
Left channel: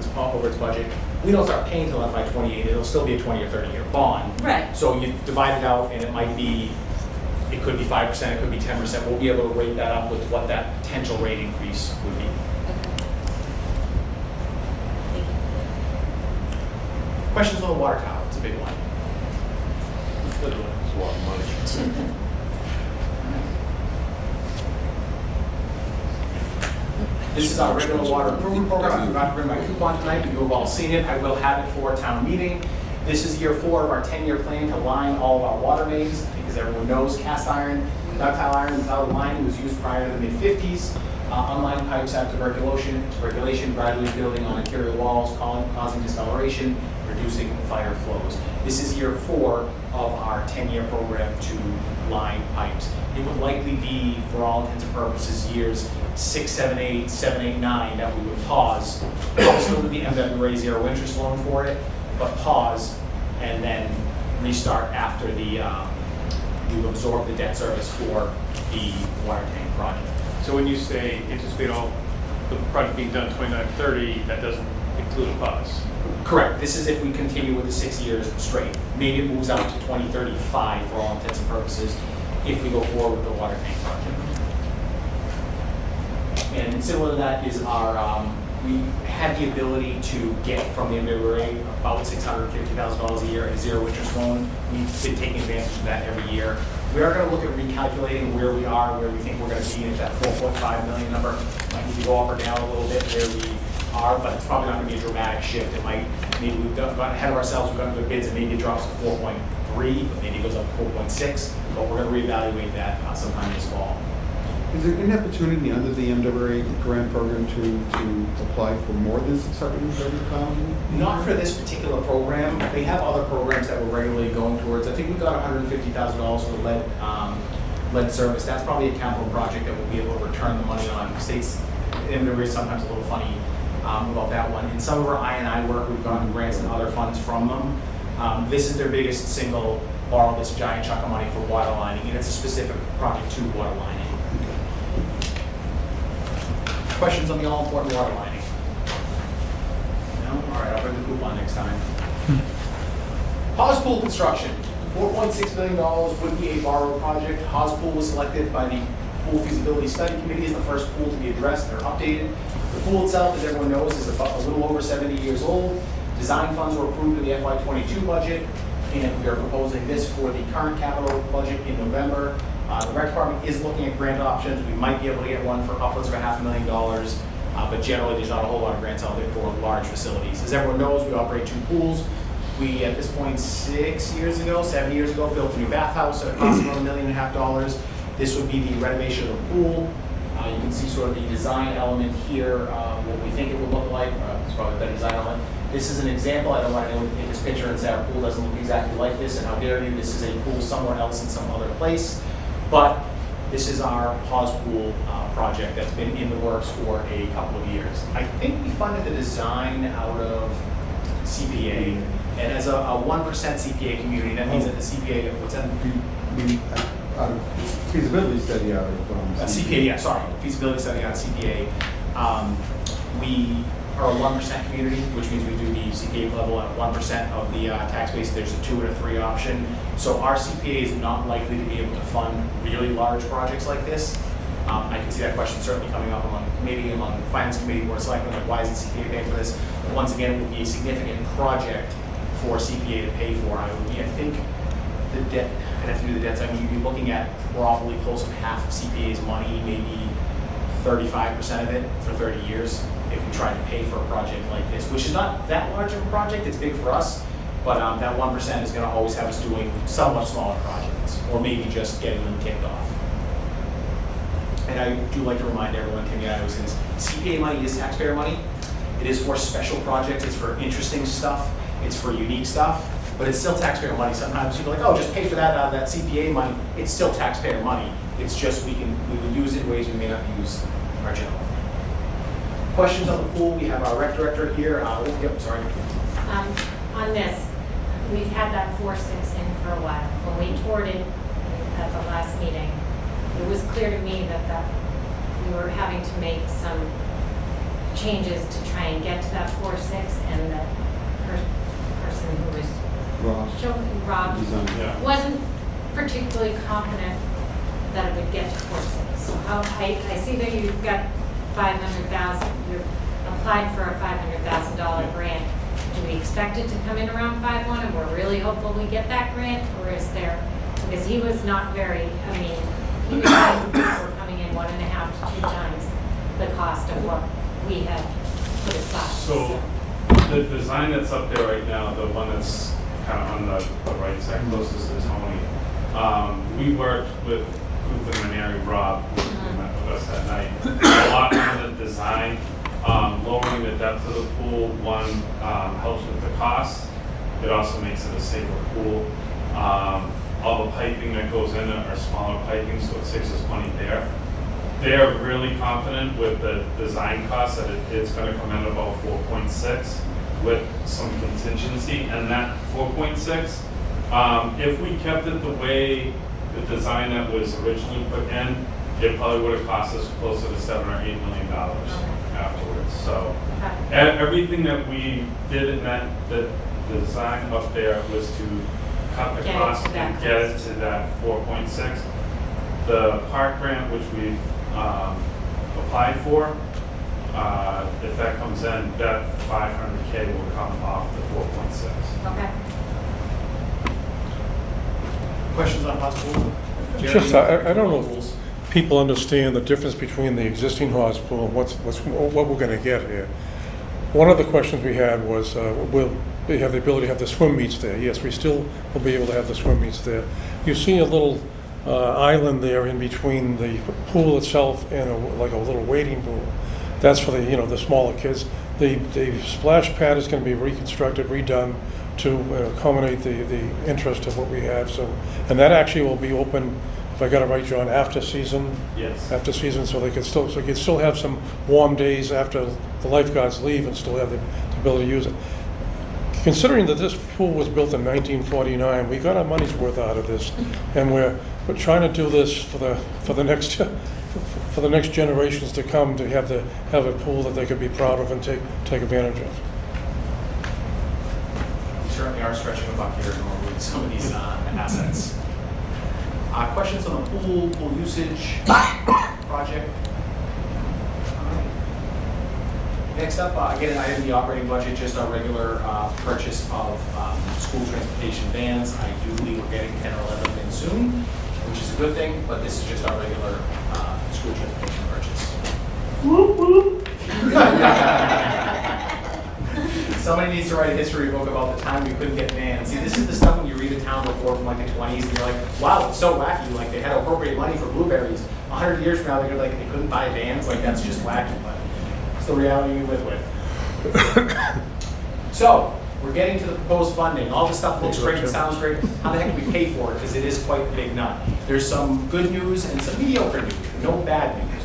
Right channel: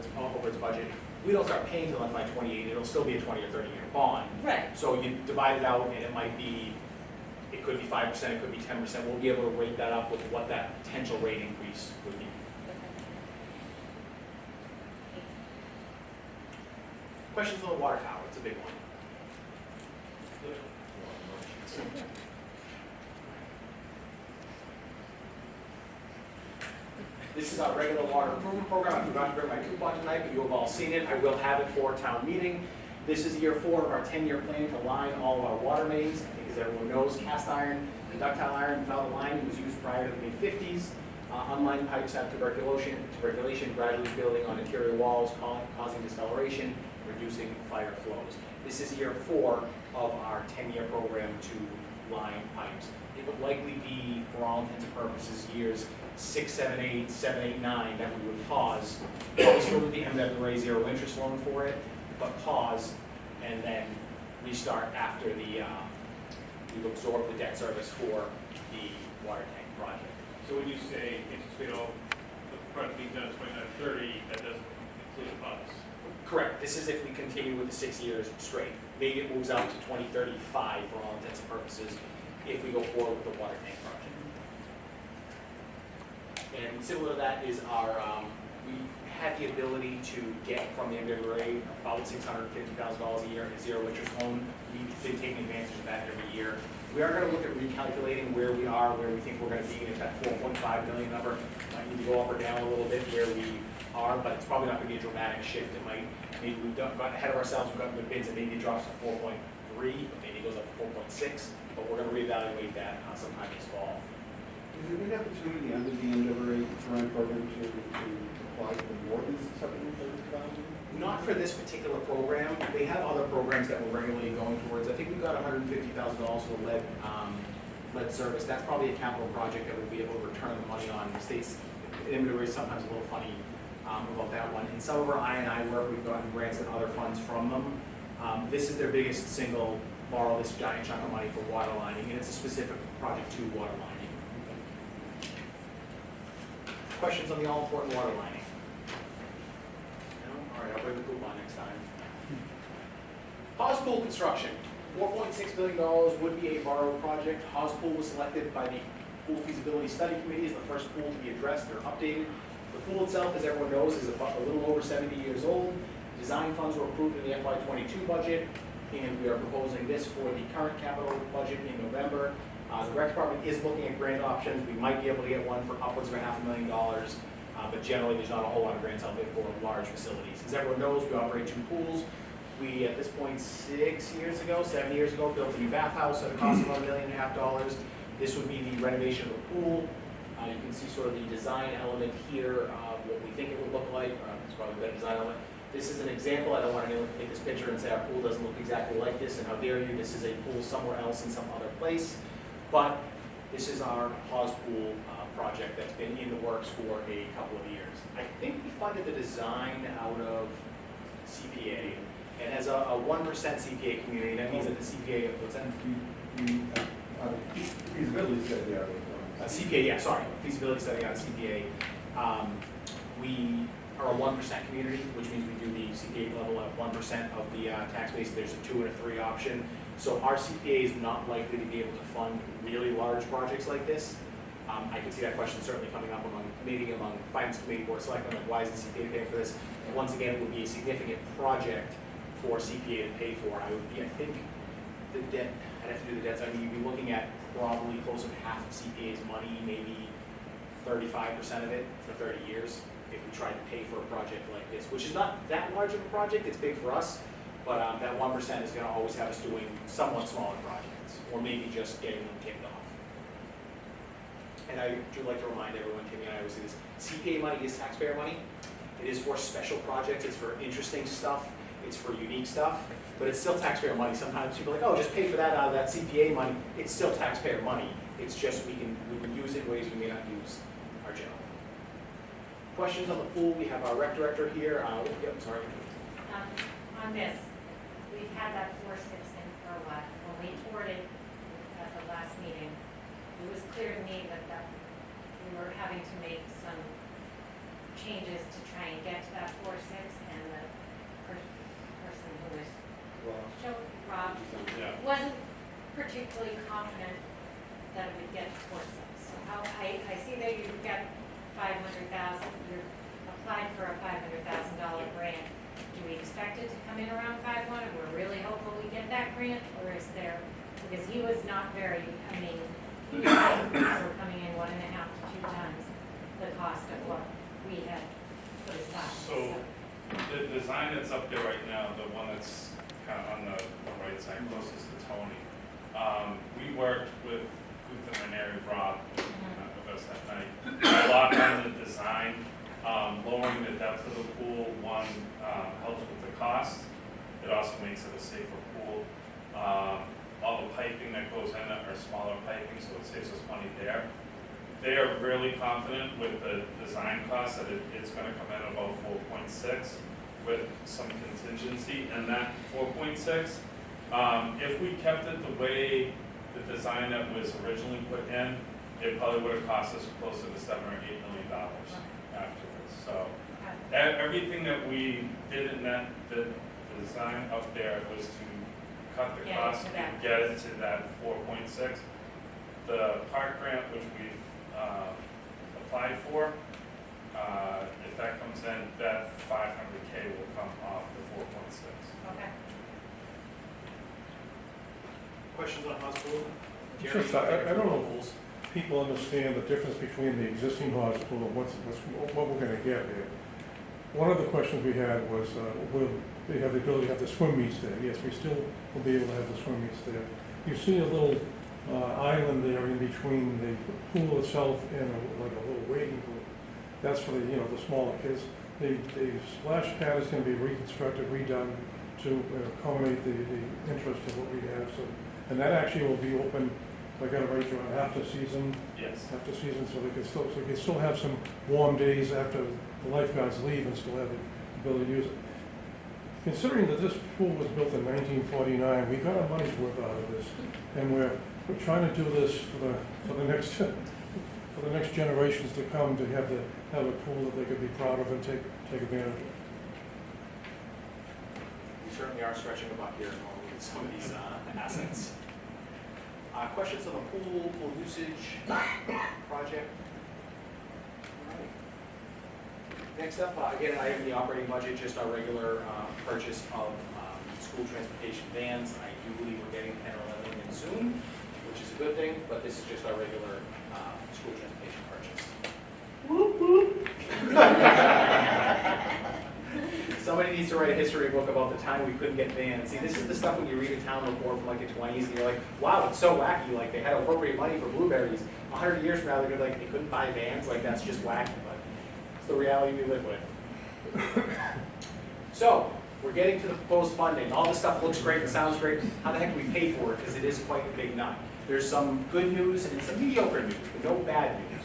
its budget. We don't start paying till FY28, it'll still be a 20 or 30-year bond. Right. So you divide it out, and it could be 5%, it could be 10%. We'll be able to rate that up with what that potential rate increase would be. Questions on the water tower? It's a big one. It's a lot of money. This is our regular water improvement program. I forgot to bring my coupon tonight, but you've all seen it. I will have it for town meeting. This is year 4 of our 10-year plan to line all of our water mains. I think, as everyone knows, cast iron, ductile iron without lining was used prior to the mid-50s. Unlined pipes have tuberculation, gradually building on interior walls, causing discoloration, reducing fire flows. This is year 4 of our 10-year program to line pipes. It would likely be, for all intents and purposes, years 6, 7, 8, 7, 8, 9 that we would pause. Still with the MWA zero interest loan for it, but pause and then restart after we've absorbed the debt service for the water tank project. So when you say anticipate all the project being done 29-30, that doesn't include a pause? Correct. This is if we continue with the 6 years straight. Maybe it moves out to 2035 for all intents and purposes if we go forward with the water tank project. And similar to that is our, we had the ability to get from the MWA about $650,000 a year in a zero interest loan. We've been taking advantage of that every year. We are going to look at recalculating where we are, where we think we're going to be at that 4.5 million number. Might need to go up or down a little bit where we are, but it's probably not going to be a dramatic shift. It might, maybe we've got ahead of ourselves, we've gotten good bids, and maybe it drops to 4.3, but maybe it goes up to 4.6. But we're going to reevaluate that sometime this fall. Is there an opportunity under the MWA grant program to apply for more than $630,000? Not for this particular program. They have other programs that we're regularly going towards. I think we got $150,000 for lead service. That's probably a capital project that we'll be able to return the money on. States, MWA is sometimes a little funny about that one. In some of our I&I work, we've gotten grants and other funds from them. This is their biggest single borrow this giant chunk of money for water lining, and it's a specific project to water lining. Questions on the all-important water lining? No? All right, I'll bring the coupon next time. Haas Pool construction. $4.6 million would be a borrow project. Haas Pool was selected by the Pool Feasibility Study Committee as the first pool to be addressed. They're updated. The pool itself, as everyone knows, is about a little over 70 years old. Design funds were approved in the FY22 budget, and we are proposing this for the current capital budget in November. The rec department is looking at grant options. We might be able to get one for upwards of $500,000, but generally there's not a whole lot of grants out there for large facilities. As everyone knows, we operate 2 pools. We, at this point, 7 years ago, built a new bathhouse at a cost of about $1.5 million. This would be the renovation of the pool. You can see sort of the design element here, what we think it would look like. It's probably a better design element. This is an example. I don't want anyone to take this picture and say our pool doesn't look exactly like this, and how dare you, this is a pool somewhere else in some other place. But this is our Hawes Pool project that's been in the works for a couple of years. I think we funded the design out of CPA, and as a 1% CPA community, that means that the CPA, what's that? Feasibility study out of. CPA, yeah, sorry, feasibility study out of CPA. We are a 1% community, which means we do the CPA level at 1% of the tax base. There's a 2 and a 3 option. So our CPA is not likely to be able to fund really large projects like this. I can see that question certainly coming up among the finance committee, board of selectmen, like why isn't CPA paying for this? But once again, it would be a significant project for CPA to pay for. I think the debt, I'd have to do the debts. I mean, you'd be looking at probably close to half of CPA's money, maybe 35% of it for 30 years if we tried to pay for a project like this, which is not that large of a project. It's big for us, but that 1% is going to always have us doing somewhat smaller projects, or maybe just getting them kicked off. And I do like to remind everyone, Timmy and I always say this, CPA money is taxpayer money. It is for special projects, it's for interesting stuff, it's for unique stuff, but it's still taxpayer money. Sometimes people are like, oh, just pay for that out of that CPA money. It's still taxpayer money. It's just we would use it in ways we may not use our general fund. Questions on the pool? We have our rec director here. Yep, sorry. On this, we've had that 4-6 in for a while. When we toured it at the last meeting, it was clear to me that we were having to make some changes to try and get to that 4-6, and the person who was Rob wasn't particularly confident that it would get to 4-6. So I see that you've got $500,000. You applied for a $500,000 grant. Do we expect it to come in around 5.1, and we're really hopeful we get that grant, or is there? Because he was not very. I mean, he was saying we're coming in 1.5 to 2 times the cost of what we had put aside. So the design that's up there right now, the one that's kind of on the right side, closest to Tony, we worked with Guth and Maneri Rob, who met with us that night. A lot on the design, lowering the depth of the pool, one, helps with the cost. It also makes it a safer pool. All the piping that goes in it are smaller piping, so it saves us money there. They're really confident with the design cost that it's going to come in about 4.6 with some contingency, and that 4.6, if we kept it the way the design that was originally put in, it probably would have cost us closer to $7 or $8 million afterwards. So everything that we did in the design up there was to cut the cost and get it to that 4.6. The park grant, which we've applied for, if that comes in, that $500K will come off the 4.6. Okay. Questions on possible? Just, I don't know if people understand the difference between the existing Hawes Pool and what we're going to get here. One of the questions we had was, will we have the ability to have the swim meets there? Yes, we still will be able to have the swim meets there. You see a little island there in between the pool itself and like a little wading pool. That's for the smaller kids. The splash pad is going to be reconstructed, redone to accommodate the interest of what we have. So, and that actually will be open, if I got it right, John, after season. Yes. After season, so you can still have some warm days after the lifeguards leave and still have the ability to use it. Considering that this pool was built in 1949, we got our money's worth out of this, and we're trying to do this for the next generations to come, to have a pool that they could be proud of and take advantage of. We certainly are stretching a buck here with some of these assets. Questions on the pool usage project? Next up, again, I have the operating budget, just our regular purchase of school transportation vans. I do believe we're getting 10 or 11 in soon, which is a good thing, but this is just our regular school transportation purchase. Whoop, whoop. Somebody needs to write a history book about the time we couldn't get vans. See, this is the stuff when you read a town report from like the 20s, and you're like, wow, it's so wacky. Like, they had to appropriate money for blueberries. 100 years from now, they're like, they couldn't buy vans. Like, that's just wacky, but it's the reality we live with. So, we're getting to the proposed funding. All this stuff looks great and sounds great. How the heck do we pay for it? Because it is quite a big nut. There's some good news and some mediocre news, no bad news.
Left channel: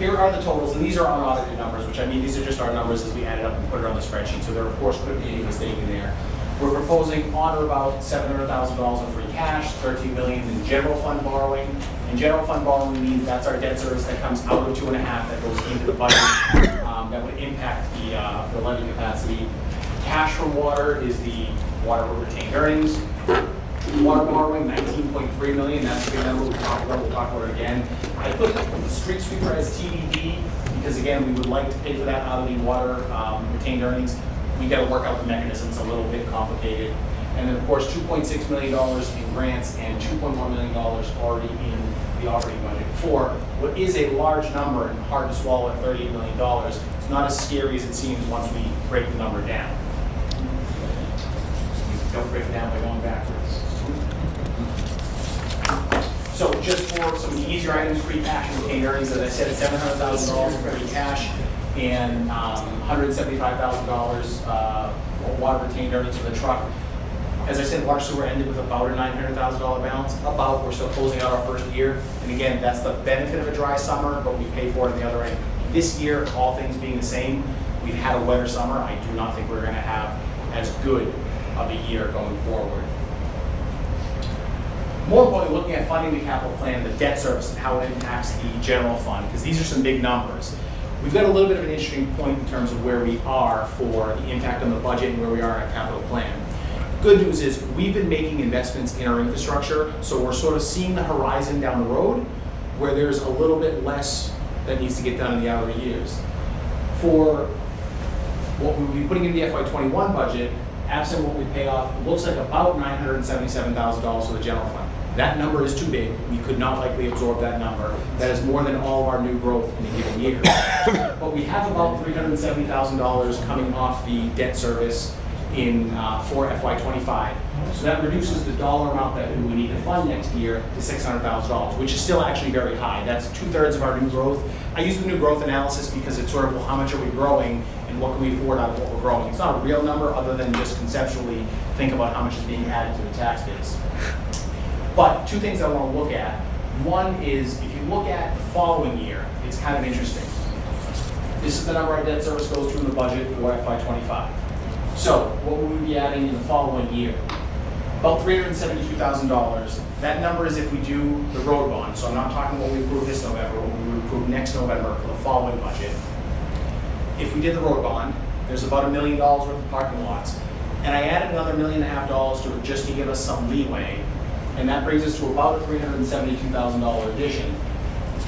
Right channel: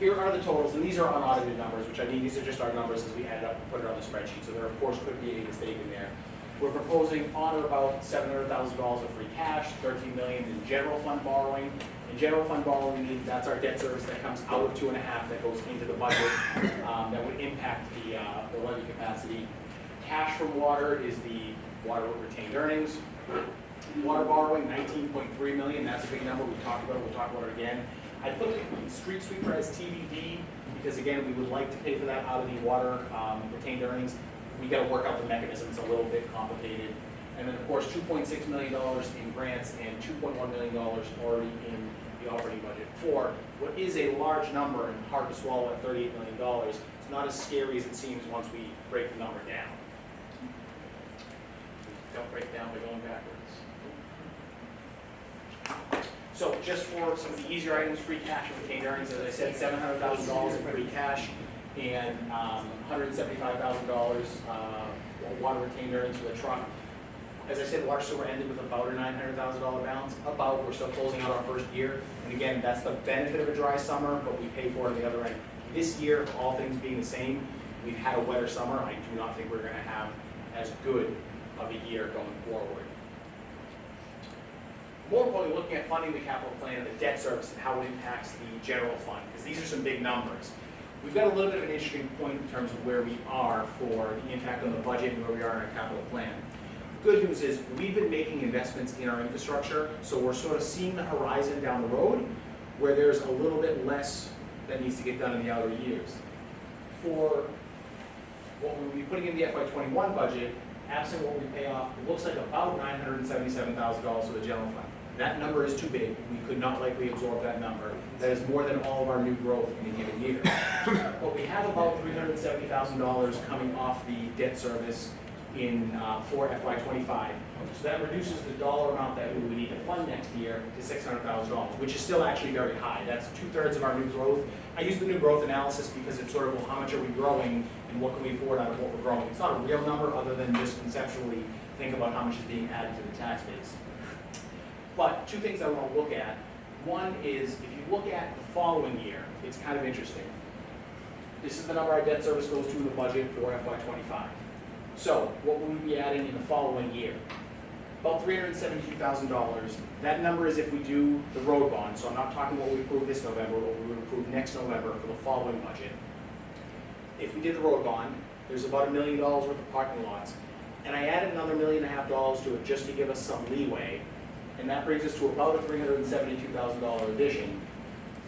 Here are the totals, and these are unaudited numbers, which I mean, these are just our numbers as we add it up and put it on the spreadsheet. So there, of course, could be a mistake in there. We're proposing on or about $700,000 in free cash, $13 million in general fund borrowing. And general fund borrowing means that's our debt service that comes out of 2.5 that goes into the budget that would impact the levy capacity. Cash from water is the water retained earnings. Water borrowing, $19.3 million, that's the big number we talked about, we'll talk about it again. I put the street sweeper as TBD because again, we would like to pay for that out of the water retained earnings. We gotta work out the mechanism, it's a little bit complicated. And then of course, $2.6 million in grants and $2.1 million already in the operating budget for what is a large number and hard to swallow at $38 million. It's not as scary as it seems once we break the number down. Don't break it down by going backwards. So just for some of the easier items, free cash and retained earnings, as I said, $700,000 in free cash and $175,000 water retained earnings for the truck. As I said, water sewer ended with about a $900,000 balance. We're still closing out our first year. And again, that's the benefit of a dry summer, but we pay for it on the other end. This year, all things being the same, we've had a wetter summer. I do not think we're going to have as good of a year going forward. More importantly, looking at funding the capital plan, the debt service, and how it impacts the general fund, because these are some big numbers. We've got a little bit of an interesting point in terms of where we are for the impact on the budget and where we are in our capital plan. Good news is we've been making investments in our infrastructure, so we're sort of seeing the horizon down the road where there's a little bit less that needs to get done in the outer years. For what we'll be putting in the FY21 budget, absent what we pay off, it looks like about $977,000 for the general fund. That number is too big. We could not likely absorb that number. That is more than all of our new growth in a given year. But we have about $370,000 coming off the debt service in for FY25. So that reduces the dollar amount that we would need to fund next year to $600,000, which is still actually very high. That's 2/3 of our new growth. I use the new growth analysis because it's sort of, well, how much are we growing and what can we afford out of what we're growing? It's not a real number other than just conceptually think about how much is being added to the tax base. But two things I want to look at. One is, if you look at the following year, it's kind of interesting. This is the number our debt service goes to in the budget for FY25. So what would we be adding in the following year? About $372,000. That number is if we do the road bond. So I'm not talking what we approve this November, what we would approve next November for the following budget. If we did the road bond, there's about $1 million worth of parking lots. And I added another $1.5 million to it just to give us some leeway. And that brings us to about a $372,000 addition,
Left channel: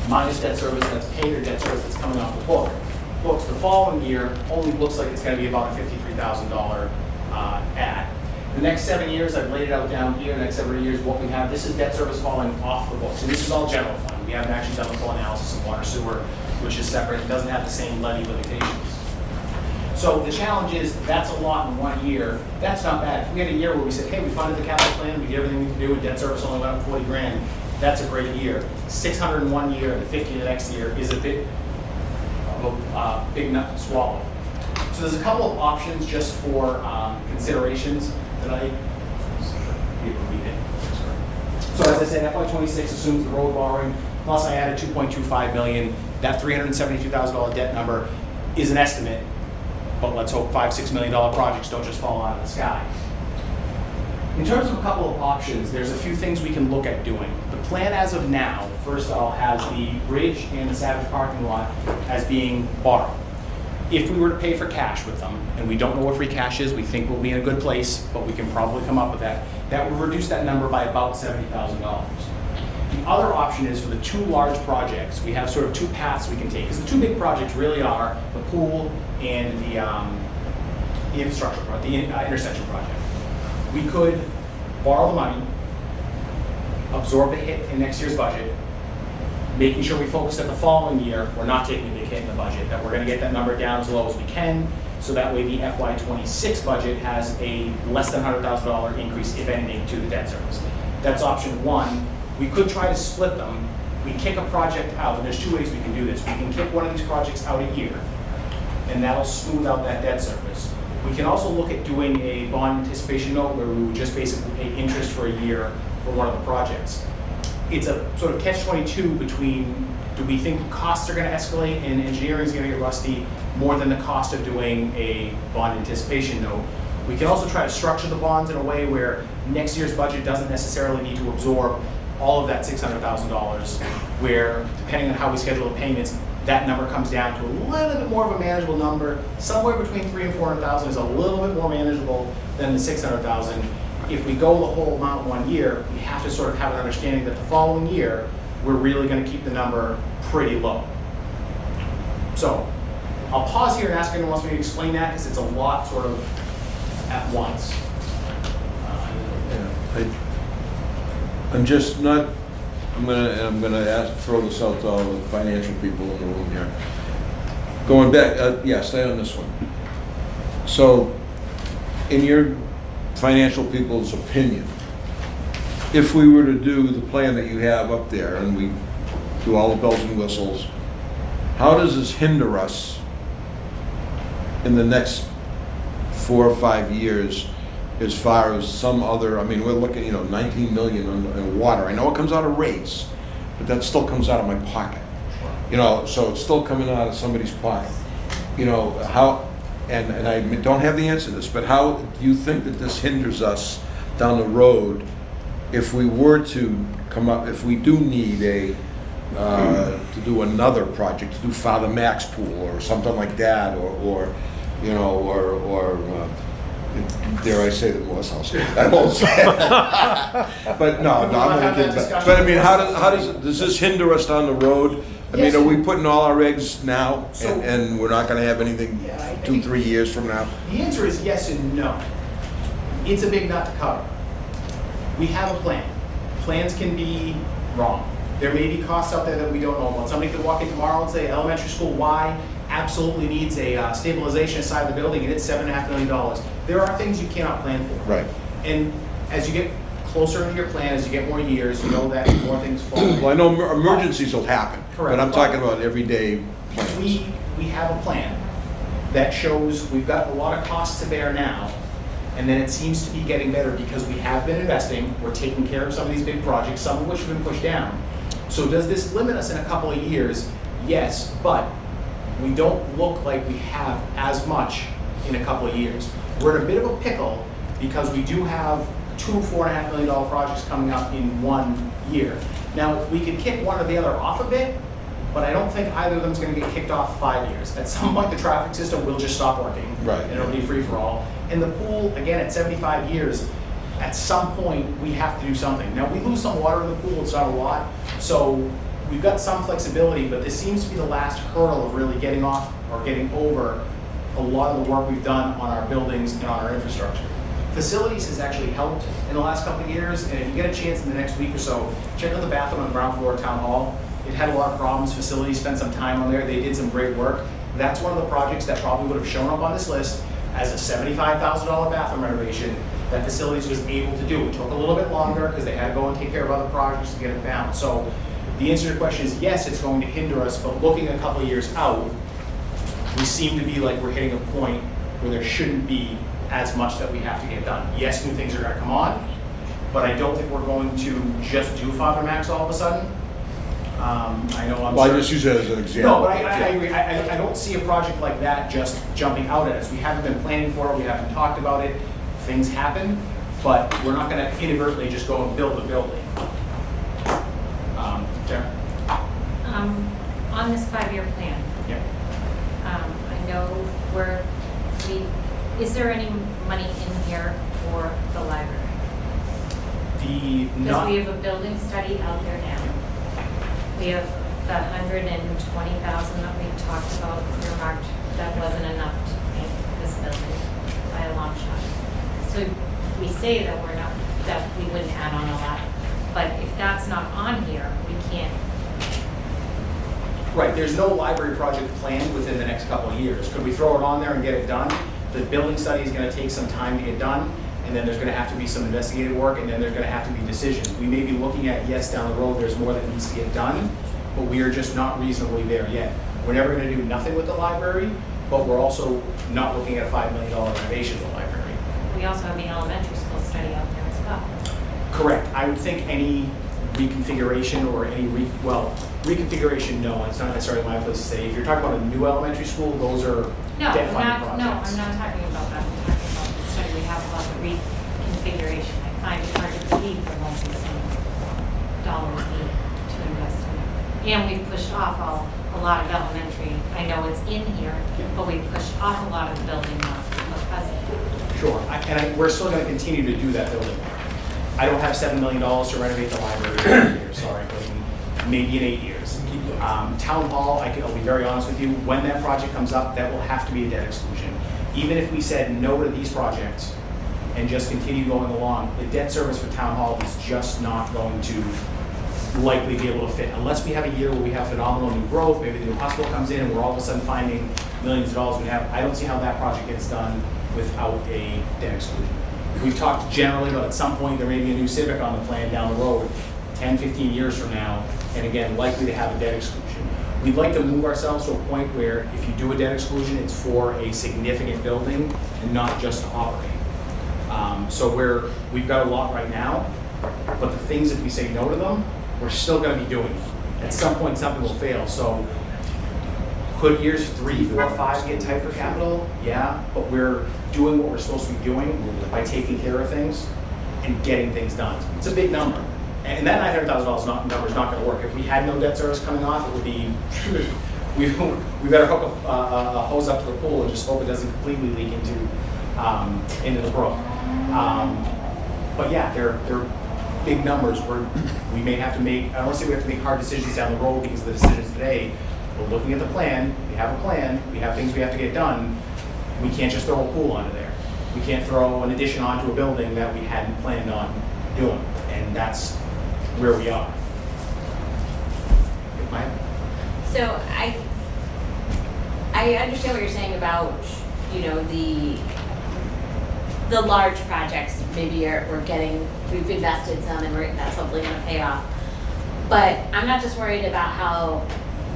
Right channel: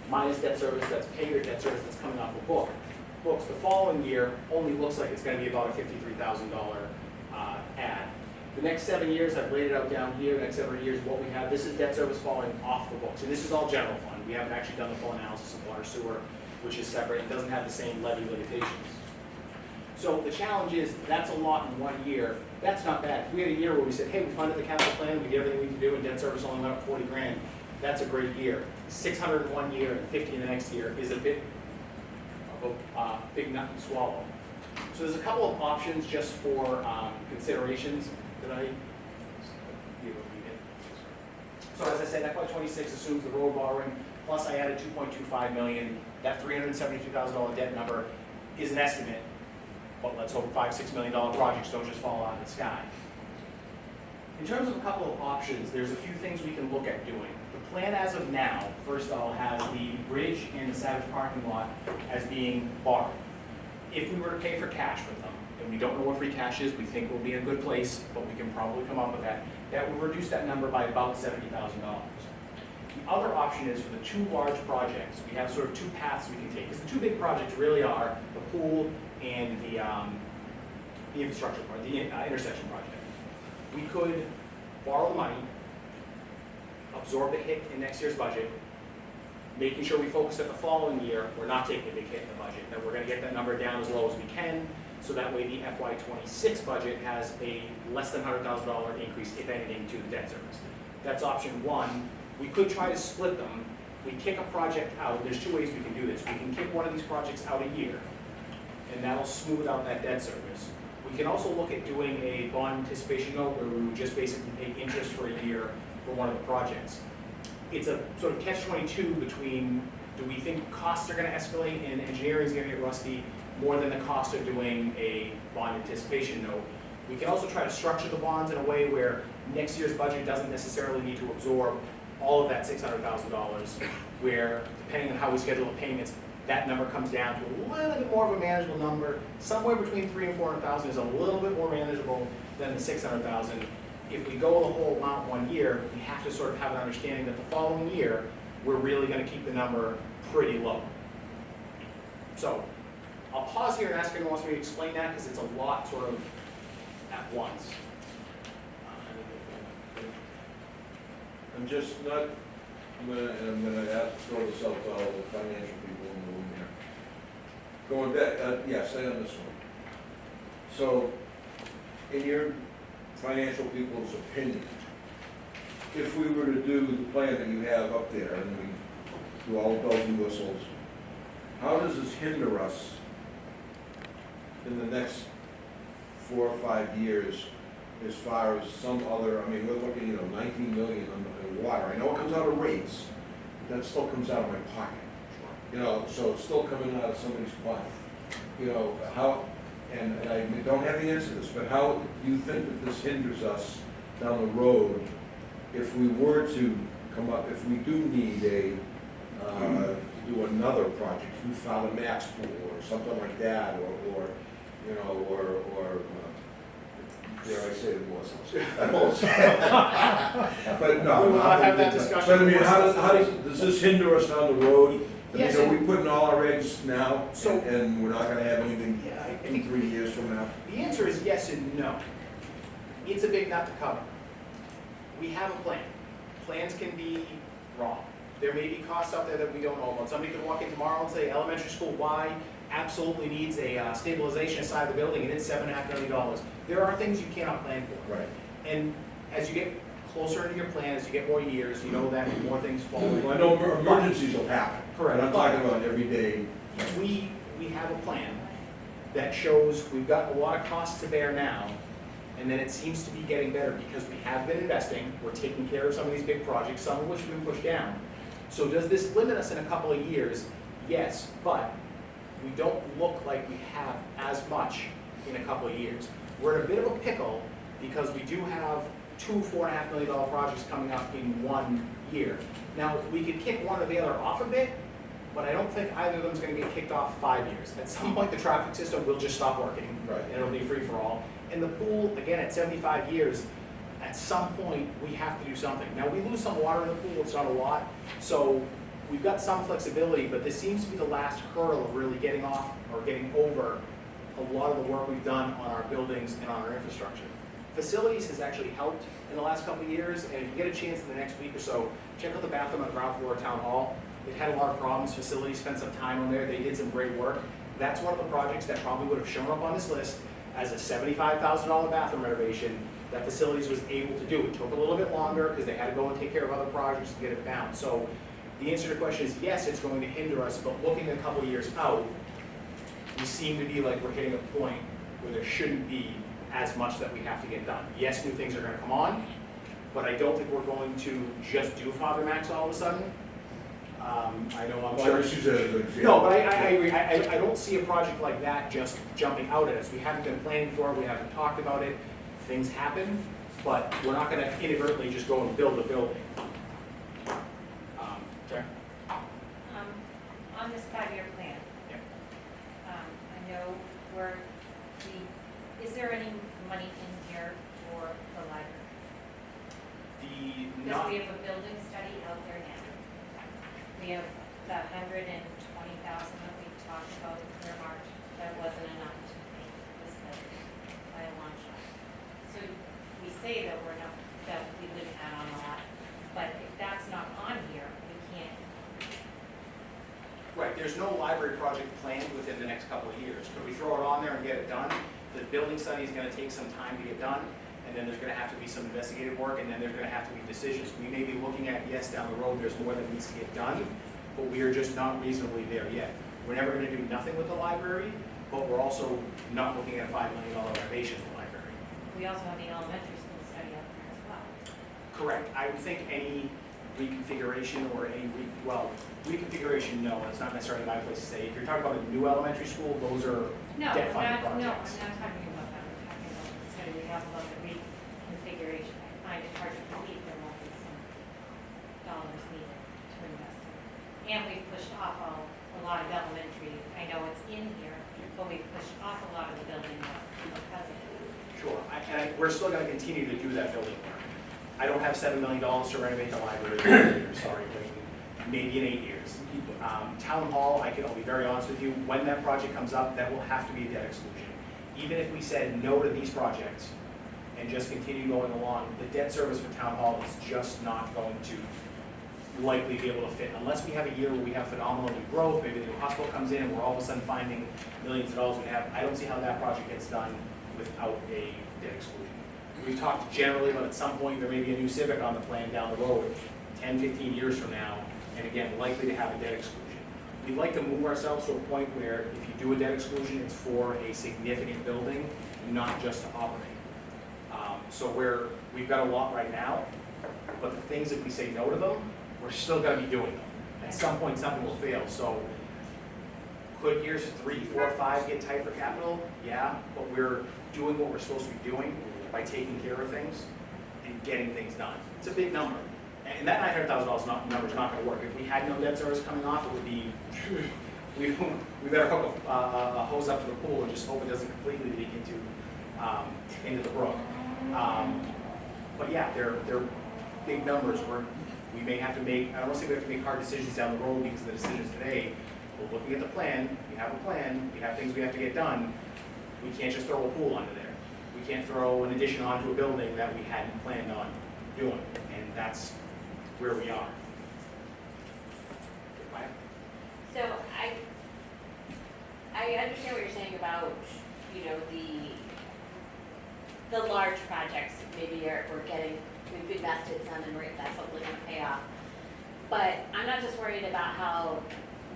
minus debt service that's paid or debt service that's coming off the books. The following year only looks like it's going to be about a $53,000 add. The next 7 years, I've laid it out down here. The next 7 years, what we have, this is debt service falling off the books. And this is all general fund. We haven't actually done the full analysis of water sewer, which is separate. It doesn't have the same levy limitations. So the challenge is that's a lot in 1 year. That's not bad. If we had a year where we said, hey, we funded the capital plan, we did everything we can do, and debt service only went up 40 grand, that's a great year. 600 in 1 year and 50 the next year is a bit of a big nut to swallow. So there's a couple of options just for considerations that I So as I said, FY26 assumes the road borrowing, plus I added $2.25 million. That $372,000 debt number is an estimate. But let's hope $5-6 million projects don't just fall out of the sky. In terms of a couple of options, there's a few things we can look at doing. The plan as of now, first of all, has the bridge and the Savage parking lot as being borrowed. If we were to pay for cash with them, and we don't know what free cash is, we think we'll be in a good place, but we can probably come up with that. That would reduce that number by about $70,000. The other option is for the two large projects, we have sort of two paths we can take. Because the two big projects really are the pool and the infrastructure project, the intersection project. We could borrow the money, absorb the hit in next year's budget, making sure we focus at the following year, we're not taking a big hit in the budget, that we're going to get that number down as low as we can, so that way the FY26 budget has a less than $100,000 increase, if anything, to the debt service. That's option one. We could try to split them. We kick a project out, and there's two ways we can do this. We can kick one of these projects out a year, and that'll smooth out that debt service. We can also look at doing a bond anticipation note where we would just basically pay interest for a year for one of the projects. It's a sort of catch-22 between, do we think costs are gonna escalate and engineering is gonna get rusty more than the cost of doing a bond anticipation note? We can also try to structure the bonds in a way where next year's budget doesn't necessarily need to absorb all of that $600,000, where depending on how we schedule the payments, that number comes down to a little bit more of a manageable number. Somewhere between $300,000 and $400,000 is a little bit more manageable than the $600,000. If we go the whole amount 1 year, we have to sort of have an understanding that the following year, we're really gonna keep the number pretty low. So, I'll pause here and ask anyone who wants me to explain that, because it's a lot sort of at once. I'm just not, I'm gonna throw this out to all the financial people in the room here. Going back, yeah, stay on this one. So, in your financial people's opinion, if we were to do the plan that you have up there and we do all the bells and whistles, how does this hinder us in the next 4 or 5 years as far as some other, I mean, we're looking, 19 million in water. I know it comes out of rates, but that still comes out of my pocket. So it's still coming out of somebody's pocket. How, and I don't have the answer to this, but how do you think that this hinders us down the road if we were to come up, if we do need to do another project, to do Father Mac's pool or something like that, or dare I say the Morse House? I won't say it. But no, I'm gonna get that. But I mean, how does this hinder us down the road? I mean, are we putting all our eggs now, and we're not gonna have anything 2-3 years from now? The answer is yes and no. It's a big nut to cover. We have a plan. Plans can be wrong. There may be costs out there that we don't know about. Somebody could walk in tomorrow and say, elementary school Y absolutely needs a stabilization inside the building, and it's $7.5 million. There are things you cannot plan for. Right. And as you get closer into your plan, as you get more years, you know that more things fall. Well, I know emergencies will happen, Correct. but I'm talking about everyday plans. We have a plan that shows we've got a lot of costs to bear now, and then it seems to be getting better because we have been investing, we're taking care of some of these big projects, some of which have been pushed down. So does this limit us in a couple of years? Yes, but we don't look like we have as much in a couple of years. We're in a bit of a pickle because we do have 2 $4.5 million projects coming up in 1 year. Now, we could kick one or the other off a bit, but I don't think either of them is going to get kicked off 5 years. At some point, the traffic system will just stop working, right, and it'll be free for all. And the pool, again, at 75 years, at some point, we have to do something. Now, we lose some water in the pool, it's not a lot, so we've got some flexibility, but this seems to be the last hurdle of really getting off or getting over a lot of the work we've done on our buildings and on our infrastructure. Facilities has actually helped in the last couple of years, and if you get a chance in the next week or so, check out the bathroom on the ground floor of Town Hall. It had a lot of problems. Facilities spent some time on there. They did some great work. That's one of the projects that probably would have shown up on this list as a $75,000 bathroom renovation that Facilities was able to do. It took a little bit longer because they had to go and take care of other projects to get it down. So the answer to your question is yes, it's going to hinder us, but looking a couple of years out, we seem to be like we're hitting a point where there shouldn't be as much that we have to get done. Yes, new things are going to come on, but I don't think we're going to just do Father Mac's all of a sudden. I know I'm Well, I just use it as an example. No, but I agree. I don't see a project like that just jumping out at us. We haven't been planning for it. We haven't talked about it. Things happen, but we're not going to inadvertently just go and build the building. Sarah? On this 5-year plan, Yeah. I know is there any money in here for the library? Because we have a building study out there now. We have the $120,000 that we talked about earmarked. That wasn't enough to paint this building by a long shot. So we say that we wouldn't add on a lot, but if that's not on here, we can't. Right, there's no library project planned within the next couple of years. Could we throw it on there and get it done? The building study is going to take some time to get done, and then there's going to have to be some investigative work, and then there's going to have to be decisions. We may be looking at, yes, down the road, there's more that needs to get done, but we are just not reasonably there yet. We're never going to do nothing with the library, but we're also not looking at a $5 million renovation of the library. We also have the elementary school study out there as well. Correct. I would think any reconfiguration or any reconfiguration, no, it's not necessarily my place to say. If you're talking about a new elementary school, those are No, debt I'm funded not, no, projects. I'm not talking about that. I'm talking about the study we have about the reconfiguration. I find it hard to believe there won't be some dollars needed to invest in it. And we've pushed off a lot of elementary. I know it's in here, but we've pushed off a lot of the building work because Sure, we're still gonna continue to do that building. I don't have $7 million to renovate the library in 8 years, sorry, but maybe in 8 years. Town Hall, I'll be very honest with you, when that project comes up, that will have to be a debt exclusion. Even if we said no to these projects and just continue going along, the debt service for Town Hall is just not going to likely be able to fit. Unless we have a year where we have phenomenal new growth, maybe the new hospital comes in and we're all of a sudden finding millions of dollars I don't see how that project gets done without a debt exclusion. We've talked generally about at some point there may be a new Civic on the plan down the road, 10, 15 years from now, and again, likely to have a debt exclusion. We'd like to move ourselves to a point where if you do a debt exclusion, it's for a significant building and not just to operate. So we've got a lot right now, but the things, if we say no to them, we're still gonna be doing them. At some point, something will fail, so could years 3, 4, 5 get tight for capital? Yeah, but we're doing what we're supposed to be doing by taking care of things and getting things done. It's a big number. And that $900,000 number is not gonna work. If we had no debt service coming off, it would be, we better hook a hose up to the pool and just hope it doesn't completely leak into the brook. But yeah, they're big numbers where we may have to make, I don't wanna say we have to make hard decisions down the road because of the decisions today. We're looking at the plan, we have a plan, we have things we have to get done. We can't just throw a pool onto there. We can't throw an addition onto a building that we hadn't planned on doing, and that's where we are. Maya? So I understand what you're saying about, you know, the large projects, maybe we've invested some and that's hopefully gonna pay off. But I'm not just worried about how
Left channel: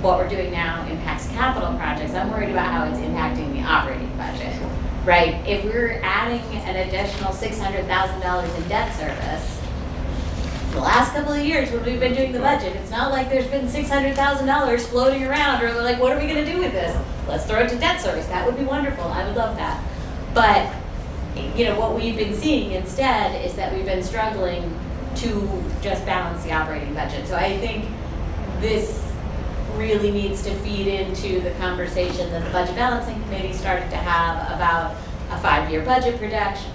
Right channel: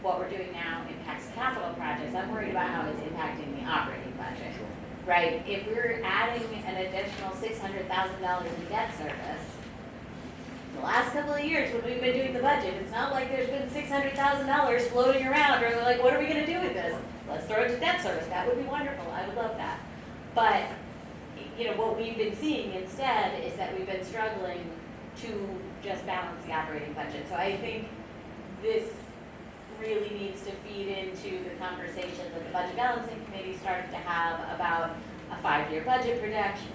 what we're doing now impacts capital projects, I'm worried about how it's impacting the operating budget, right? If we're adding an additional $600,000 in debt service, the last couple of years when we've been doing the budget, it's not like there's been $600,000 floating around or like, what are we gonna do with this? Let's throw it to debt service, that would be wonderful, I would love that. But, you know, what we've been seeing instead is that we've been struggling to just balance the operating budget. So I think this really needs to feed into the conversation that the Budget Balancing Committee started to have about a 5-year budget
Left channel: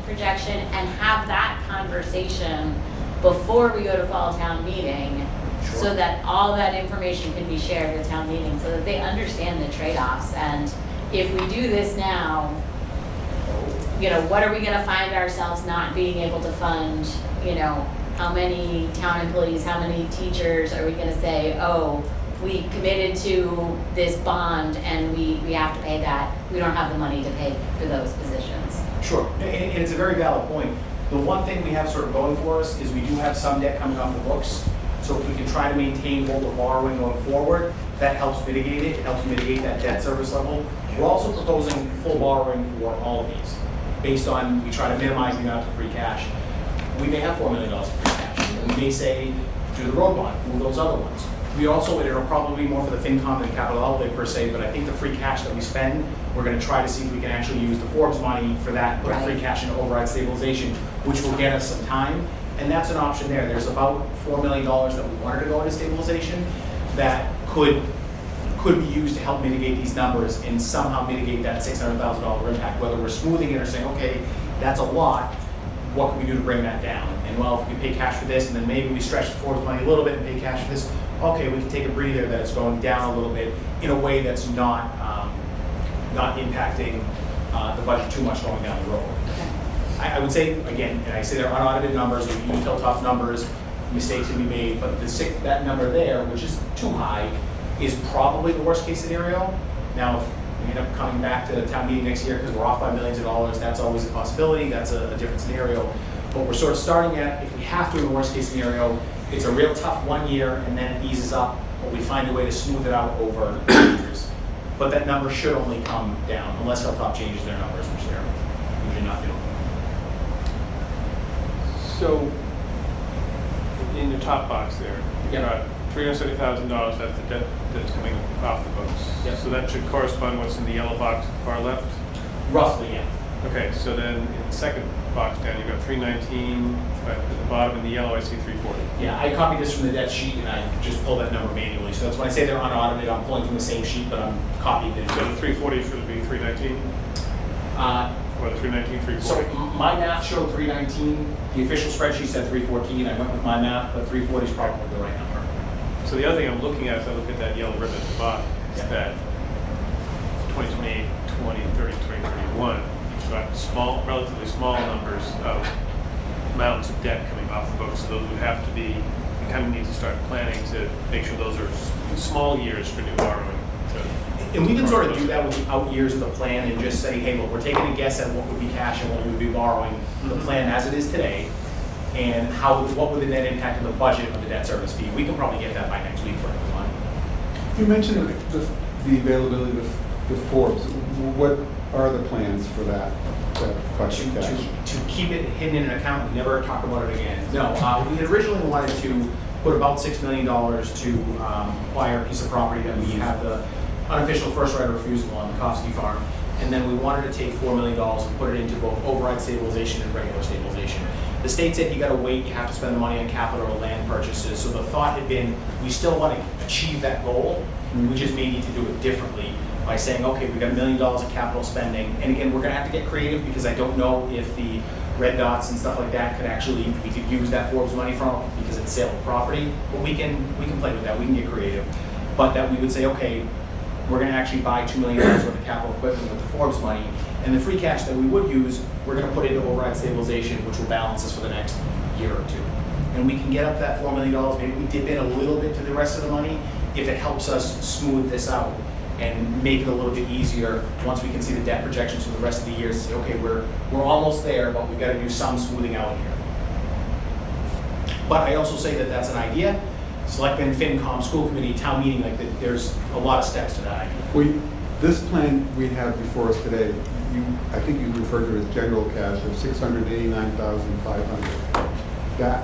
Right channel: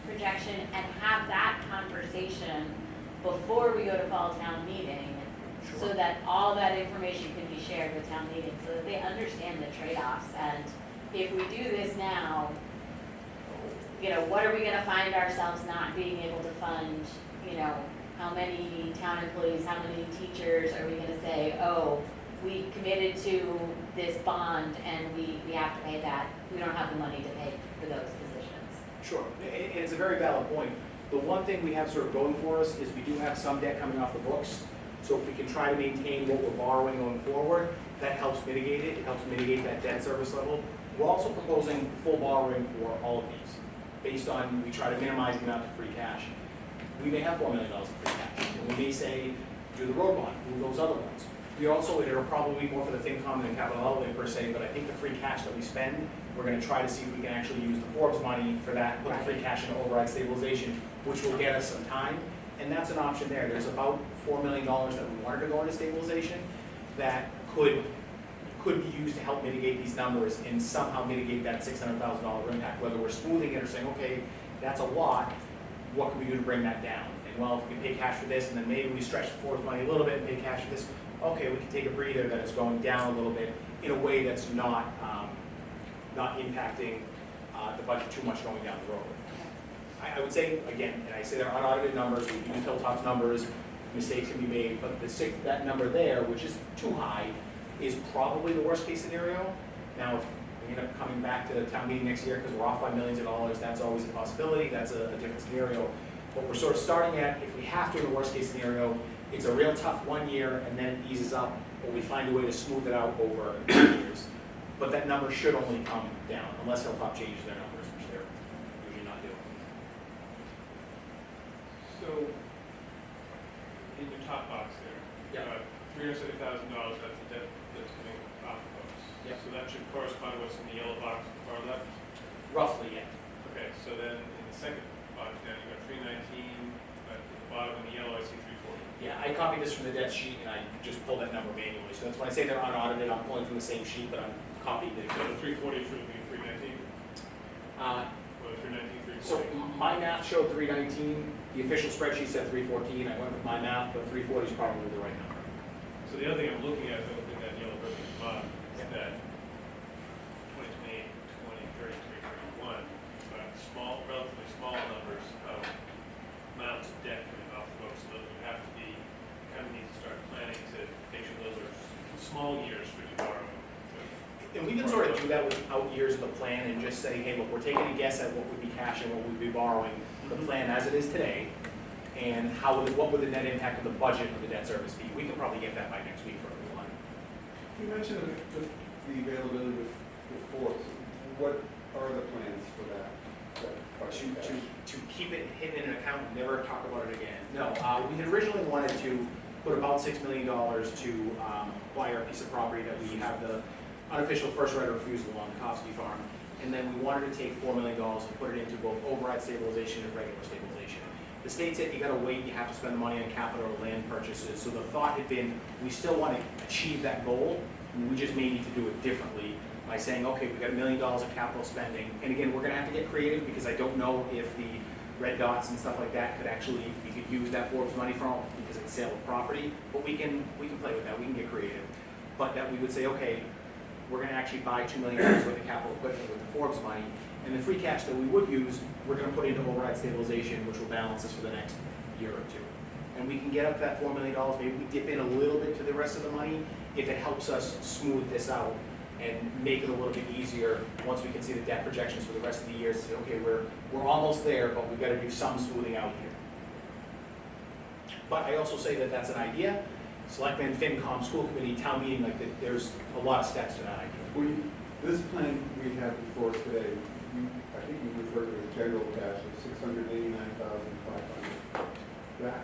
projection and have that conversation before we go to fall town meeting. Sure. So that all that information can be shared at town meeting so that they understand the trade-offs. And if we do this now, you know, what are we gonna find ourselves not being able to fund? You know, how many town employees, how many teachers are we gonna say, oh, we committed to this bond and we have to pay that. We don't have the money to pay for those positions. Sure, and it's a very valid point. The one thing we have sort of going for us is we do have some debt coming off the books. So if we can try to maintain hold of borrowing going forward, that helps mitigate it, helps mitigate that debt service level. We're also proposing full borrowing for all of these, based on, we try to minimize the amount of free cash. We may have $4 million of free cash. And we may say, do the road bond, move those other ones. We also, it'll probably be more for the FinCom than capital outlay per se, but I think the free cash that we spend, we're gonna try to see if we can actually use the Forbes money for that, put the free cash into override stabilization, which will get us some time. And that's an option there. There's about $4 million that we wanted to go into stabilization that could be used to help mitigate these numbers and somehow mitigate that $600,000 impact, whether we're smoothing it or saying, okay, that's a lot, what can we do to bring that down? And well, if we pay cash for this, and then maybe we stretch the Forbes money a little bit and pay cash for this, okay, we can take a breather that it's going down a little bit in a way that's not impacting the budget too much going down the road. I would say, again, and I say they're unaudited numbers, we use Hilltop's numbers, mistakes can be made, but that number there, which is too high, is probably the worst case scenario. Now, if we end up coming back to the town meeting next year because we're off by millions of dollars, that's always a possibility, that's a different scenario. But we're sort of starting at, if we have to in the worst case scenario, it's a real tough 1 year and then it eases up, or we find a way to smooth it out over 2 years. but that number should only come down unless Hilltop changes their numbers, which they're usually not doing. So, in your top box there, you Yeah. got $370,000, that's the debt that's coming off the books. Yep. So that should correspond to what's in the yellow box far left? Roughly, yeah. Okay, so then in the second box down, you've got 319, but at the bottom in the yellow, I see 340. Yeah, I copied this from the debt sheet and I just pulled that number manually. So that's when I say they're unaudited, I'm pulling from the same sheet, but I'm copying it. So the 340 should be 319? Or the 319, So 340? my math showed 319. The official spreadsheet said 314. I went with my math, but 340 is probably the right number. So the other thing I'm looking at, as I look at that yellow ribbon at the bottom, is that 2028, 2030, 2031, you've got small, relatively small numbers of amounts of debt coming off the books. So those would have to be, you kind of need to start planning to make sure those are small years for new borrowing. And we can sort of do that with the out years of the plan and just say, hey, look, we're taking a guess at what would be cash and what we would be borrowing, the plan as it is today, and what would the net impact of the budget of the debt service be? We can probably get that by next week for everyone. You mentioned the availability of the Forbes. What are the plans for that project cash? To keep it hidden in an account and never talk about it again. No, we had originally wanted to put about $6 million to acquire a piece of property that we have the unofficial first right of refusal on the Kofsky farm. And then we wanted to take $4 million and put it into both override stabilization and regular stabilization. The state said you gotta wait, you have to spend the money on capital or land purchases. So the thought had been, we still want to achieve that goal. We just may need to do it differently by saying, okay, we've got $1 million of capital spending. And again, we're gonna have to get creative because I don't know if the red dots and stuff like that we could use that Forbes money from because it's sale of property. But we can play with that, we can get creative. But that we would say, okay, we're going to actually buy $2 million worth of capital equipment with the Forbes money, and the free cash that we would use, we're going to put into override stabilization, which will balance us for the next year or two. And we can get up that $4 million, maybe we dip in a little bit to the rest of the money, if it helps us smooth this out and make it a little bit easier once we can see the debt projections for the rest of the year, say, okay, we're almost there, but we've got to do some smoothing out here. But I also say that that's an idea. Selectmen, FinCom, school committee, town meeting, there's a lot of steps to that idea. This plan we have before us today, I think you referred to it as general cash of $689,500. That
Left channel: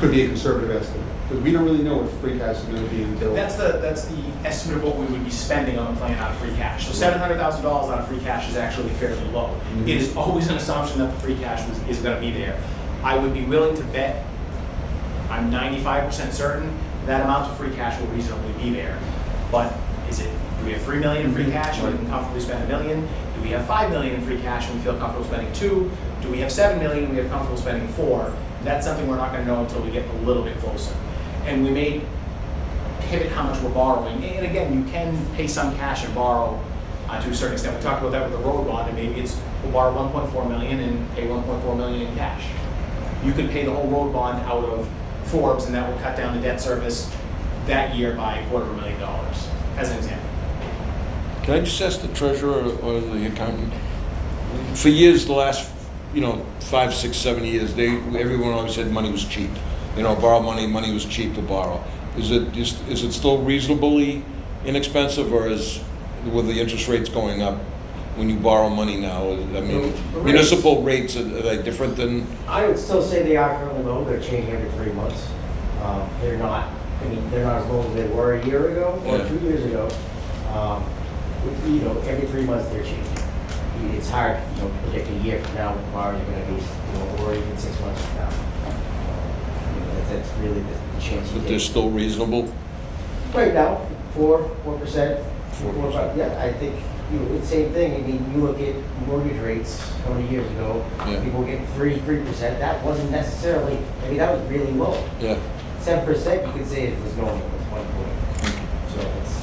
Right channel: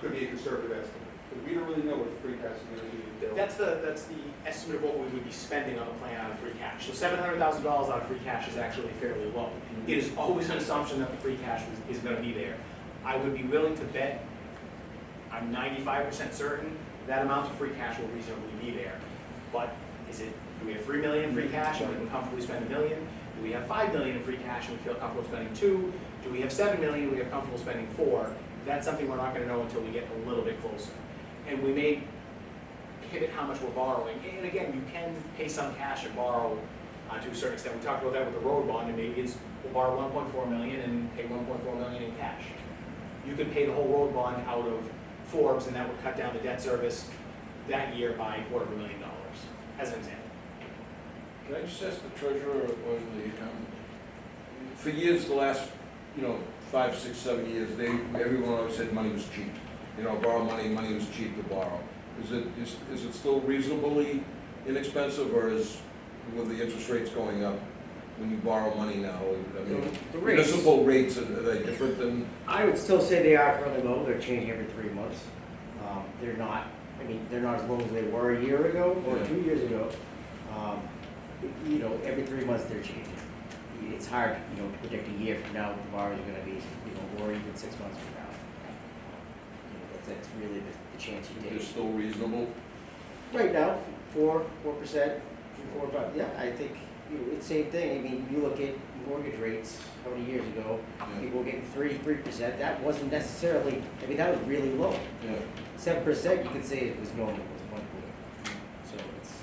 could be a conservative estimate, because we don't really know what free cash is going to be until. That's the estimate of what we would be spending on the plan out of free cash. So $700,000 out of free cash is actually fairly low. Mm-hmm. It is always an assumption that the free cash is going to be there. I would be willing to bet, I'm 95% certain that amount of free cash will reasonably be there. But do we have $3 million in free cash and we can comfortably spend $1 million? Do we have $5 million in free cash and we feel comfortable spending $2 million? Do we have $7 million and we have comfortable spending $4 million? That's something we're not going to know until we get a little bit closer. And we may pivot how much we're borrowing. And again, you can pay some cash and borrow to a certain extent. We talked about that with the road bond, and maybe we'll borrow $1.4 million and pay $1.4 million in cash. You could pay the whole road bond out of Forbes, and that will cut down the debt service that year by $250,000, as an example. Can I just ask the treasurer or the accountant? For years, the last, 5, 6, 7 years, everyone always said money was cheap. Borrow money was cheap to borrow. Is it still reasonably inexpensive, or with the interest rates going up when you borrow money now? I mean, municipal rates, are they different than? I would still say they are currently low. They're changing every 3 months. They're not as low as they were a year ago or 2 years ago. Every 3 months they're changing. It's hard, to predict a year from now what the borrowers are going to be, or even 6 months from now. That's really the chance. But they're still reasonable? Right now, 4%, 4%. Yeah, I think it's the same thing. I mean, you look at mortgage rates how many years ago, people were getting 3%. That wasn't necessarily, that was really low. Yeah. 7%, you could say it was going at one point. So it's.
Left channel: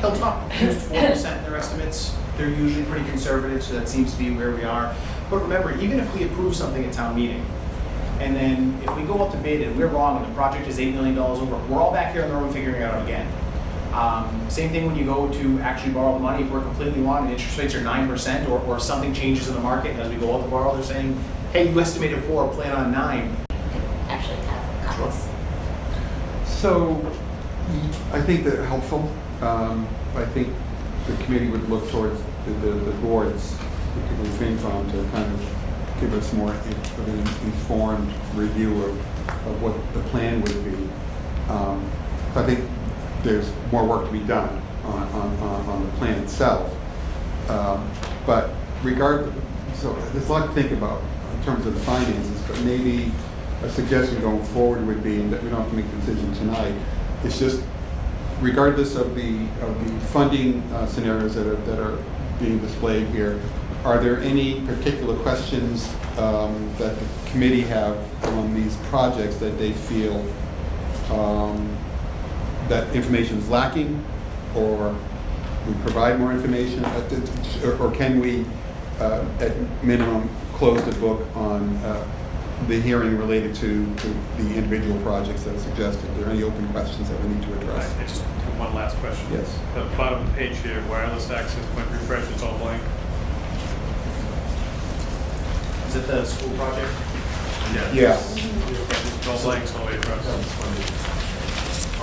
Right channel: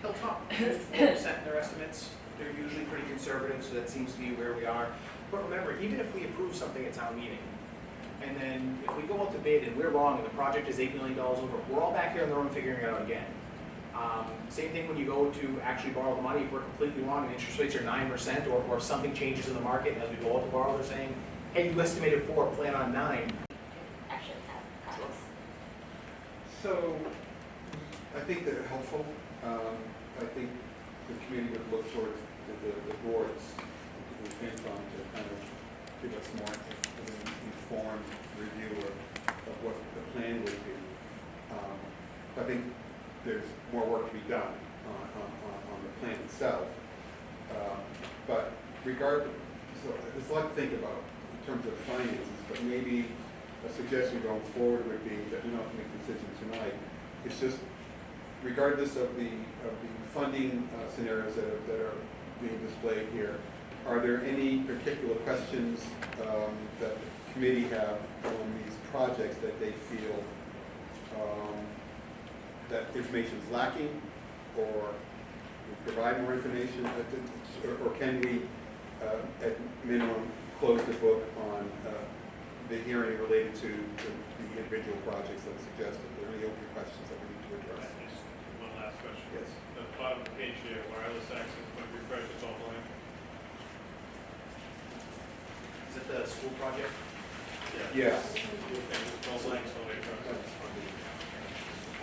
Hilltop used 4% in their estimates. They're usually pretty conservative, so that seems to be where we are. But remember, even if we approve something at town meeting, and then if we go up to bid and we're wrong and the project is $8 million over, we're all back here in the room figuring it out again. Same thing when you go to actually borrow the money, if we're completely wrong and interest rates are 9%, or something changes in the market, and as we go out to borrow, they're saying, hey, you estimated 4, plan on 9. Actually have copies. So I think that helpful I think the committee would look towards the boards, particularly FinCom, to kind of give us more of an informed review of what the plan would be. I think there's more work to be done on the plan itself. But so there's a lot to think about in terms of the finances, but maybe a suggestion going forward would be, that we don't have to make a decision tonight, it's just regardless of the funding scenarios that are being displayed here, are there any particular questions that the committee have on these projects that they feel that information is lacking, or we provide more information, or can we, at minimum, close the book on the hearing related to the individual projects that are suggested? Are there any open questions that we need to address? I just have one last question. Yes. The bottom of the page here, wireless access point refresh, it's all blank. Is it the school project? Yeah. It's all blank all the way across.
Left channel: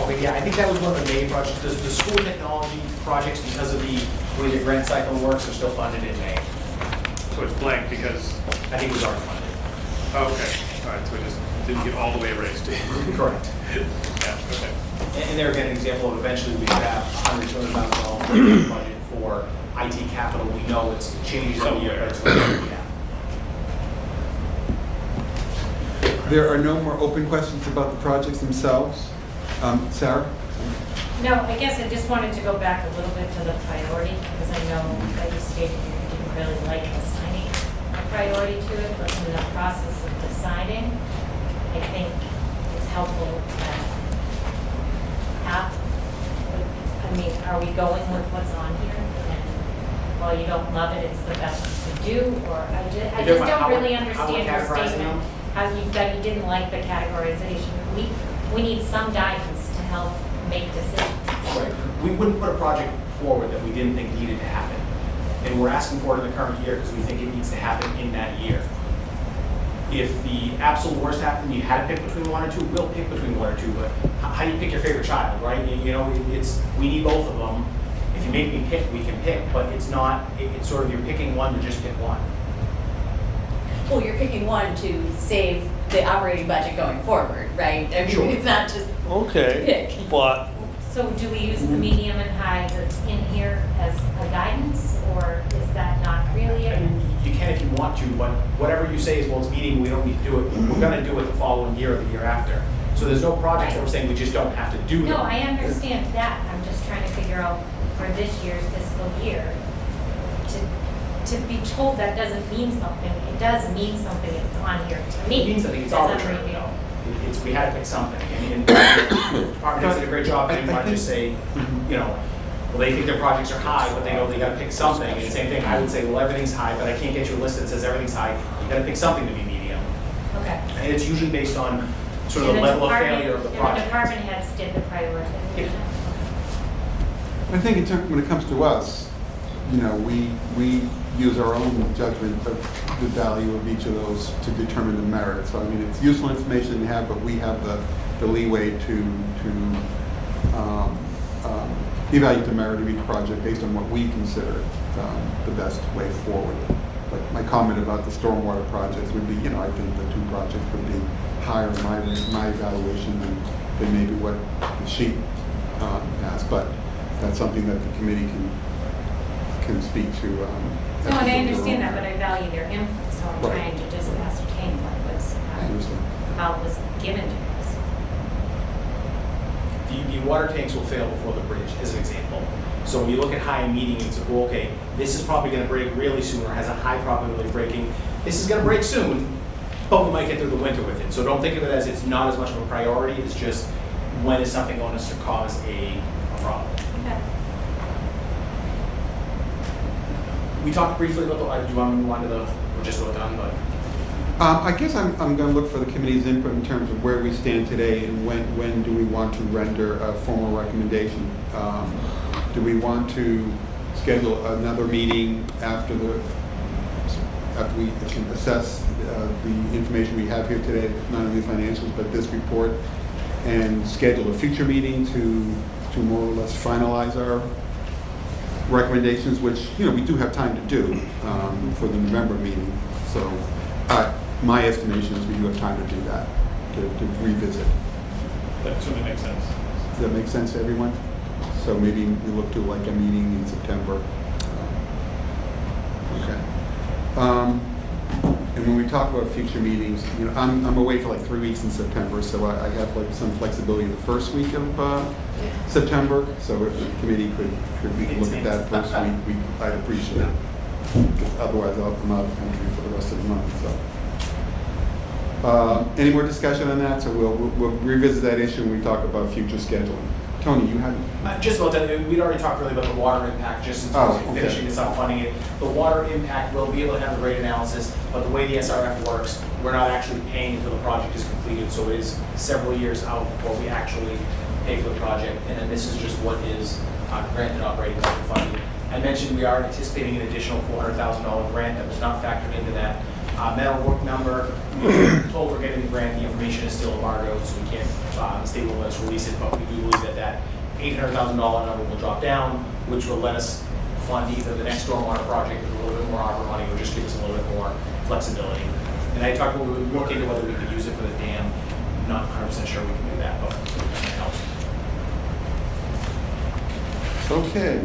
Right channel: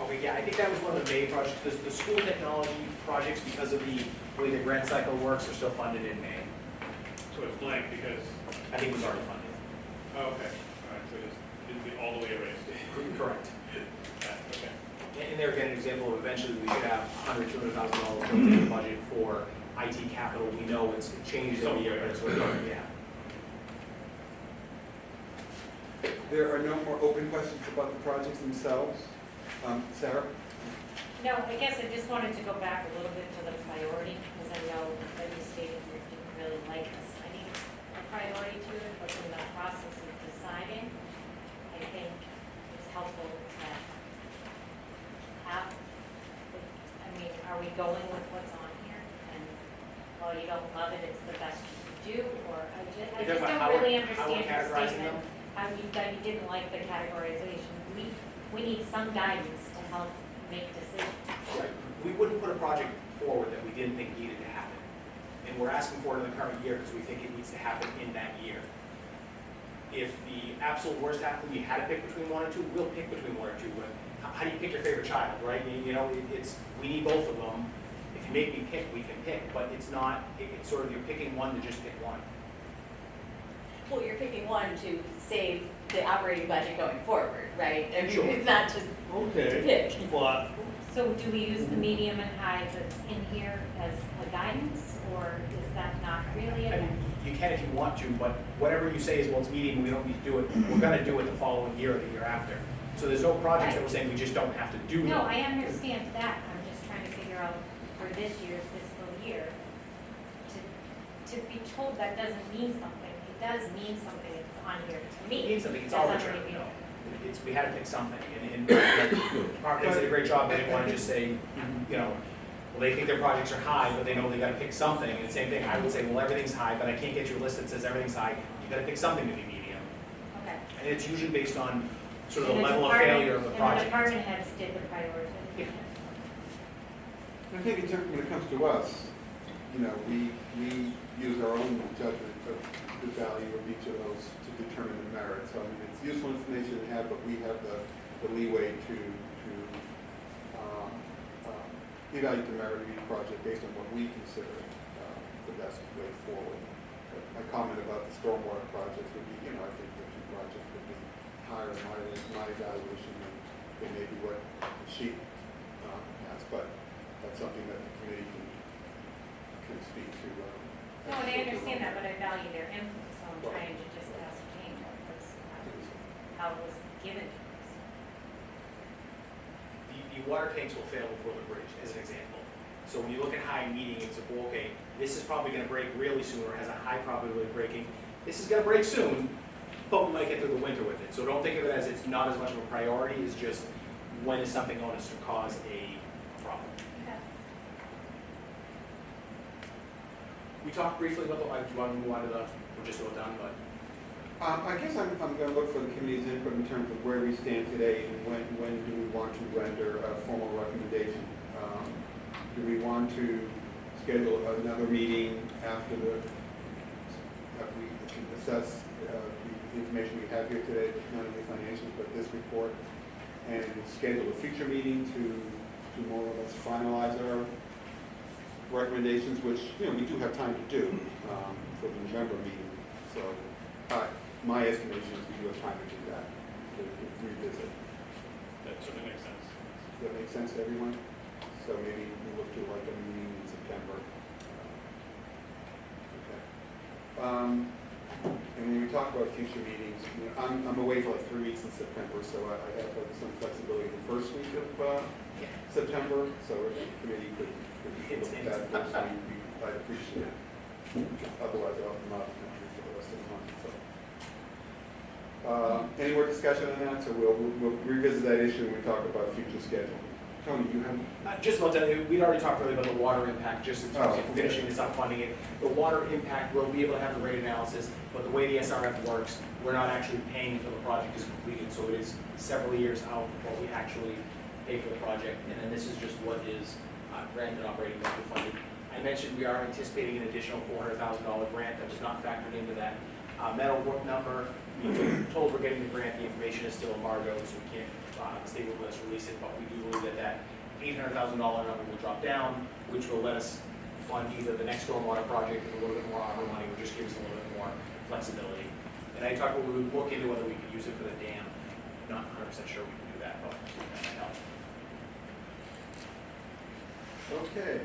Okay, yeah, I think that was one of the main projects. The school technology projects, because of the way the grant cycle works, are still funded in May. So it's blank because, I think it was already funded. oh, okay, all right, so it just didn't get all the way erased. Correct. Yeah, okay. And there again, an example of eventually we could have $100,000 budget for IT capital. We know it changes every year, but it's going to be, There are no more open questions about the projects themselves. Sarah? No, I guess I just wanted to go back a little bit to the priority, because I know that you stated you didn't really like assigning a priority to it, but in the process of deciding, I think it's helpful to have, I mean, are we going with what's on here? And while you don't love it, it's the best you can do, or I just don't really understand your statement. How you didn't like the categorization. We need some guidance to help make decisions. right. We wouldn't put a project forward that we didn't think needed to happen. And we're asking for it in the current year because we think it needs to happen in that year. If the absolute worst happened, you had to pick between one or two, we'll pick between one or two, but how do you pick your favorite child, right? You know, we need both of them. If you make me pick, we can pick, but it's not, it's sort of you're picking one to just pick one. Well, you're picking one to save the operating budget going forward, right? I mean, Sure. it's not just Okay, pick. but So do we use the medium and high that's in here as a guidance, or is that not really I it? mean, you can if you want to, but whatever you say is, well, it's medium, we don't need to do it. We're gonna do it the following year or the year after. So there's no projects that we're saying we just don't have to do them. No, I understand that. I'm just trying to figure out for this year's fiscal year, to be told that doesn't mean something. It does mean something if it's on here to me. It means something, it's as I'm arbitrary, reading. though. We had to pick something, and the department heads did a great job, they didn't want to just say, you know, well, they think their projects are high, but they know they gotta pick something, and same thing, I would say, well, everything's high, but I can't get you a list that says everything's high, you gotta pick something to be medium. Okay. And it's usually based on sort of And the level of department- failure of the And the project. department heads did the prioritization. I think when it comes to us, you know, we use our own judgment of the value of each of those to determine the merit. So I mean, it's useful information to have, but we have the leeway to evaluate the merit of each project based on what we consider the best way forward. But my comment about the stormwater projects would be, you know, I think the two projects would be higher in my evaluation than maybe what the sheet has. But that's something that the committee can speak to. No, and I understand that, but I value their input, so I'm Right. trying to just ascertain what was, I understand. how it was given to us. The water tanks will fail before the bridge, as an example. So when you look at high and medium, it's like, well, okay, this is probably gonna break really soon, or has a high probability of breaking. This is gonna break soon, but we might get through the winter with it. So don't think of it as it's not as much of a priority, it's just when is something going to cause a problem. Okay. We talked briefly about do you want to move on to we're just about done, but. I guess I'm going to look for the committee's input in terms of where we stand today and when do we want to render a formal recommendation. Do we want to schedule another meeting after we can assess the information we have here today, not only financials but this report, and schedule a future meeting to to more or less finalize our recommendations, which, you know, we do have time to do for the November meeting. So my estimation is we do have time to do that, to revisit. That certainly makes sense. Does that make sense to everyone? So maybe we look to like a meeting in September. Okay. And when we talk about future meetings, you know, I'm away for like 3 weeks in September, so I have like some flexibility the first week of September. So if the committee could we look at that first week, I'd appreciate it. Otherwise, I'm out of the country for the rest of the month. So, any more discussion on that? So we'll revisit that issue when we talk about future scheduling. Tony, you had? Just about that, we'd already talked really about the water impact, just in terms of okay. finishing this up, funding it. The water impact, we'll be able to have the rate analysis, but the way the SRF works, we're not actually paying until the project is completed, so it is several years out before we actually pay for the project, and then this is just what is granted operating level funding. I mentioned we are anticipating an additional $400,000 grant that was not factored into that metal work number. We're told we're getting the grant, the information is still embargoed, so we can't, the state won't let us release it, but we do believe that $800,000 number will drop down, which will let us fund either the next stormwater project with a little bit more ARPA money, or just give us a little bit more flexibility. And I talked about we would look into whether we could use it for the dam. I'm not 100% sure we can do that, but that helps. Okay.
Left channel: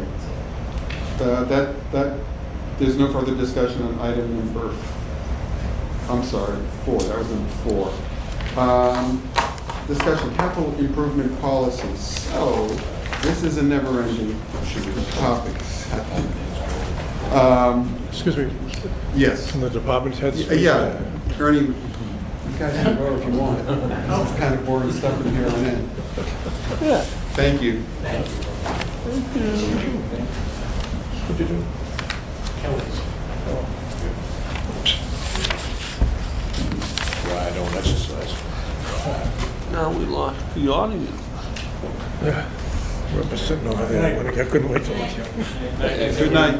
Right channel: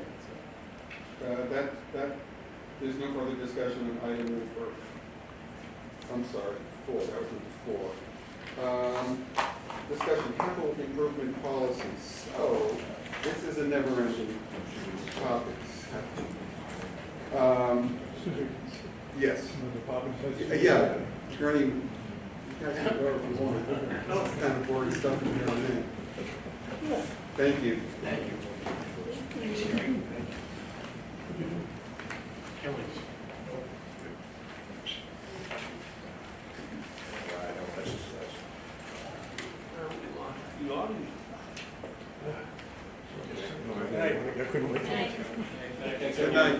There's no further discussion on item number, I'm sorry, 4. That was number 4. Discussion capital improvement policies. So this is a never-ending topic. Excuse me, Yes. from the department heads? Yeah. Ernie, you guys can go if you want. It's kind of boring stuff in here on end. Yeah. Thank you. Thank you. What'd you do? Oh. Well, I don't exercise. Now we lost the audience. Yeah. We're sitting over there. I couldn't wait to let you. Good night.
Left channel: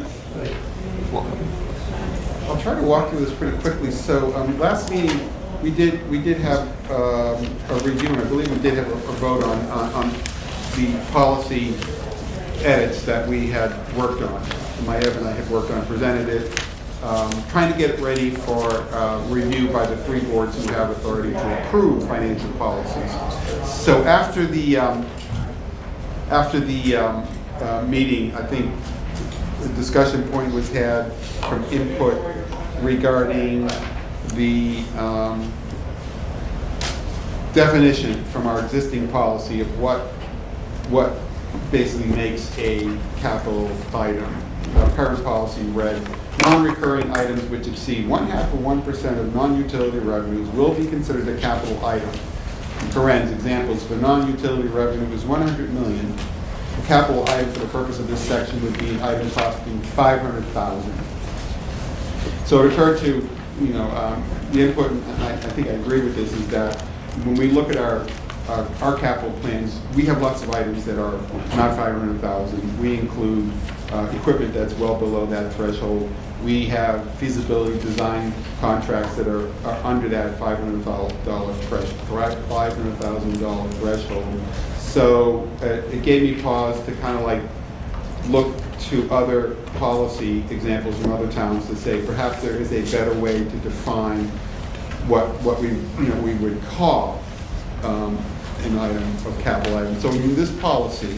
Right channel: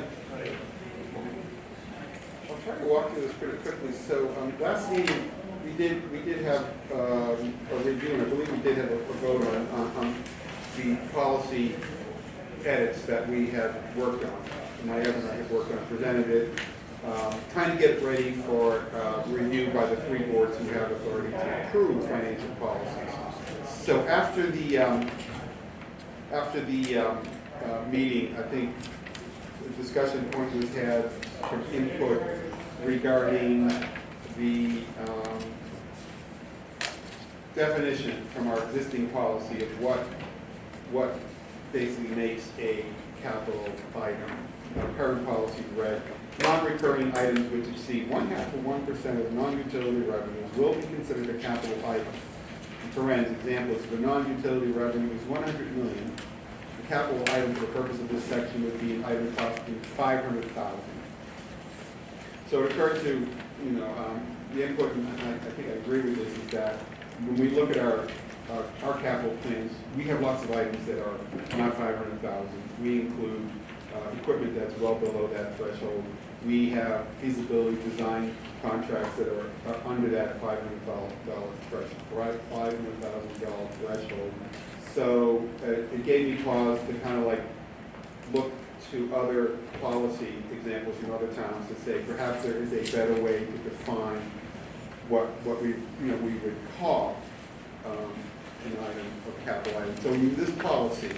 I'll try to walk through this pretty quickly. So last meeting, we did have a review, and I believe we did have a vote on the policy edits that we had worked on. Maev and I had worked on, presented it, trying to get it ready for review by the 3 boards who have authority to approve financial policies. So after the meeting, I think the discussion point was had from input regarding the definition from our existing policy of what basically makes a capital item. Our current policy read, non-recurring items which exceed 0.5% of non-utility revenues will be considered a capital item. In parens, examples for non-utility revenue is $100 million. A capital item for the purpose of this section would be an item costing $500,000. So to turn to, the input, and I think I agree with this, is that when we look at our capital plans, we have lots of items that are not $500,000. We include equipment that's well below that threshold. We have feasibility design contracts that are under that $500,000 threshold. So it gave me pause to kind of like look to other policy examples from other towns to say perhaps there is a better way to define what we would call an item of capital item. So in this policy,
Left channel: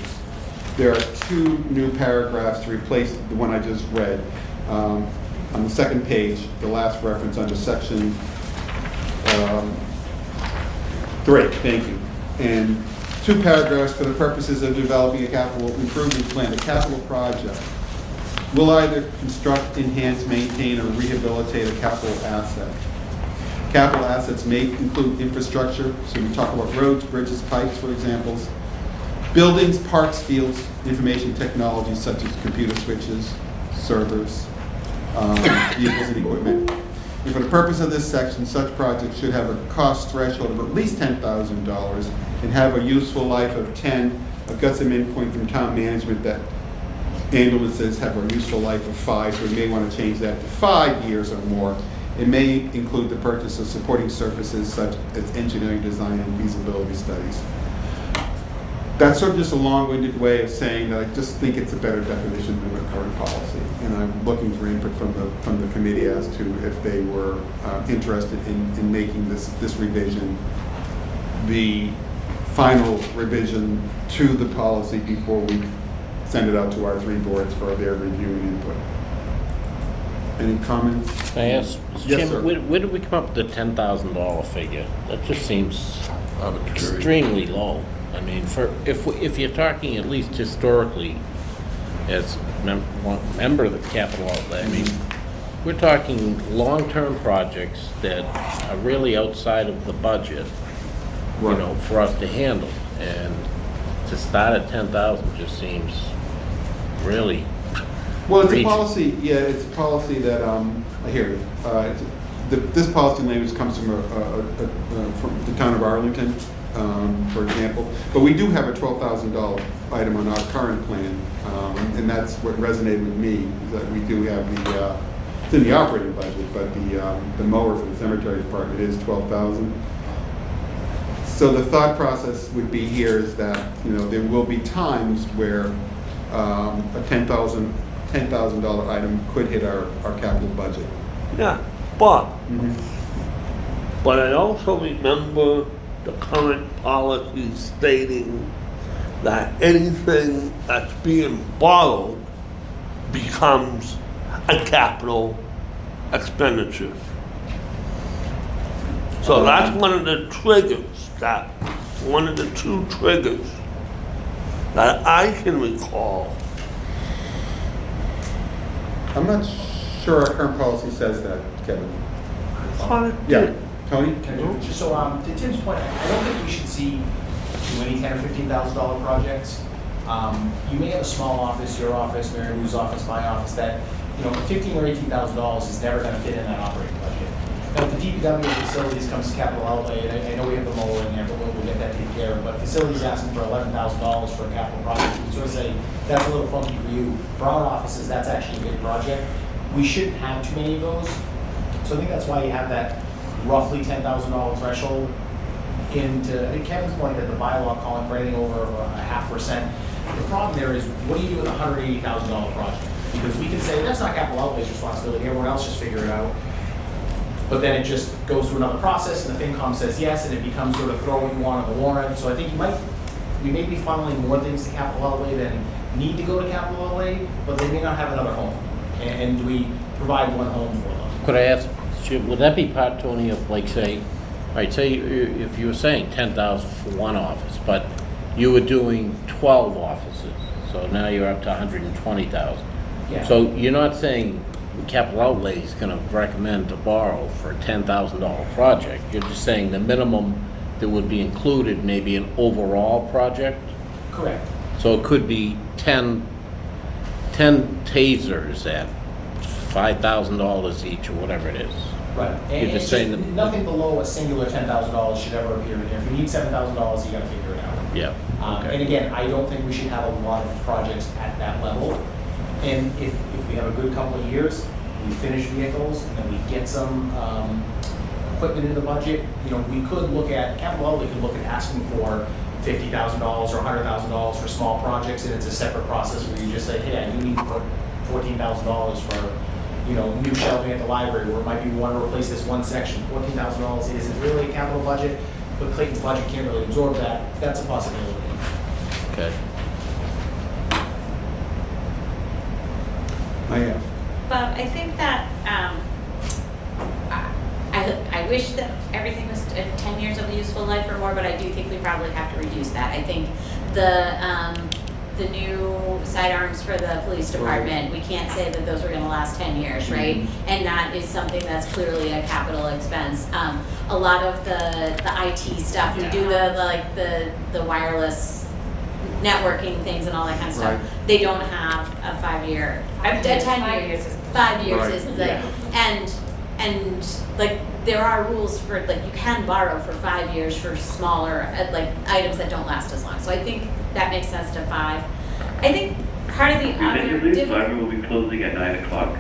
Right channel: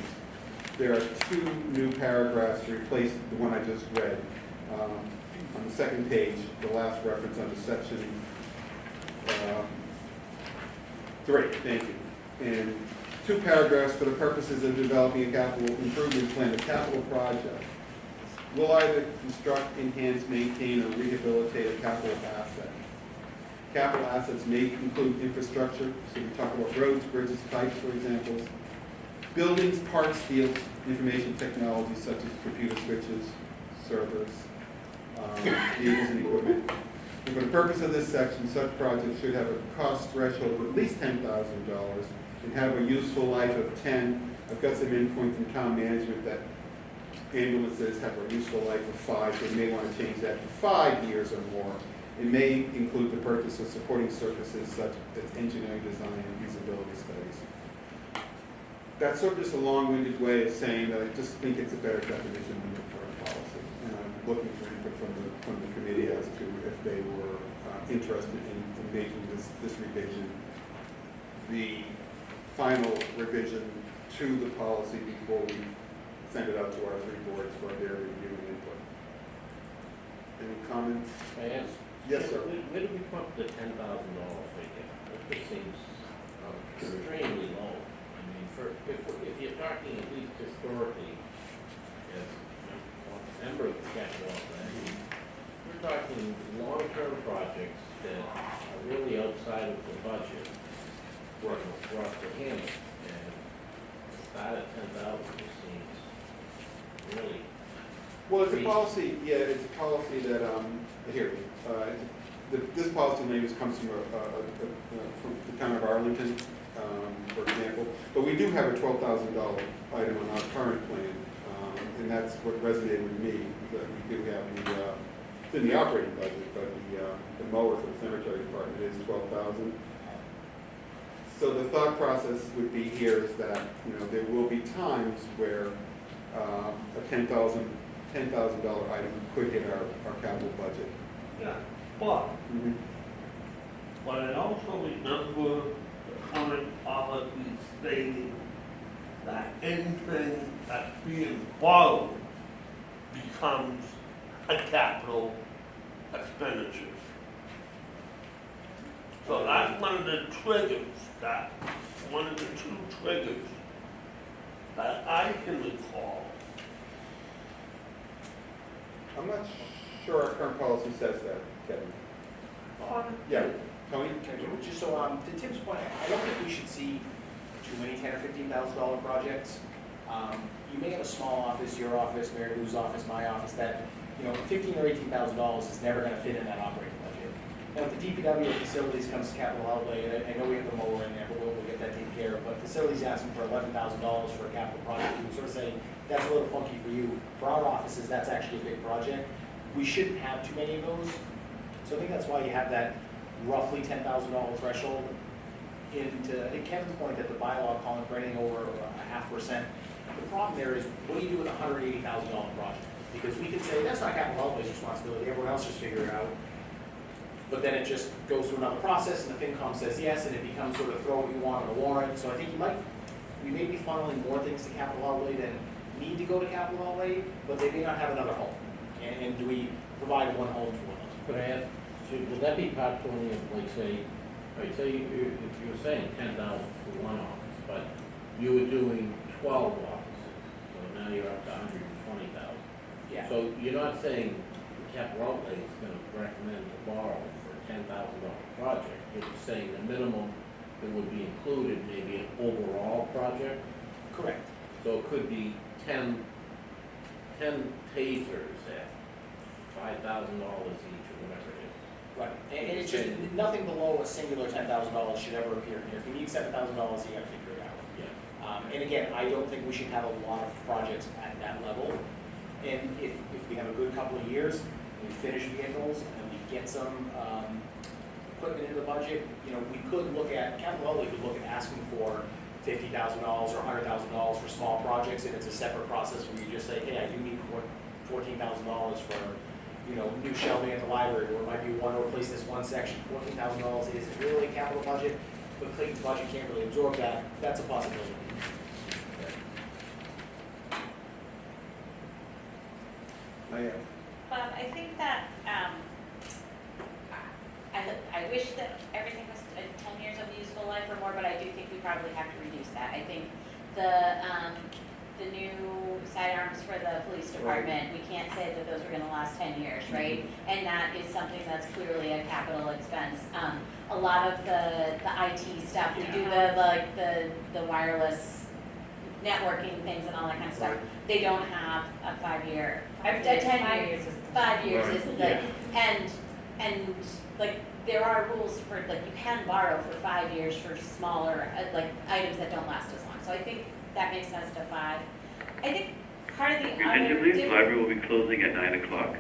there are 2 new paragraphs to replace the one I just read. On the second page, the last reference under section 3, thank you. And 2 paragraphs for the purposes of developing a capital improvement plan. A capital project will either construct, enhance, maintain, or rehabilitate a capital asset. Capital assets may include infrastructure, so we talk about roads, bridges, pipes, for examples, buildings, parks, fields, information technology such as computer switches, servers, vehicles and equipment. And for the purpose of this section, such projects should have a cost threshold of at least $10,000 and have a useful life of 10. I've got some input from town management that ambulances have a useful life of 5, so we may want to change that to 5 years or more. It may include the purchase of supporting services such as engineering, design, and feasibility studies. That's sort of just a long-winded way of saying that I just think it's a better definition than the current policy. And I'm looking for input from the committee as to if they were interested in making this revision the final revision to the policy before we send it out to our 3 boards for their review and input. Any comments? Can I ask, Mr. Yes, Chairman, sir. where did we come up with the $10,000 figure? That just seems extremely low. I mean, if you're talking at least historically, as one member of the capital outlay, I mean, we're talking long-term projects that are really outside of the budget, you Right. know, for us to handle. And to start at 10,000 just seems really. Well, it's a reaching. policy, yeah, it's a policy that, I hear you. This policy language comes from from the town of Arlington, for example. But we do have a $12,000 item on our current plan, and that's what resonated with me, is that we do have it's in the operating budget, but the mower for the cemetery department is $12,000. So the thought process would be here is that, you know, there will be times where a $10,000 item could hit our capital budget. Yeah, but I also remember the current policy stating that anything that's being borrowed becomes a capital expenditure. So that's one of the triggers, one of the 2 triggers that I can recall. I'm not sure our current policy says that, Kevin. I thought it Yeah, did. Tony? Just so, to Tim's point, I don't think we should see too many $10,000 or $15,000 projects. You may have a small office, your office, Mary Lou's office, my office, that, you know, $15,000 or $18,000 is never gonna fit in that operating budget. Now, if the DPW facilities comes to capital outlay, and I know we have the mower in there, but we'll get that taken care of, but facilities asking for $11,000 for a capital project, we would sort of say, that's a little funky for you. For our offices, that's actually a big project. We shouldn't have too many of those, so I think that's why you have that roughly $10,000 threshold into, I think Kevin's point that the bylaw calling for anything over 0.5%. The problem there is, what do you do with a $180,000 project? Because we can say, that's not capital outlay's responsibility, everyone else just figure it out. But then it just goes through another process, and the FinCom says yes, and it becomes sort of throw what you want on the warrant. So I think we may be funneling more things to capital outlay than need to go to capital outlay, but they may not have another home. And do we provide one home for them? Could I ask, would that be part, Tony, of like say, all right, say if you were saying 10,000 for one office, but you were doing 12 offices, so now you're up to 120,000. Yeah. So you're not saying capital outlay is gonna recommend to borrow for a $10,000 project. You're just saying the minimum that would be included, maybe an overall project? Correct. So it could be 10 tasers at $5,000 each or whatever it is. Right. You're And just it's saying just that. nothing below a singular $10,000 should ever appear in here. If you need $7,000, you gotta figure it out. Yeah, okay. And again, I don't think we should have a lot of projects at that level. And if we have a good couple of years, we finish vehicles, and then we get some equipment in the budget, you know, we could look at, capital outlay could look at asking for $50,000 or $100,000 for small projects, and it's a separate process where you just say, hey, I do need to put $14,000 for, you know, new shelving at the library, where it might be we want to replace this one section. $14,000 isn't really a capital budget, but Clayton's budget can't really absorb that. That's a possibility. Okay. I have. Bob, I think that, I wish that everything was 10 years of useful life or more, but I do think we probably have to reduce that. I think the new sidearms for the police department, we can't say that those were gonna last 10 years, right? And that is something that's clearly a capital expense. A lot of the IT stuff, we do the wireless networking things and all that kind of stuff. Right. They don't have a 5-year, a 10 years, 5 years Right. is the, and like, there are rules for, like, you can borrow for 5 years for smaller, like, items that don't last as long. So I think that makes sense to 5. I think part of the other Eventually, the difference. library will be closing at 9 o'clock.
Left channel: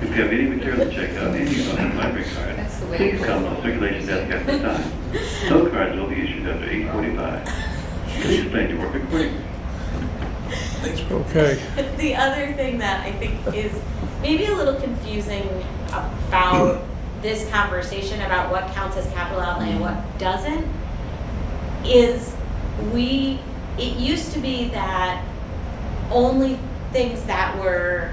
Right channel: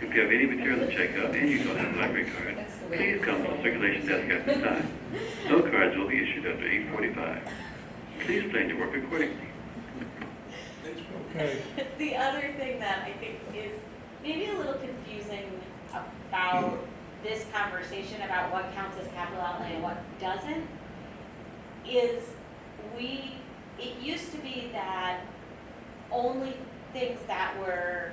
If you have any material to check out and you don't have a library card, That's the way please it come to the circulation desk at this time. No cards will be issued after 8:45. Please explain your work accordingly. Okay. The other thing that I think is maybe a little confusing about this conversation about what counts as capital outlay and what doesn't is it used to be that only things that were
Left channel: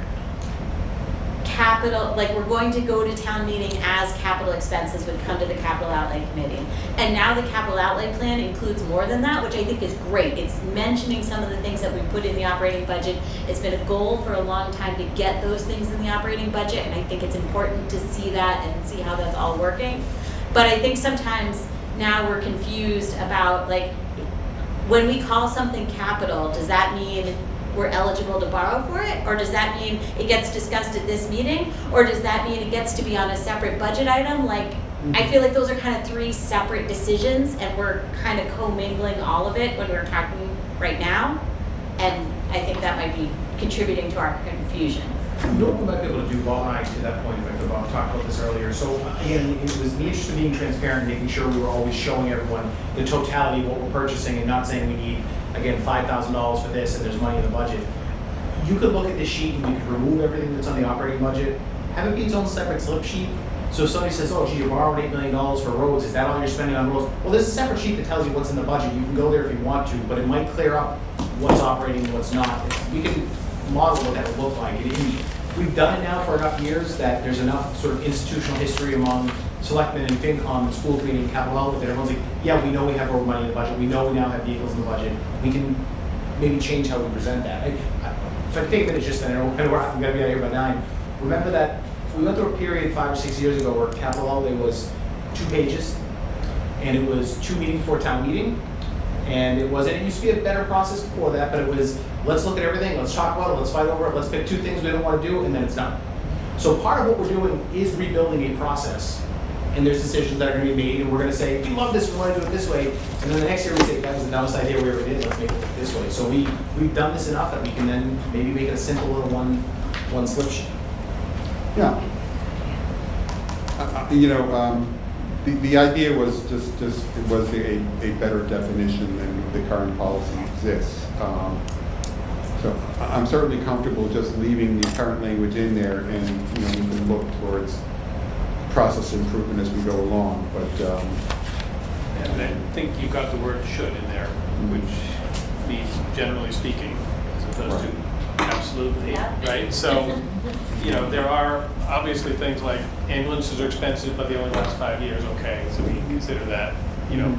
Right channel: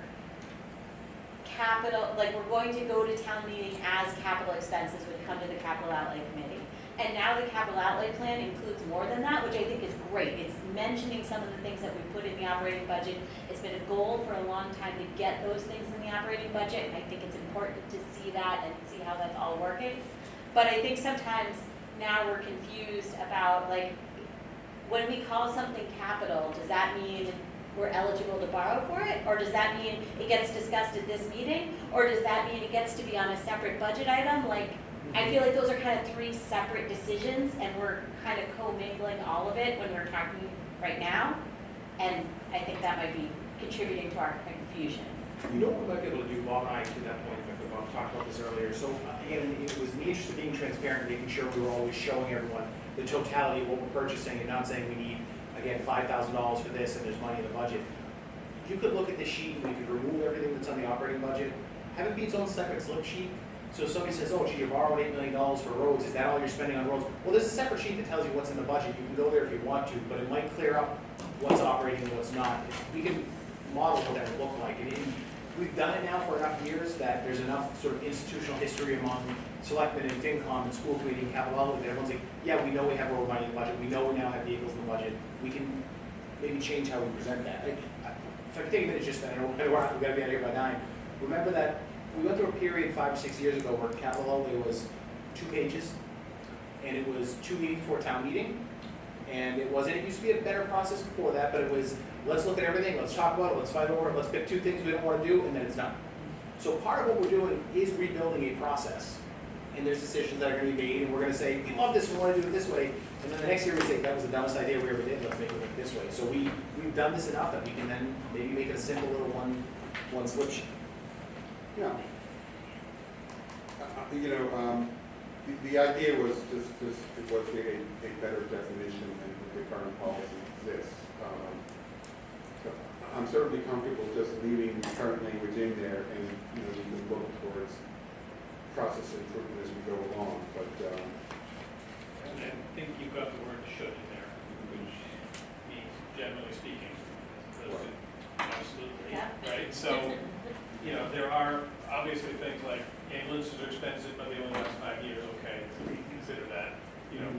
capital, like we're going to go to town meeting as capital expenses would come to the capital outlay committee. And now the capital outlay plan includes more than that, which I think is great. It's mentioning some of the things that we put in the operating budget. It's been a goal for a long time to get those things in the operating budget, and I think it's important to see that and see how that's all working. But I think sometimes now we're confused about, like, when we call something capital, does that mean we're eligible to borrow for it? Or does that mean it gets discussed at this meeting? Or does that mean it gets to be on a separate budget item? Like, I feel like those are kind of three separate decisions, and we're kind of commingling all of it when we're talking right now. And I think that might be contributing to our confusion. You know what we might be able to do, Bob and I, to that point, if Bob talked about this earlier. So again, it was the interest of being transparent, making sure we were always showing everyone the totality of what we're purchasing and not saying we need, again, $5,000 for this and there's money in the budget. You could look at this sheet and we could remove everything that's on the operating budget, have it be its own separate slip sheet. So if somebody says, oh, gee, you borrowed $8 million for roads, is that all you're spending on roads? Well, there's a separate sheet that tells you what's in the budget. You can go there if you want to, but it might clear up what's operating and what's not. We can model what that would look like. We've done it now for enough years that there's enough sort of institutional history among selectmen and FinCom and school committee and capital outlay that everyone's like, yeah, we know we have road money in the budget. We know we now have vehicles in the budget. We can maybe change how we present that. If I take a minute just, I know I'm going to be out here by 9. Remember that we went through a period 5 or 6 years ago where capital outlay was 2 pages, and it was 2 meetings before town meeting, and it used to be a better process before that, but it was, let's look at everything, let's talk about it, let's fight over it, let's pick 2 things we don't want to do, and then it's done. So part of what we're doing is rebuilding a process, and there's decisions that are going to be made, and we're going to say, we love this, we want to do it this way, and then the next year we say, that was the dumbest idea we ever did, let's make it this way. So we've done this enough that we can then maybe make it a simple little one slip sheet. Yeah. The idea was just it was a better definition than the current policy exists. So I'm certainly comfortable just leaving the current language in there, and we can look towards process improvement as we go along. But and I think you got the word should in there, which means generally speaking, as opposed to absolutely, right? So, there are obviously things like ambulances are expensive, but they only last 5 years, okay, so we can consider that,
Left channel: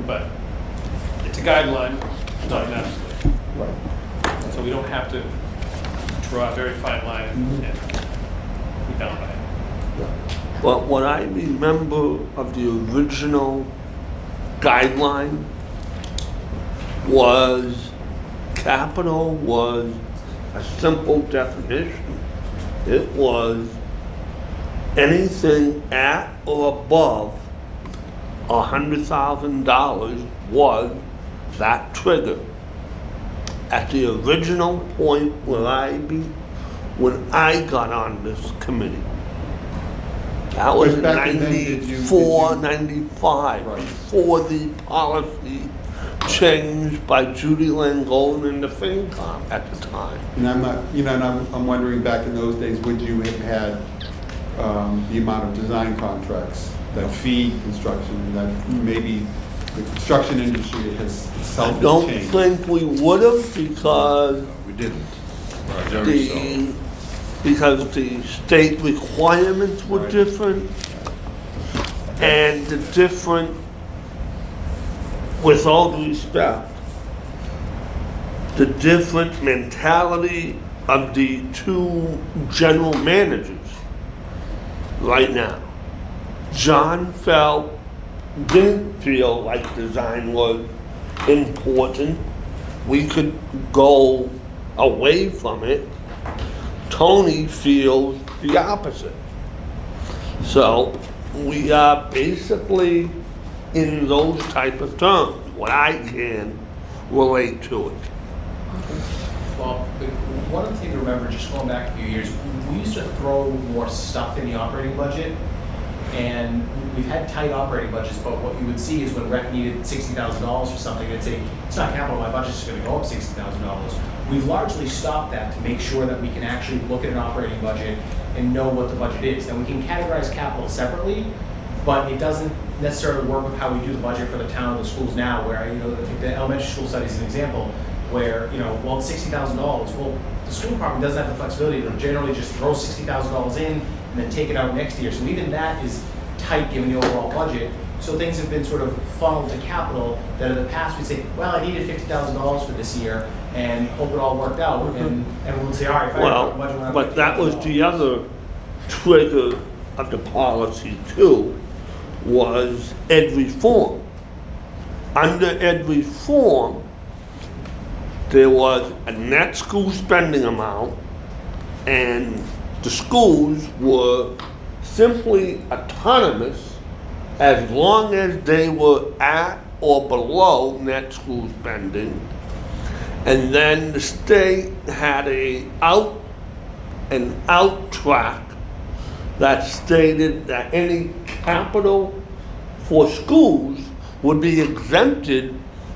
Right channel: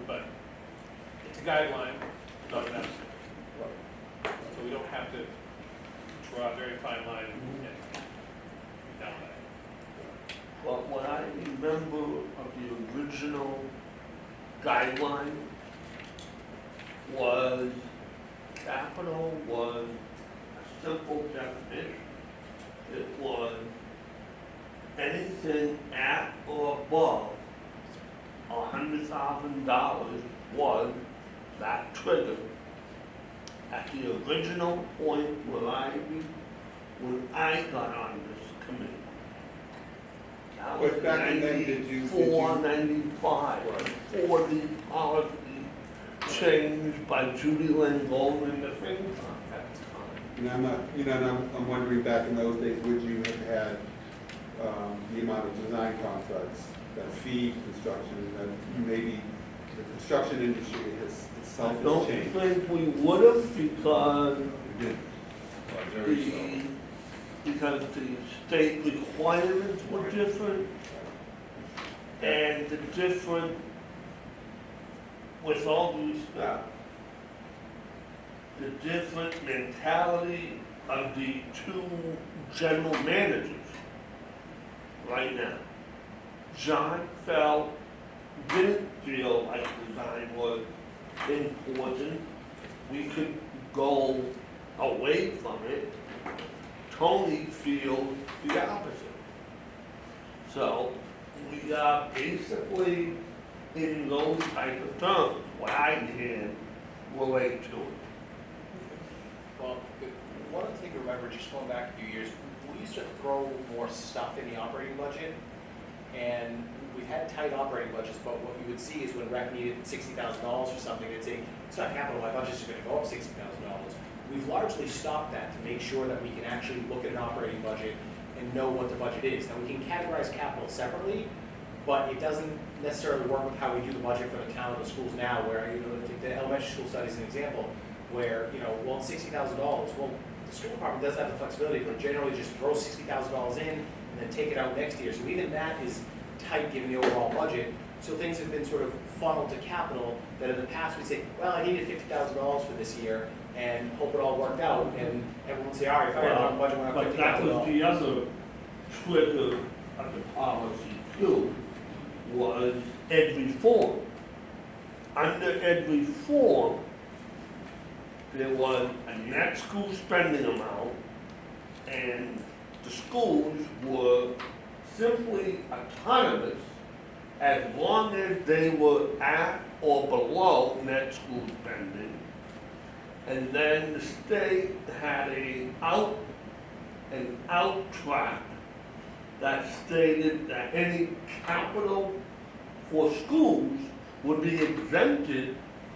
but it's a guideline, not an absolute. Right. So we don't have to draw a very fine line and be bound by it. But what I remember of the original guideline was capital was a simple definition. It was anything at or above $100,000 was that trigger. At the original point when I got on this committee, that was in Back then, 94, 95, Right. before the policy changed by Judy Langone and the FinCom at the time. And I'm not, and I'm wondering, back in those days, would you have had the amount of design contracts that feed construction, that maybe the construction industry has I itself don't changed? think we would have because We didn't. because the state requirements were different, and the different, with all due respect, the different mentality of the 2 general managers right now. John didn't feel like design was important. We could go away from it. Tony feels the opposite. So we are basically in those type of terms, what I can relate to it. Well, one other thing to remember, just going back a few years, we used to throw more stuff in the operating budget And we've had tight operating budgets, but what you would see is when rec needed $60,000 for something, they'd say, it's not capital, my budget's just gonna go up $60,000. We've largely stopped that to make sure that we can actually look at an operating budget and know what the budget is. Now, we can categorize capital separately, but it doesn't necessarily work with how we do the budget for the town or the schools now, where, I think the elementary school study is an example, where, well, it's $60,000. Well, the school department doesn't have the flexibility to generally just throw $60,000 in and then take it out next year. So even that is tight given the overall budget. So things have been sort of funneled to capital that in the past we'd say, well, I needed $50,000 for this year and hope it all worked out. And everyone would say, all right, fine, Well, the budget went up but that was $50,000. the other trigger of the policy too, was ed reform. Under ed reform, there was a net school spending amount, and the schools were simply autonomous as long as they were at or below net school spending. And then the state had an out track that stated that any capital for schools would be exempted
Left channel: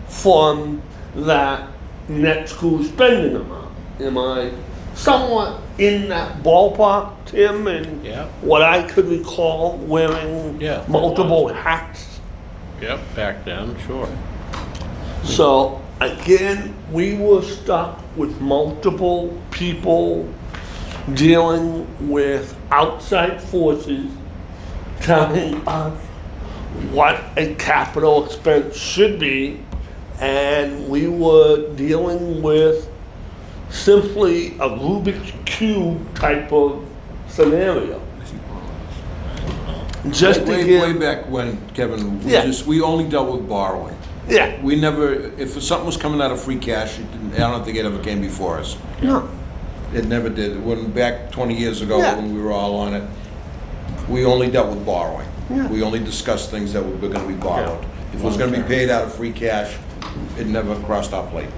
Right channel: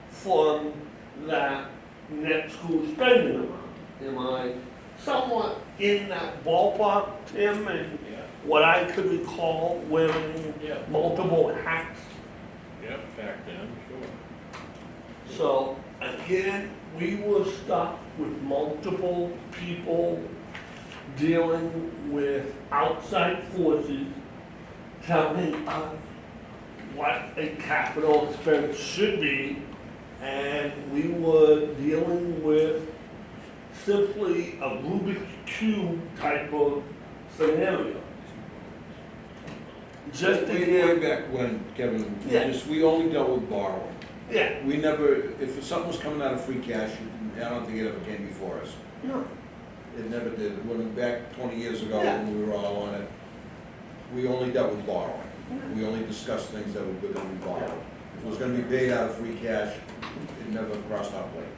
from that net school spending amount. Am I somewhat in that ballpark, Tim, and Yeah. what I could recall wearing Yeah. multiple hats? Yep, back then, sure. So again, we were stuck with multiple people dealing with outside forces telling us what a capital expense should be, and we were dealing with simply a Rubik's Cube type of scenario. Just to way get, back when, Kevin, Yeah. we only dealt with borrowing. yeah, We never, if something was coming out of free cash, I don't think it ever came before us. no, It never did. When back 20 years ago, Yeah. when we were all on it, we only dealt with borrowing. Yeah. We only discussed things that were gonna be borrowed. If it was gonna be paid out of free cash, it never crossed our plate.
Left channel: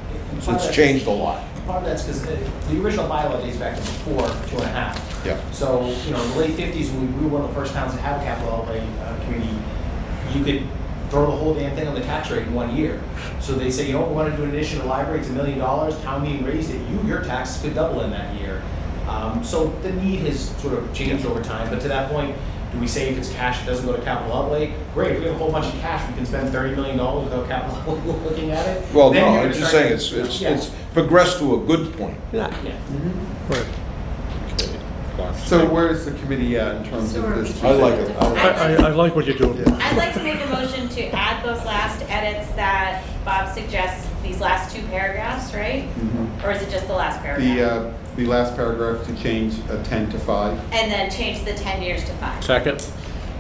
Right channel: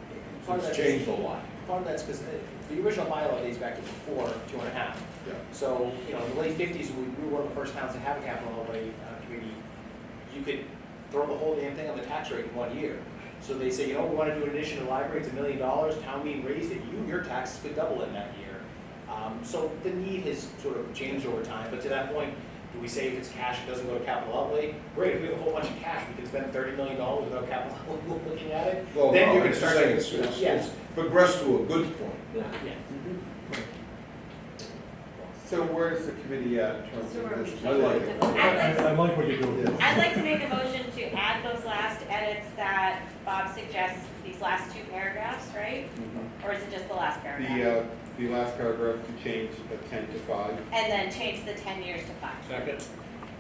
So it's changed a lot. Part of that's because the original bylaw dates back to before 2.5. Yeah. So, in the late 50s, when we were one of the first towns to have a capital outlay committee, you could throw the whole damn thing on the tax rate in 1 year. So they say, we want to do an addition to the library, it's $1 million, town meeting raised it, your taxes could double in that year. So the need has sort of changed over time, but to that point, do we say if it's cash, it doesn't go to capital outlay? Great, if we have a whole bunch of cash, we can spend $30 million without capital looking at it. Well, Then no, you're I'm gonna just start- saying, Yeah. it's progressed to a good point. yeah. Right. So where's the committee at in terms of this? I like it. I like what you're doing. Yeah. I'd like to make a motion to add those last edits that Bob suggests, these last 2 paragraphs, right? Mhm. Or is it just the last paragraph? The last paragraph to change 10 to 5. And then change the 10 years to 5. Second?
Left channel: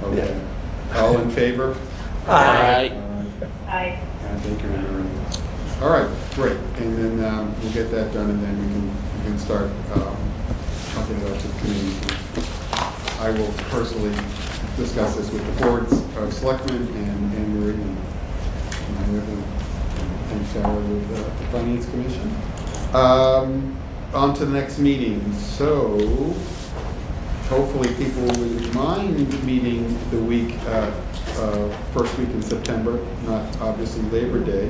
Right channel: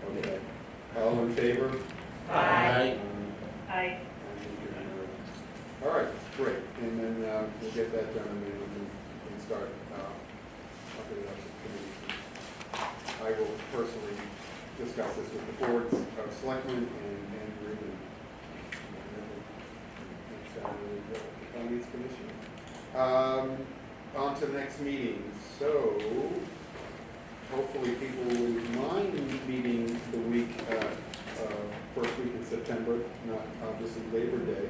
Okay. All in favor? Aye. I Thank you, Aaron. All right, great. And then we'll get that done, and then we can start talking about the committee. I will personally discuss this with the boards of selectmen and Marie and Sarah with the Finance Commission. On to the next meeting. So hopefully people wouldn't mind meeting the week, first week in September, not obviously Labor Day.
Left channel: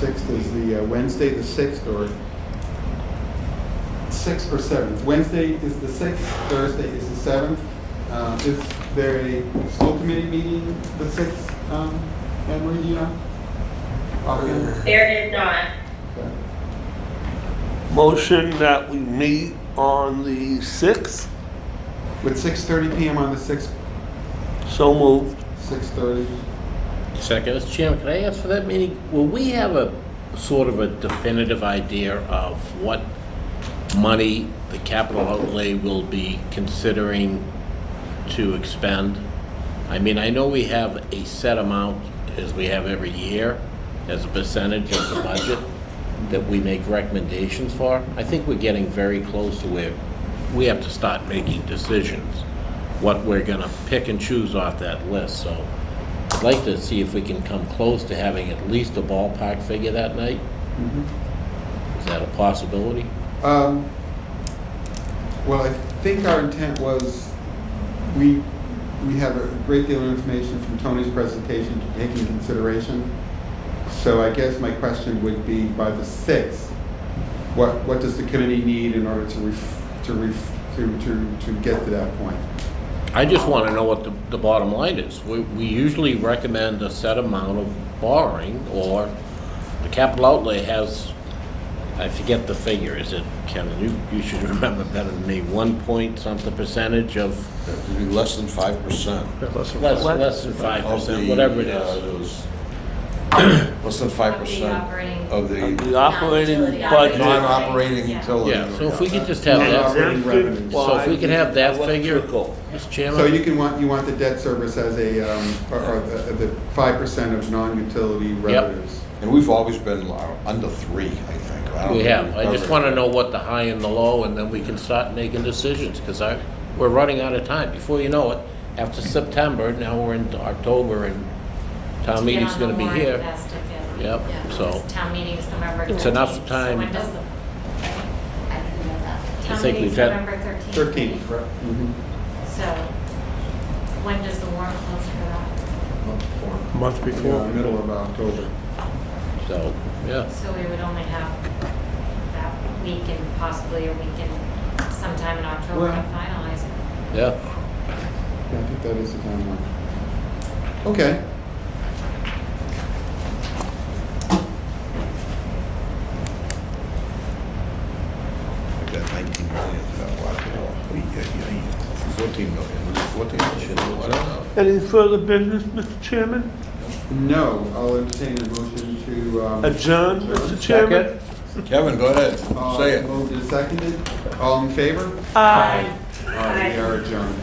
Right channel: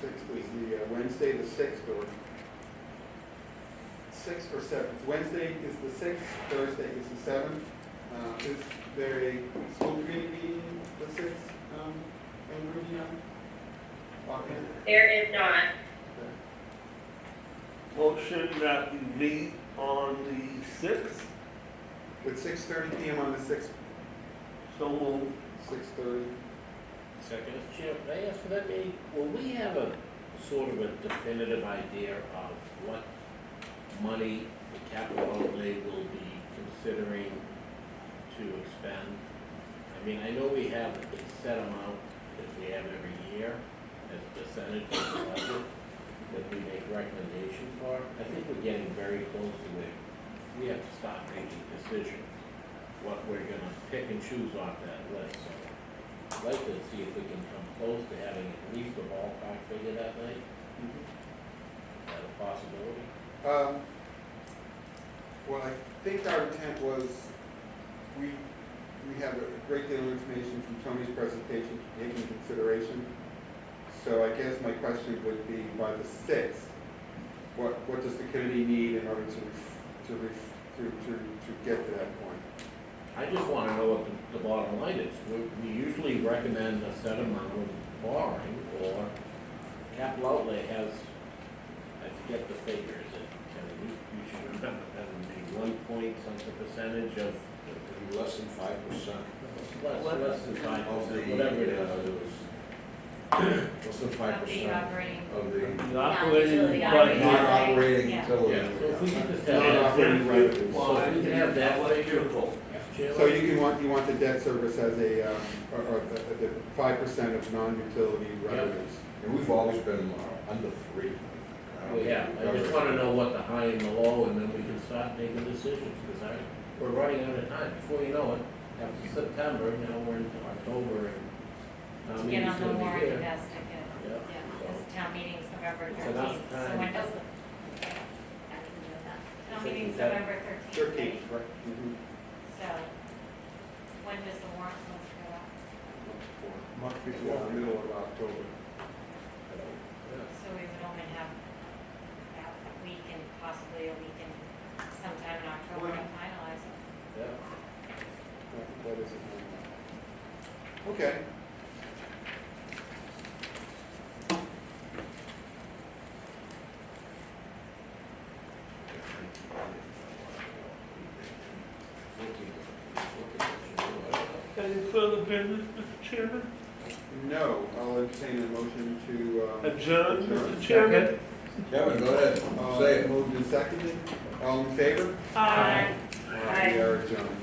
6th is the Wednesday, the 6th, or 6th or 7th. Wednesday is the 6th, Thursday is the 7th. Is there a school committee meeting the 6th, Anne-Marie, do you know? Offhand? there is not. Okay. Motion that we meet on the 6th, Would 6:30 PM on the 6th, so moved. 6:30? Second, Mr. Chairman, can I ask for that meeting? Will we have a sort of a definitive idea of what money the capital outlay will be considering to expend? I mean, I know we have a set amount, as we have every year, as a percentage of the budget that we make recommendations for. I think we're getting very close to where we have to start making decisions, what we're gonna pick and choose off that list, so I'd like to see if we can come close to having at least a ballpark figure that night. Is that a possibility? Well, I think our intent was, we have a great deal of information from Tony's presentation to take in consideration. So I guess my question would be, by the 6th, what does the committee need in order to get to that point? I just want to know what the bottom line is. We usually recommend a set amount of borrowing, or the capital outlay has, I forget the figure, is it, Kevin, you should remember better than me, 1-point-something percentage of? It'd be less than 5%. Less than 5%, whatever it is. Less than 5% of The operating Non-utility budget. non-operating Yeah. utility. Yeah, so if we could just have Non-operating that, revenues. so if we could have that figure, Mr. Chairman? So you want the debt service as a, or the 5% of non-utility revenues? And we've always been under 3, I think. I don't We think have. we've I just ever- want to know what the high and the low, and then we can start making decisions, because we're running out of time. Before you know it, after September, now we're into October, and town meeting's going to be here. Yep, so Town meeting is November 13th. it's enough So time. when does the, I didn't know that. I town think meeting's we've had- November 13th? 13, correct. Mhm. So when does the warrant close for that? A month before. Yeah, middle of October. So, yeah. So we would only have that week and possibly a week and sometime in October to Well- finalize it. Yeah. Yeah, I think that is the timeline. Okay. We've got 19 million. 14 million. Was it 14 million? I don't know. Any further business, Mr. Chairman? No, I'll entertain a motion to, Adjourn, Mr. Chairman? Kevin, go ahead. Say it. Moved and seconded. All in favor? Aye. We are adjourned.